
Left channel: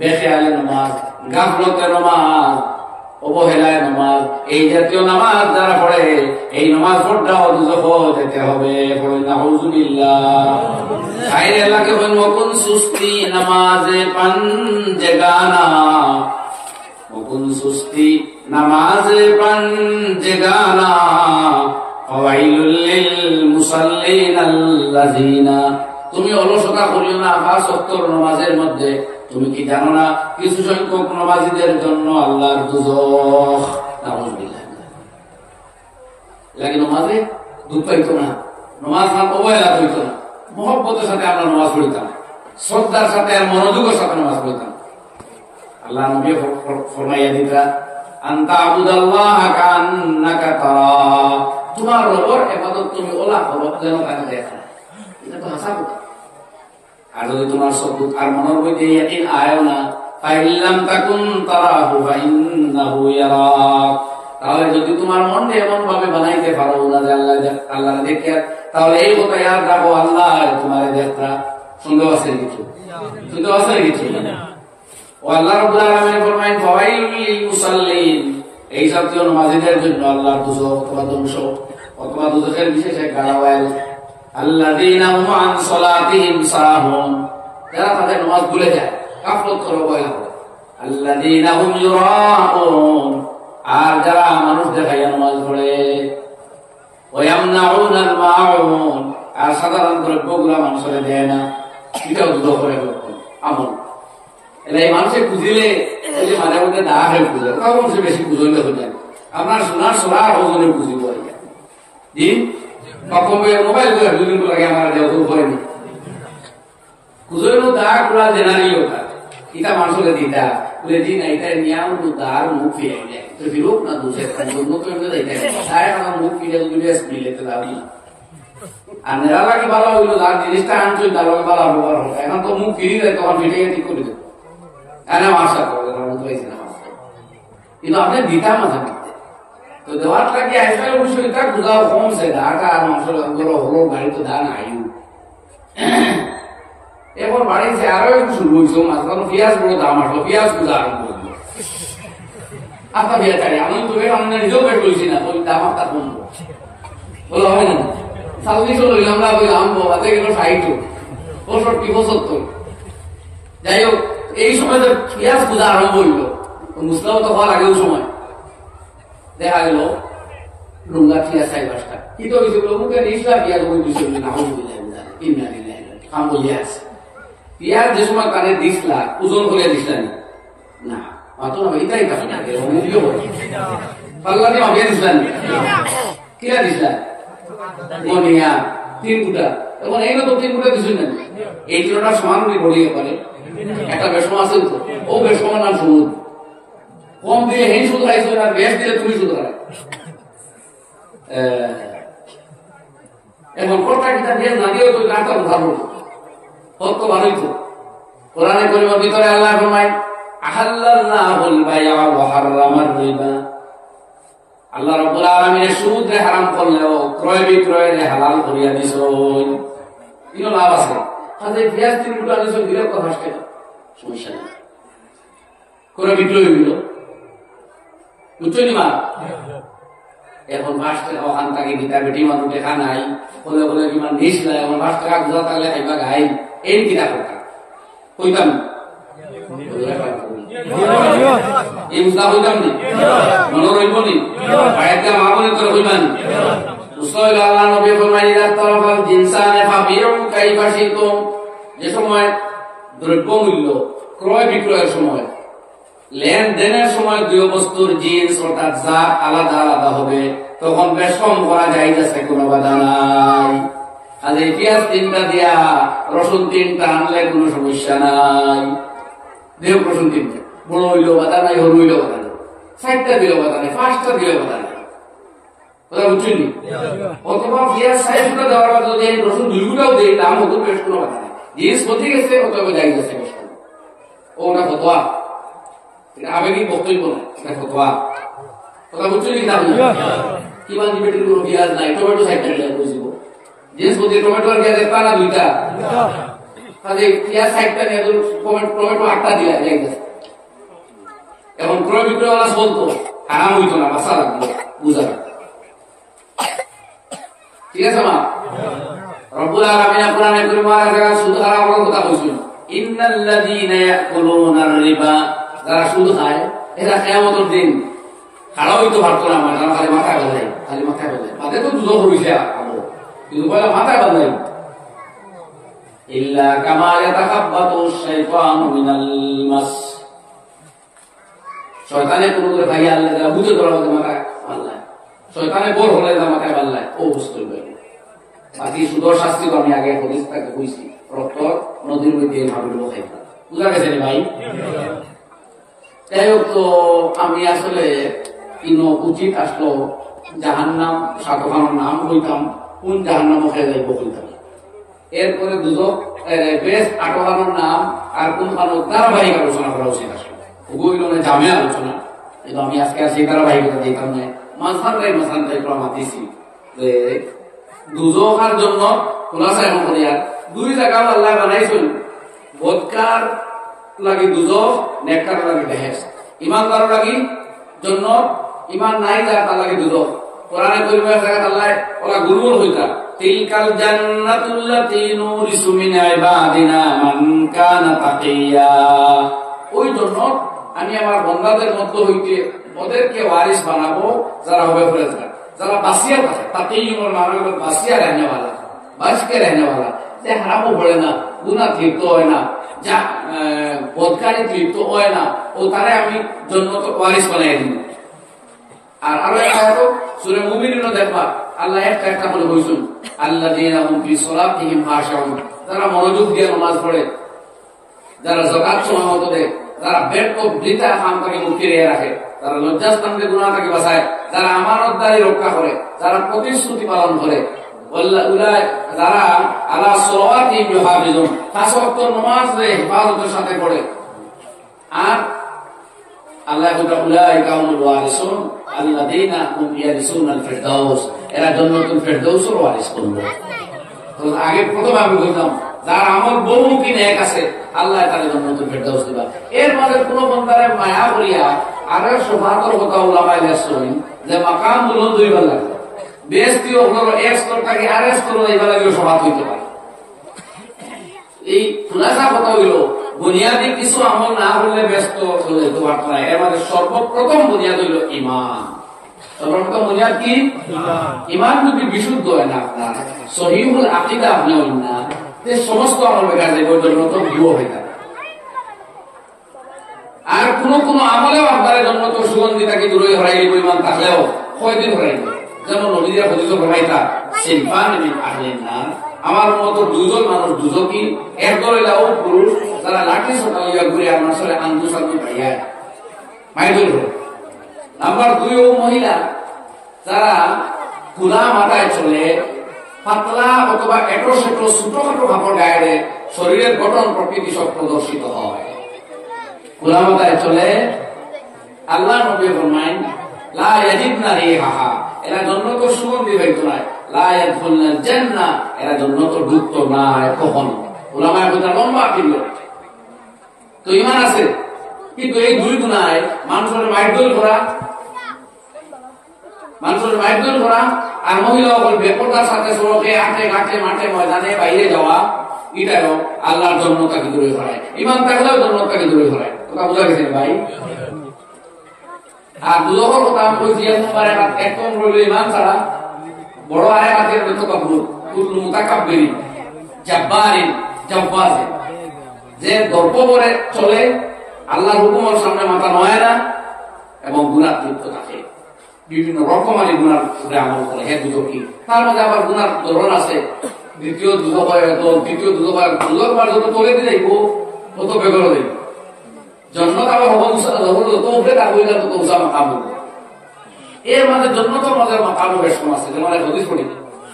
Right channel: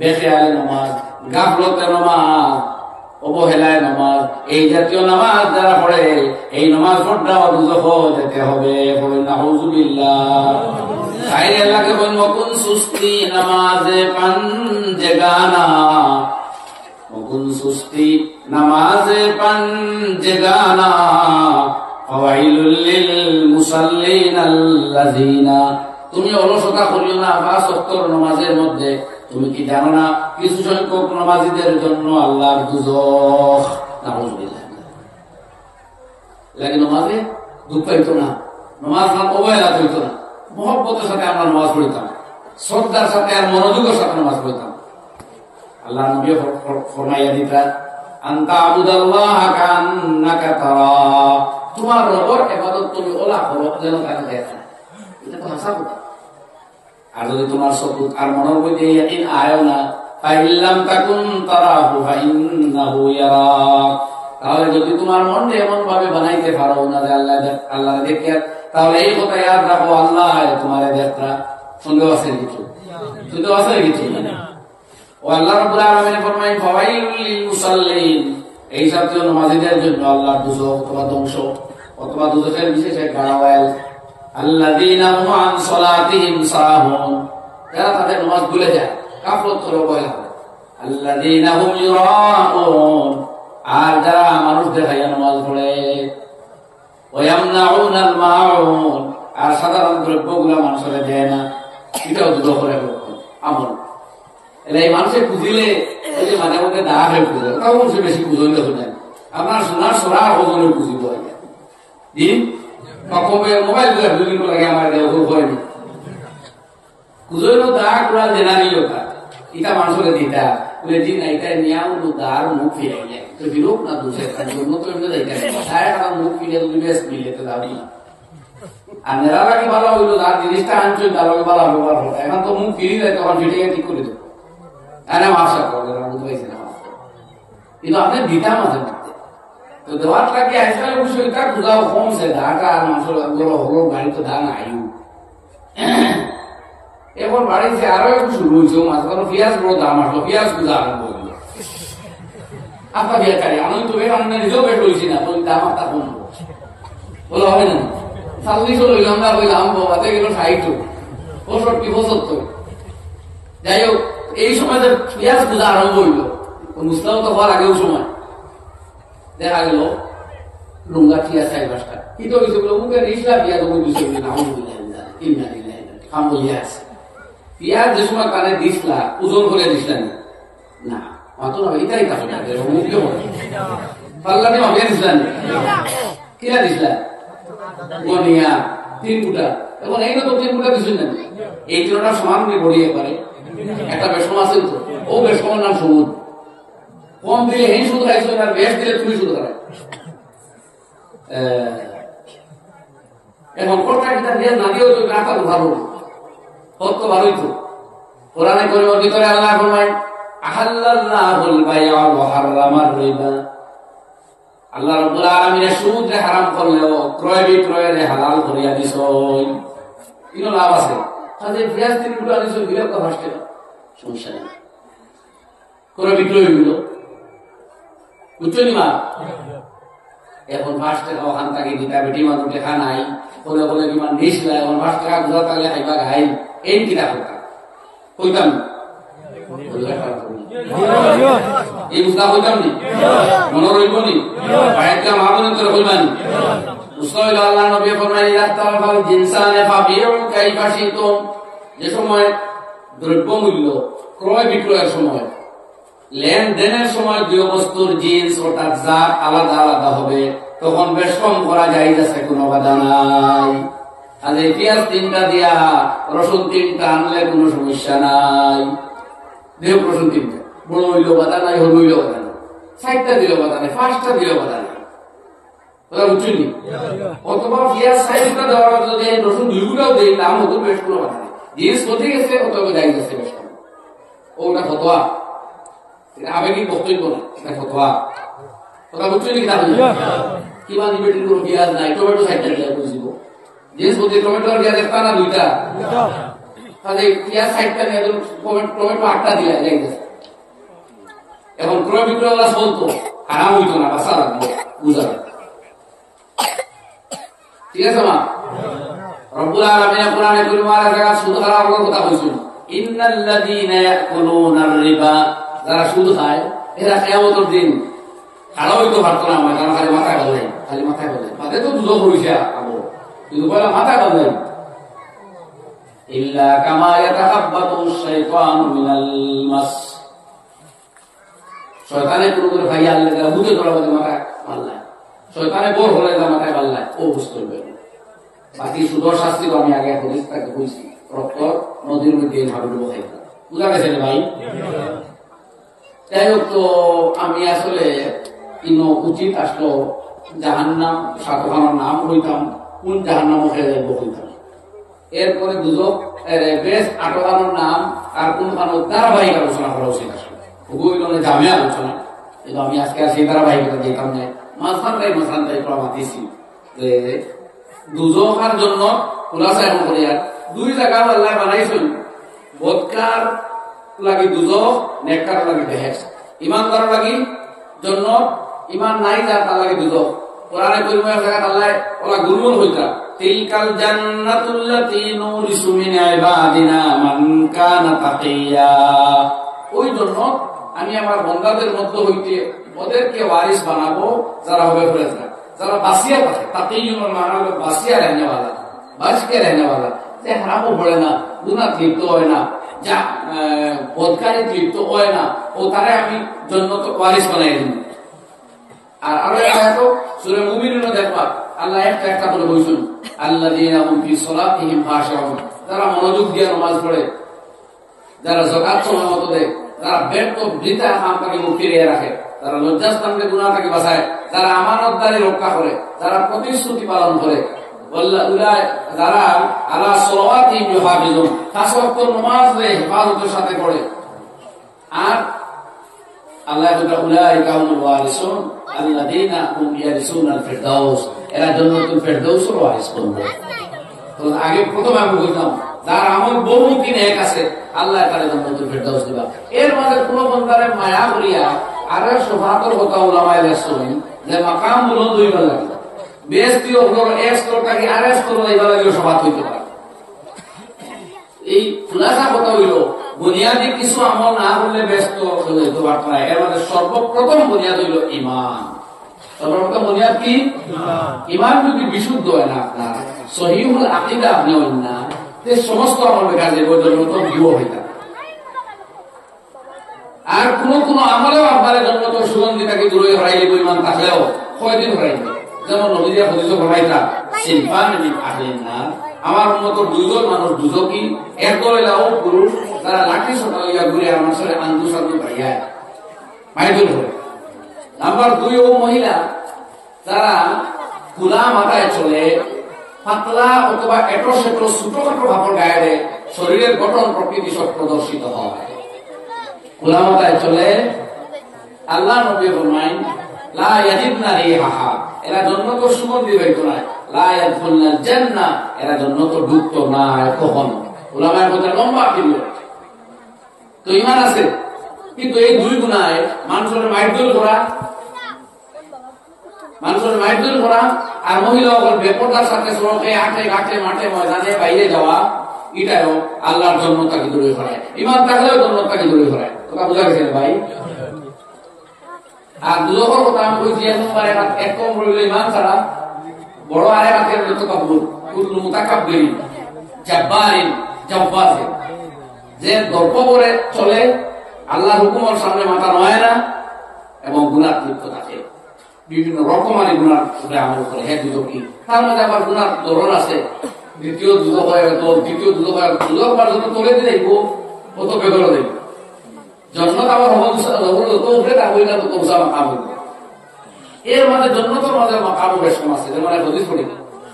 বেখেয়ালে নামাজ, গাফলতে নামাজ, অবহেলায় নামাজ, এই জাতীয় নামাজ যারা পড়ে এই নামাজ পড়াও দুজখ যেতে হবে। পড়েন নাউযুবিল্লাহ। খাইরে আল্লাহকে বলেন মকুন সুস্তি নামাজে পাঞ্জে গানা, মকুন সুস্তি নামাজে পাঞ্জে গানা ফাওয়াইলুল লিল মুসাল্লিন আল্লাযীনা। তুমি অলসতা করিও না পাঁচ ওয়াক্তের নামাজের মধ্যে। তুমি কি জানো না কিছু সংখ্যক নামাজীদের জন্য আল্লাহর দুজখ। নাউযুবিল্লাহ। লাগে নামাজে দুঃখ পাইতো না, নামাজ অবহেলা করিত না, মহব্বতের সাথে আমরা নামাজ পড়িতাম, শ্রদ্ধার সাথে আর মনোযোগের সাথে নামাজ পড়িতাম। আল্লাহ নবী ফরমাইয়া দিতা আনতা আবুদাল্লাহ কান্নাকা তারা, তোমার রবের ইবাদত তুমি ওলা করো যেন তাকে দেখা। এটা তো হাসা কথা। আর যদি তোমার সবুত আর মনের মধ্যে ইয়াকিন আয়ও না, ফাইল্লাম তাকুন তারাহু ফাইন্নাহু ইয়ারাক, তাহলে যদি তোমার মনটা এমন ভাবে বানাইতে পারো না যে আল্লাহ দেখে, তাহলে এই কথা ইয়াদ রাখো আল্লাহ তোমার দেখতা। সন্দেহ আছে কিছু? সন্দেহ আছে কিছু? ও আল্লাহ রাব্বুল আলামিন ফরমায়েন ফাওয়াইলুল লিল মুসাল্লিন, এই জাতীয় নামাজীদের জন্য আল্লাহর দুজখ অথবা ধ্বংস অথবা দুজখের বিশেষ এক গাড়াওয়াল। আল্লাযীনা হুম আন সালাতিহিম সাহুন, যারা তাদের নামাজ ভুলে যায়, গাফলত করে অবহেলা করে। আল্লাযীনা হুম ইউরাউন, আর যারা মানুষ দেখাইয়া নামাজ পড়ে। ওয়া ইয়ামনাউনাল মাউন, আর সাধারণ দ্রব্যগুলা মানুষের দেয় না, এটাও দুজখের আমল। এই মানুষের খুঁজিলে ওই যে মাঝে মধ্যে দা হয়ে খুঁজে, তাও মানুষ বেশি খুঁজইলে হয়ে যায়। আপনার সোনার সোনা ওজনে খুঁজিব দিন মোবাইল করে বিভিন্ন লাগে আমার হয়নি খুঁজইল দা গুলা জেনারেল ওটা এটা মানুষের দিতা বলে দিন এইটা নিয়াম দার মুখ ফিরাইলে তো ফিরুক না দুসে জন্য তো এমনি যাইতে তাই আমার মুখ ফিরে মিলেতে দাও না। আর নেরা লাগে ভালো হইলো তার জিনিসটা আনছো তার ভালো ব্যবহার হলো। এখন তো মুখ ফিরি যায় তখন ফিরে ঠিক করে দেবো। কিন্তু আপনি দিতাম মাঝে মধ্যে তো দেওয়ার লাগে আজকাল অবশ্যই এটা বুঝাও কমছে ঢাকা মানুষের হলো বাড়ি তো ধান আয়ু এখন বাড়িতে আরো একটু শুরু হয়েছে মাঝে কারণ পেঁয়াজ বড় দাম আসলো, পেঁয়াজ গুজা আরম্ভ হইল। আপনার বেকারি আমি তো বেশ আমরা নিজেও বেশ বলছি না দাম আপনার কমবো বলো হয় না। 40 লইলাম না বললাম বাদে গেল 60 65 75। যাই হোক এই সময় পেঁয়াজ পূজা আরম্ভ হইল, মুসলাম তো হওয়ার আগেও সময় দেখা গেল লুঙ্গা পেঁয়াজ 4-5টা কিন্তু মুখে নিসলা পেঁয়াজ খাম বলিয়া আছে। পেঁয়াজ যে সময় কানে দিসলা ওজন করে দিসলা না মাতো না এটাই কাছে পাল্লা দিয়ে মাপিয়া দিসলা কিনা দিসলা গনিয়া 3 গুটা। এখন এই না তো 3 গুটা দিচ্ছেন না, এই তিনটা সমান বড়িয়ে পারে। একটা বেশম আছে তো ও বেশমের নাম সমুদ, কম দিলে হেন সুদ খাইছো আর বেশ দিলে তুমি সুদ খাই। এখন কর্তা কিতাব বেশ না দিয়েও তো রাখা ভালো সত্য ভালোই তো। কোরআনে করিমের ভিতরে আল্লাহ ফরমায় আহাল্লাল্লাহুল বাইআ ওয়া হারামার রিবা। আল্লাহ রাব্বুল আলামিন সুদ হারাম করলেও ক্রয় বিক্রয় হালাল করিয়া দিছেন। ইনো লাভ আছে। তাহলে পেঁয়াজ 3 কিলো আনিছেন দিলে কত আসবে? সমস্যা নেই। ক্রয় বিক্রয় হইলো। বুঝছো নি মা? এখন 5 টাকা ওখান থেকে দিতা বেটি মানুষ দেখা নাই। বলে বলে কি মান নিস না, এখন 5 টাকা গুজা থাকলে খাইবা খাই। এই কিনা কথা। কইতাম এই বুঝা কইতাম নি? মনে রইব নি? বাইরে মা বলে তোর কইবানি। উসাইল আল্লাহ নবী ফরমাইলেন ইদাতারাফাল জিনসানে ফাবিউ কাইফা শিতুম। যে সময় দ্রব্য মূল্য ক্রয় বিক্রয়ের সময়, লেনদেনের সময় দুই বস্তুর জিন্স অর্থাৎ জাত আলাদা আলাদা হবে, তখন বেশ কম করা যায়, যাচ্ছে কোনো বাধা নাই। আর এই পেঁয়াজ 3টা দিয়া রসুন 3টা আনলে কোনো সমস্যা নাই। দেহ রসুন 3টা, বড় হইল বাধা নাই, হরু হইল বাধা নাই, 4টা দিল বাধা নাই, 5টা দিল বাধা নাই। কথা বুঝছেন নি? অথবা পেঁয়াজ 4টা দেওয়ার কথা যদি রসুন 2 গুটাও দেই, দাম হতো বেশ কোনো বাধা নাই। জিন্স ক্ষতি গেছে, অথবা যাই যাচ্ছে বেশ কম। ওটা ফতোয়া, আবেগিক বক্তব্য না, এটা ফতোয়া। কথা বুঝছেন কি? কিমান বেটির কোনো পেঁয়াজ নাই, টমেটো 4টা দিলে বুঝিব। জিন্স ক্ষতি টমেটো আর পেঁয়াজ 1টা না 2টা? তাহলে পেঁয়াজ 4টা নিয়ে টমেটো 8টা দিলে যাইতেছে। এখন ক্রয় বিক্রয় ওরা চলতো, হারাম হইতো না, বাঁচা লাগবো, বুঝা লাগবে। ঠিক আছে মা? রব্বুল আলামিন কোরআনে কারীমে জায়গা সুদ হারামের কথা কইছেন। ইন্নাল্লাযীনা ইয়াকুলুনার রিবা, যারা সুদ খায় এরা কিয়ামতের দিন খাড়া হইতে পারতো না। আমার খালি মাথায় বাঁধাই, খালি মাথায় বাঁধাই, মাথায় তো দুধ পড়িছে আবো, কিন্তু পয়লা মাথায় বাঁধাই। ইল্লা কামা ইয়াতাখাব্বাতু শাইতানু মিনাল মাস। শয়তানে কোন করে ভাই আল্লাহ যারা বুঝে ধরা মাথায় বাঁধলায়, শয়তানে বোর হলে মাথায় বাঁধলায়, ও বুঝতে পারবে। বাকি সুদর শাস্তি তো আমি আগে তাকে কইছি, রক্ত নদীর মধ্যে ভাবিল খাইতা। বুঝা গেছে নি ভাই? যাই হোক, তো আমি আসলে ইনো উচিত আসলো জাহান্নাম 7খানার নাম হইতাম, কোন জাহান্নাম খেয়ে যাইব হইতাম। এরপরে দুজক বেশ 8খানার নাম আর কোন খানো ধারাবাহিক আলোচনা করা উচিত আসলে। ওগুলো জামে আলোচনা, কিন্তু আমি আজকে আর সেই ধারাবাহিকতা দিতাম না। মাঝখানটাই প্রমাণ দিছি যে দুজকার জন্য খোলাসা এমন করি। আর 2 জায়গা আল্লাহ বানাইছেন, বদকার লাগি দুজক, নেককার লাগি বেহেশত। ইমানদার লাগি জন্য, ইমান নাই যার তার লাগি দুজক। কোরআনে কারীমের জায়গা আল্লাহ ওরা গুলগুল হইতা, তিলকাল জান্নাতুল্লাতী নুরিসু মিন ইবাদিনা মান কানা তাকিয়া। ওই জন্য আমি আমার বান্দাদের মধ্য হইতে ওদেরকে ওয়ারিস বানাবো যারা হবে ফেরেশতা, যারা বাসিয়া থাকে। তাকিয়ুর মানে হলো বাসিয়া रहनेवाला, বাসকে रहनेवाला, যে হারামও পড়ে না, গুনাহ লিপ্ত হয় না, যা বদকারি লিপ্ত হয় না, ও তারে আমি জান্নাত ওয়ারিস বানাই দিব। আর আরো একটা আয়াত সূরা মুমিনুনে দেখবা আল্লাহ একটা করে বলছেন, আল্লাযীনা হুম ফি সলাতিহিম খাশিউন, যারা মনোযোগ দিয়ে নামাজ পড়ে, যারা যাকাত সলামত দেয়, যারা ব্যর্থ বৃথা কাম থেকে মুক্তি রেখে রাখে, যারা লজ্জাস্থানকে গুনাহ থেকে বাঁচায়, যারা আমানতদারি রক্ষা করে, যারা প্রতিশ্রুতি পালন করে, যারা আলা সলাওয়াতিহিম ইউহাফিজুন, 5 ওয়াক্ত নামাজ হেফাজতের সাথে পড়ে। আর আল্লাহ উলাইকা হুমুল ওয়ারিসুন আল্লাযীনা হুম ইয়ারিসুনাল ফিরদাউস, এরা জান্নাতুল ফিরদাউসের ওয়ারিস বলবো। তো আগে প্রথমে আমি বলতাম যার আমল বহুমুখী নেক আছে, আল্লাহ তাআলা জান্নাতুল ফিরদাউস দিবা। এর মাঝে কোন বান্দারে মায়া করিয়া আর সুবহানার কথা উলামায়ে রাসূল যে মাকাম গুলো দুইবার লাগে, বেহেশতীয় হলো এক স্তর থেকে আরেক স্তরে এইবার লাগলে সবাত হইতে পারে। এই খুলাসা কথা হইল বুনিয়াদি কিছু আমল না করলে ব্যস্ত চলে যেতে পারত না। এর মধ্যে সর্বপ্রথম বুনিয়াদ হইল ইমান। সর্বপ্রথম বুনিয়াদ কি? ইমান যদি বিশুদ্ধ হয় না, আপনার সহিহুল আকীদা আপনি হইন না, তে সমস্ত আমল বেকার যাবে, ওই জন্য তো ভিউ হয়ে যাবে। আর কোন আমলেও আপনার জন্য তো সুগন্ধি তাকে দূরে হরাইলে ইমান থাকলেও কয়দিন হরাইবে। যেমন নবীদের হদিস ফরমাইতা সিনফান মিন আহলিন নার, আমার মত 2 জন মানুষ দুজকি, এক দল হইলো পুরুষ যারা লাঠি সোটা লইয়া ঘুরে আর মানুষের আন্দু ভাইয়ায় মাইদুল করে। নাম্বার 2 ও মহিলা যারা খোলা মাথায় চলে, পাতলা অথবা এটো সেটো ছোটখাটো কাপড় গায়ে শরীরের গঠন প্রকৃতি সব প্রদর্শিত হয়। উলামাতায় চলে আল্লাহ নবী ফরমায়েন লা ইয়াজিদনা রিহাহা, এরা জান্নাত সুগন্ধি পাইতো না, লা ইয়াদখুলনাল জান্নাহ, এরা জান্নাত ঢুকতো না কখনো। উলামায়ে কথা লম্বা পিরিয়ড। তো ঈমান আছে, কিন্তু এই দুই গুনাহে মানুষের মাইদুল করা, মানুষের মাইদুল করা আর মহিলা সকল বেপরদার সাথে সড়কে আটে ঘাটে মাঠে ময়দানে বাইরে যাওয়া, এটাও আল্লাহর জান্নাতকে দূরে করায়। ঈমান থাকলেও জান্নাতকে দূরে করায়। কথা বুঝা গেছে ভাই? আর দুজকের কথা আমি কইছি, এক কম রইল ঈমান ছাড়া বড় আরে হাতের মুতাকাব্বির, কুল্লু মুতাকাব্বিরিন জাব্বারিন জাব্বাজিন, যে দর্প করে চলে, আল্লাহর হুকুমের সামনে মাথা নয় না এবং গুনাহ লিপ্ত থাকে, বিভিন্ন রকমারি গুনার আমল করে। হ্যাঁ দুজক কি, তার মধ্যে আবার গুনার ধরন আছে। দ্বিতীয় দুজক হয় দল, তৃতীয় দুজক হয় দুজক, বার যত তোলে দিয়ে যাইব তত বেগর দেব জন্নত আবার যত উপরে তা বইলা তত উঁচা মাকাম হইব। এর মাঝে জন্নতর মাঝে মাকাম বেশ কম আছে। যেমন হদিস পড়ি,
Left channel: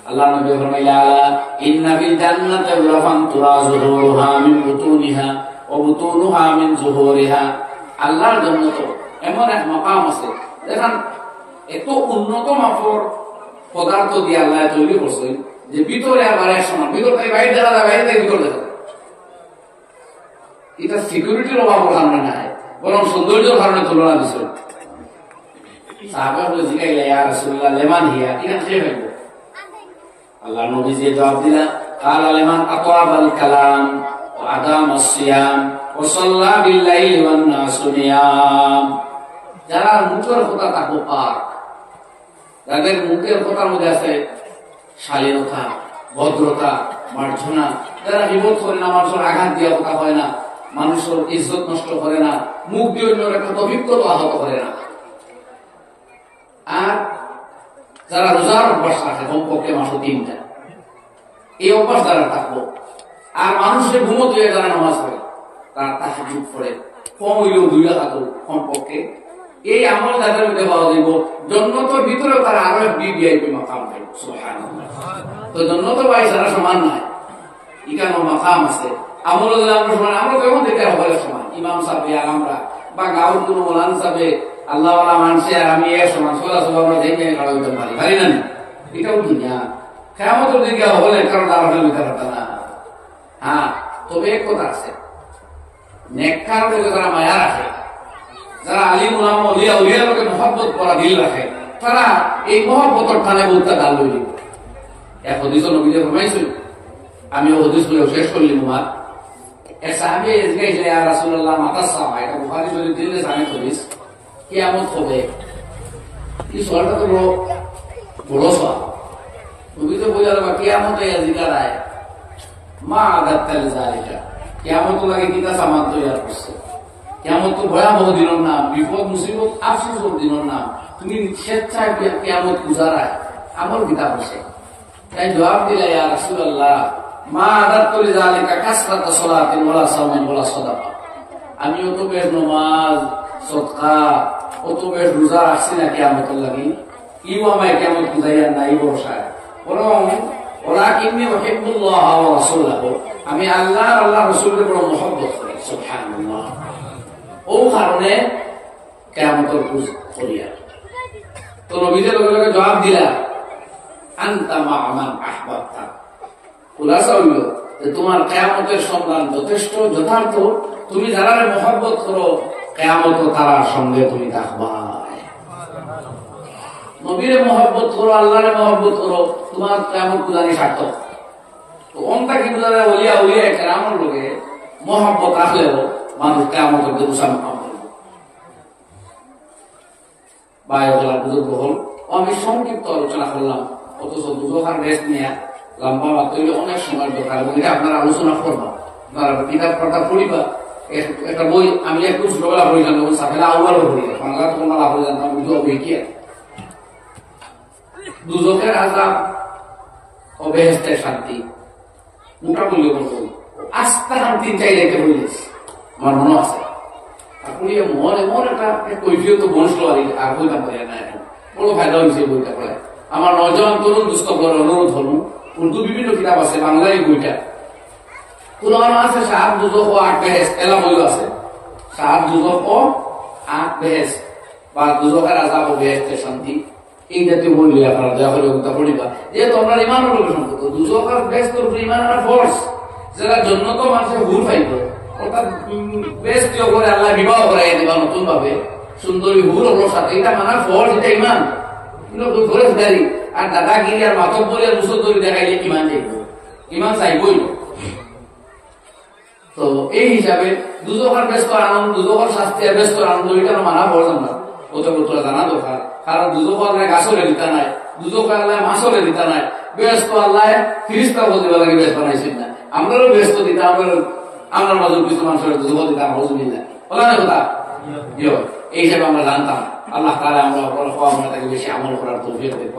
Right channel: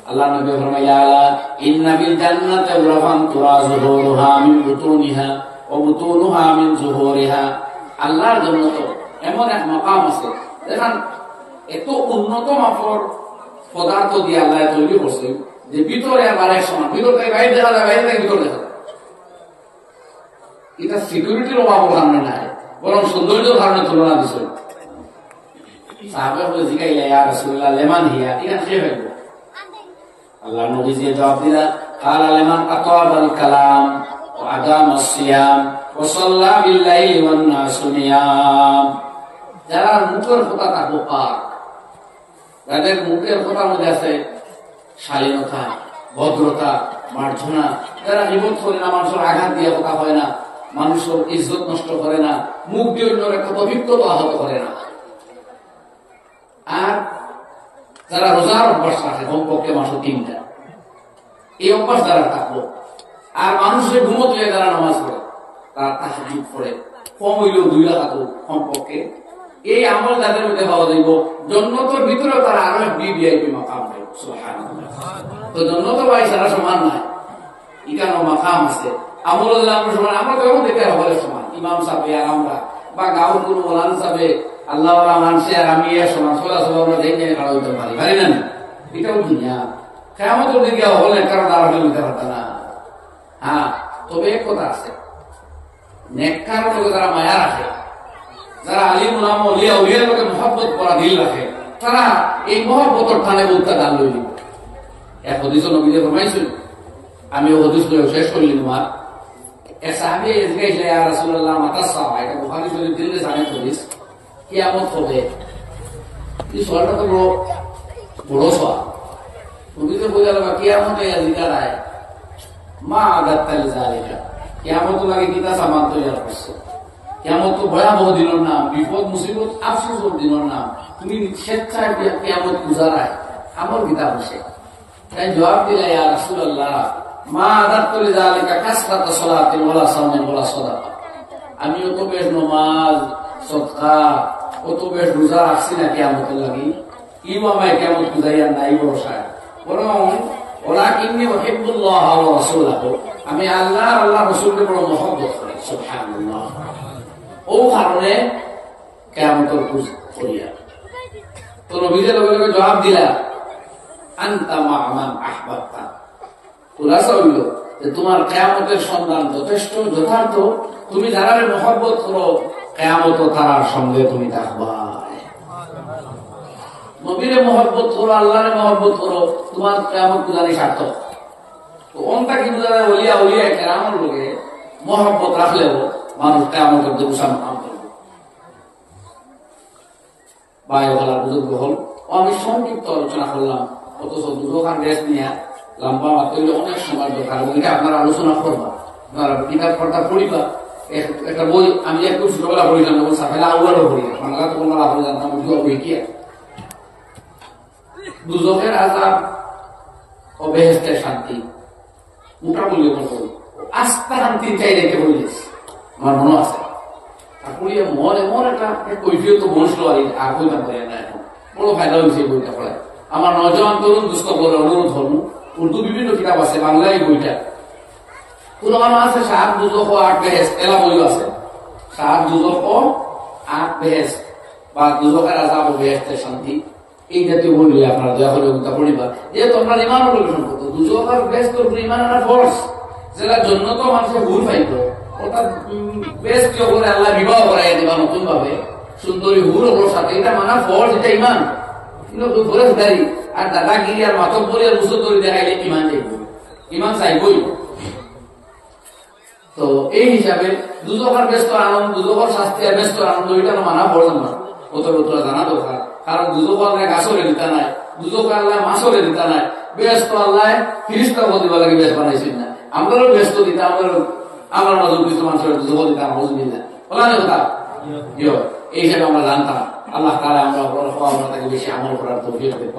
আল্লাহ নবী ফরমাইলা ইন্না ফিল জান্নাতি গুরাফান তুরাজুহা মিন বুতুনিহা ওয়া বুতুনুহা মিন জুহুরিহা। আল্লাহর জান্নাতে এমন এক মাকাম আছে, দেখেন এত উন্নত মাপের পদার্থ দিয়ে আল্লাহ তৈরি করছে যে ভিতরে আবার এক সমান, ভিতর থেকে বাইরে দেখা যায়, বাইরে থেকে ভিতর দেখা যায়। এটা সিকিউরিটির অভাবের কারণে নাই, বরং সৌন্দর্যের কারণে তুলনা দিছিল। সাহাবা বলে জিগাইলা ইয়া রাসূলুল্লাহ লিমান হিয়া, এটা কে হইব? আল্লাহ নবী যে জবাব দিলা, ক্বালা লিমান আতাবাল কালাম ওয়া আদামাস সিয়াম ওয়া সাল্লা বিল লাইলি ওয়ান নাসু নিয়াম। যারা মুখের কথা থাকবো পাক, যাদের মুখের কথার মধ্যে আছে শালীনতা, ভদ্রতা, মার্জনা, যারা বিপদ করে না, মানুষের আঘাত দিয়ে কথা হয় না, মানুষের ইজ্জত নষ্ট করে না, মুখ দিয়ে অন্য একটা অভিজ্ঞতা আহত করে না। আর যারা রোজার অভ্যাস রাখে কমপক্ষে মাসে 3টা, এই অভ্যাস দ্বারা থাকবো। আর মানুষের ঘুমত হয়ে যারা নামাজ পড়ে, তার তাহাজ্জুদ পড়ে, কম হইলেও 2 রাকাত কমপক্ষে, এই আমল যাদের মধ্যে পাওয়া যাইব, জান্নাতের ভিতরে তারা আরো ভিভিআইপি মাকাম পাই। সুবহানাল্লাহ। তো জান্নাত ভাই সারা সমান নাই, এখানেও মাকাম আছে। আমল আমরা সমান, আমরা কেমন দেখে হলে সমান, ইমাম সাহেব আর আমরা, বা গাঁওর কোন মোলান সাহেব আল্লাহওয়ালা মানুষে আর আমি এর সমান, সোজা সব আমরা দেখে খাড়া হইতে পারি, পারি না? এটাও দুনিয়া। কিয়ামতের দিকে হলে কারো দ্বারা হইতে পারত না। হ্যাঁ, তবে এক কথা আছে, নেককার লোকে যারা মায়া রাখে, যারা আলিম উলামা ওলিয়া উলিয়ার লোকে মহব্বত করা দিল রাখে, তারা এই মহব্বতের টানে বলতে গাল লই দিব। এক হদিস নবীতে ফরমাইছিল, আমি ও হদিস করে শেষ করলাম। আমার এক সাহাবী জিজ্ঞাসা, ইয়া রাসূলুল্লাহ মাতা সাওয়া, এটা বুখারী শরীফ দিলে জানি হদিস, কিয়ামত হবে। এই সওয়ালটা তো বড় সওয়াল। নবীতে বোঝালো কিয়ামতে জিকার আয় মা আগাত্তাল জালিকা, কিয়ামত লাগে কিতা সামান তৈরি করছো। কিয়ামত তো ভয়াবহ দিনের নাম, বিপদ মুসিবত আফসোসের দিনের নাম। তুমি স্বেচ্ছায় কিয়ামত গুজারায় আমল কিতাব হচ্ছে। তাই জবাব দিলা, ইয়া রাসূলুল্লাহ মা আগাত্তাল জালিকা কাসরাত সালাতিন ওয়ালা সাওমিন ওয়ালা সাদাকা। আমি অত বেশ নামাজ সদকা অত বেশ রোজা রাখছি না কিয়ামতের লাগি, ইও আমায় কিয়ামত গুজাইয়া নাই ভরসায়, বরং ওয়ালাকিন্নী উহিব্বুল্লাহ ওয়া রাসূলাহু, আমি আল্লাহ আর আল্লাহর রাসূলকে বড় মহব্বত করি। সুবহানাল্লাহ। ও কারণে কিয়ামতের করিয়া তো নবীদের লগে লগে জবাব দিলা, আনতা মা মান আহবাবতা। খুলাসা হইল যে তোমার কিয়ামতের সন্ধান যথেষ্ট যথার্থ, তুমি যারারে মহব্বত করো কিয়ামত তারার সঙ্গে তুমি থাকবা। নবীরে মহব্বত করো, আল্লাহরে মহব্বত করো, তোমার কিয়ামত গুজারি সার্থক। তো অন্তা কি বুঝা ওলিয়া উলিয়া কেরামর লোকে মহব্বত রাখলেও মানুষ কিয়ামতের দিন সামনে করবে। বায়ুকলার বুজুর্গ হল, আমি সংক্ষিপ্ত আলোচনা করলাম, অথচ দুজোখান রেস্ট নিয়ে লম্বা তৈরি অনেক সময় দরকার, এবং এটা আপনারা আলোচনা করবা, আপনারা কিতাব পড়া পড়িবা। একটা বই আমি একটু ছোটবেলা পড়িলাম, যখন সাফেলা আউয়ালও পড়ি, বাংলা তখন না পড়ে জানতাম বই কি দুজকের আযাব ও বেহেশতের শান্তি, মোটা বললে বলতো আস্তা শান্তি চাইলে এটা বলিস আমার মনে আছে। আর পড়িয়ে মন এমন একটা কৈফিয়ত তো বসলো আর বইটা পড়ে না, এখন বড় ফায়দা হয়েছে বইটা পড়ে। আমার নজওয়ান তরুণ দুষ্ক করে অনুরোধ হল, উর্দু বিভিন্ন কিতাব আছে, বাংলায় বইটা কোন আছে সাপ দুজক আট বেহেশত এলা বইও আছে, সাত দুজক ও আট বেহেস বা দুজকের আজাব ও বেহেস্তের শান্তি, এই জাতীয় বললি আপনারা দয়া করে ওটা পড়িবা। যেহেতু আমরা ইমান প্রবেশন করতো, দুজকের বেহেস্তের উপরে ইমান আনা ফোর্স, যারা জন্য তো মানুষের ভুল পাইত, অর্থাৎ বেহেস্ত করে আল্লাহ বিবাহ করাই দিবা নতুন ভাবে সুন্দরী হুর ওর সাথে, এটা মানা ফোর্স, এটা ইমান। কিন্তু ফরেজগারি আর দাদাগিরি আর মাতব্বরি আর মুসদ্দরি দেখাইলে ইমান চাইব, ইমান চাইবই। তো এই হিসাবে দুজকের ব্যস্ত আনন্দ, দুজকের শাস্তি আর ব্যস্ত আনন্দ, এটা মানা পড়লাম না, ওটা তোরা জানা দরকার। কারণ দুজক আল্লাহ গাছরে দিতা নাই, দুজক আল্লাহ মাছরে দিতা নাই, ব্যস্ত আল্লাহ ফিরিস্তা বলতে লাগে বেশ বানাইছেন না, আমরাও ব্যস্ত দিতা, আমরা নজর কিছু মানুষের দুজক দিতাম, হজুবিল্লাহ বলা নেই কথা। এই হিসাবে আমরা জানতাম। আল্লাহ তাআলা আমরা তাকে বেশি আমল করার তৌফিক দেন।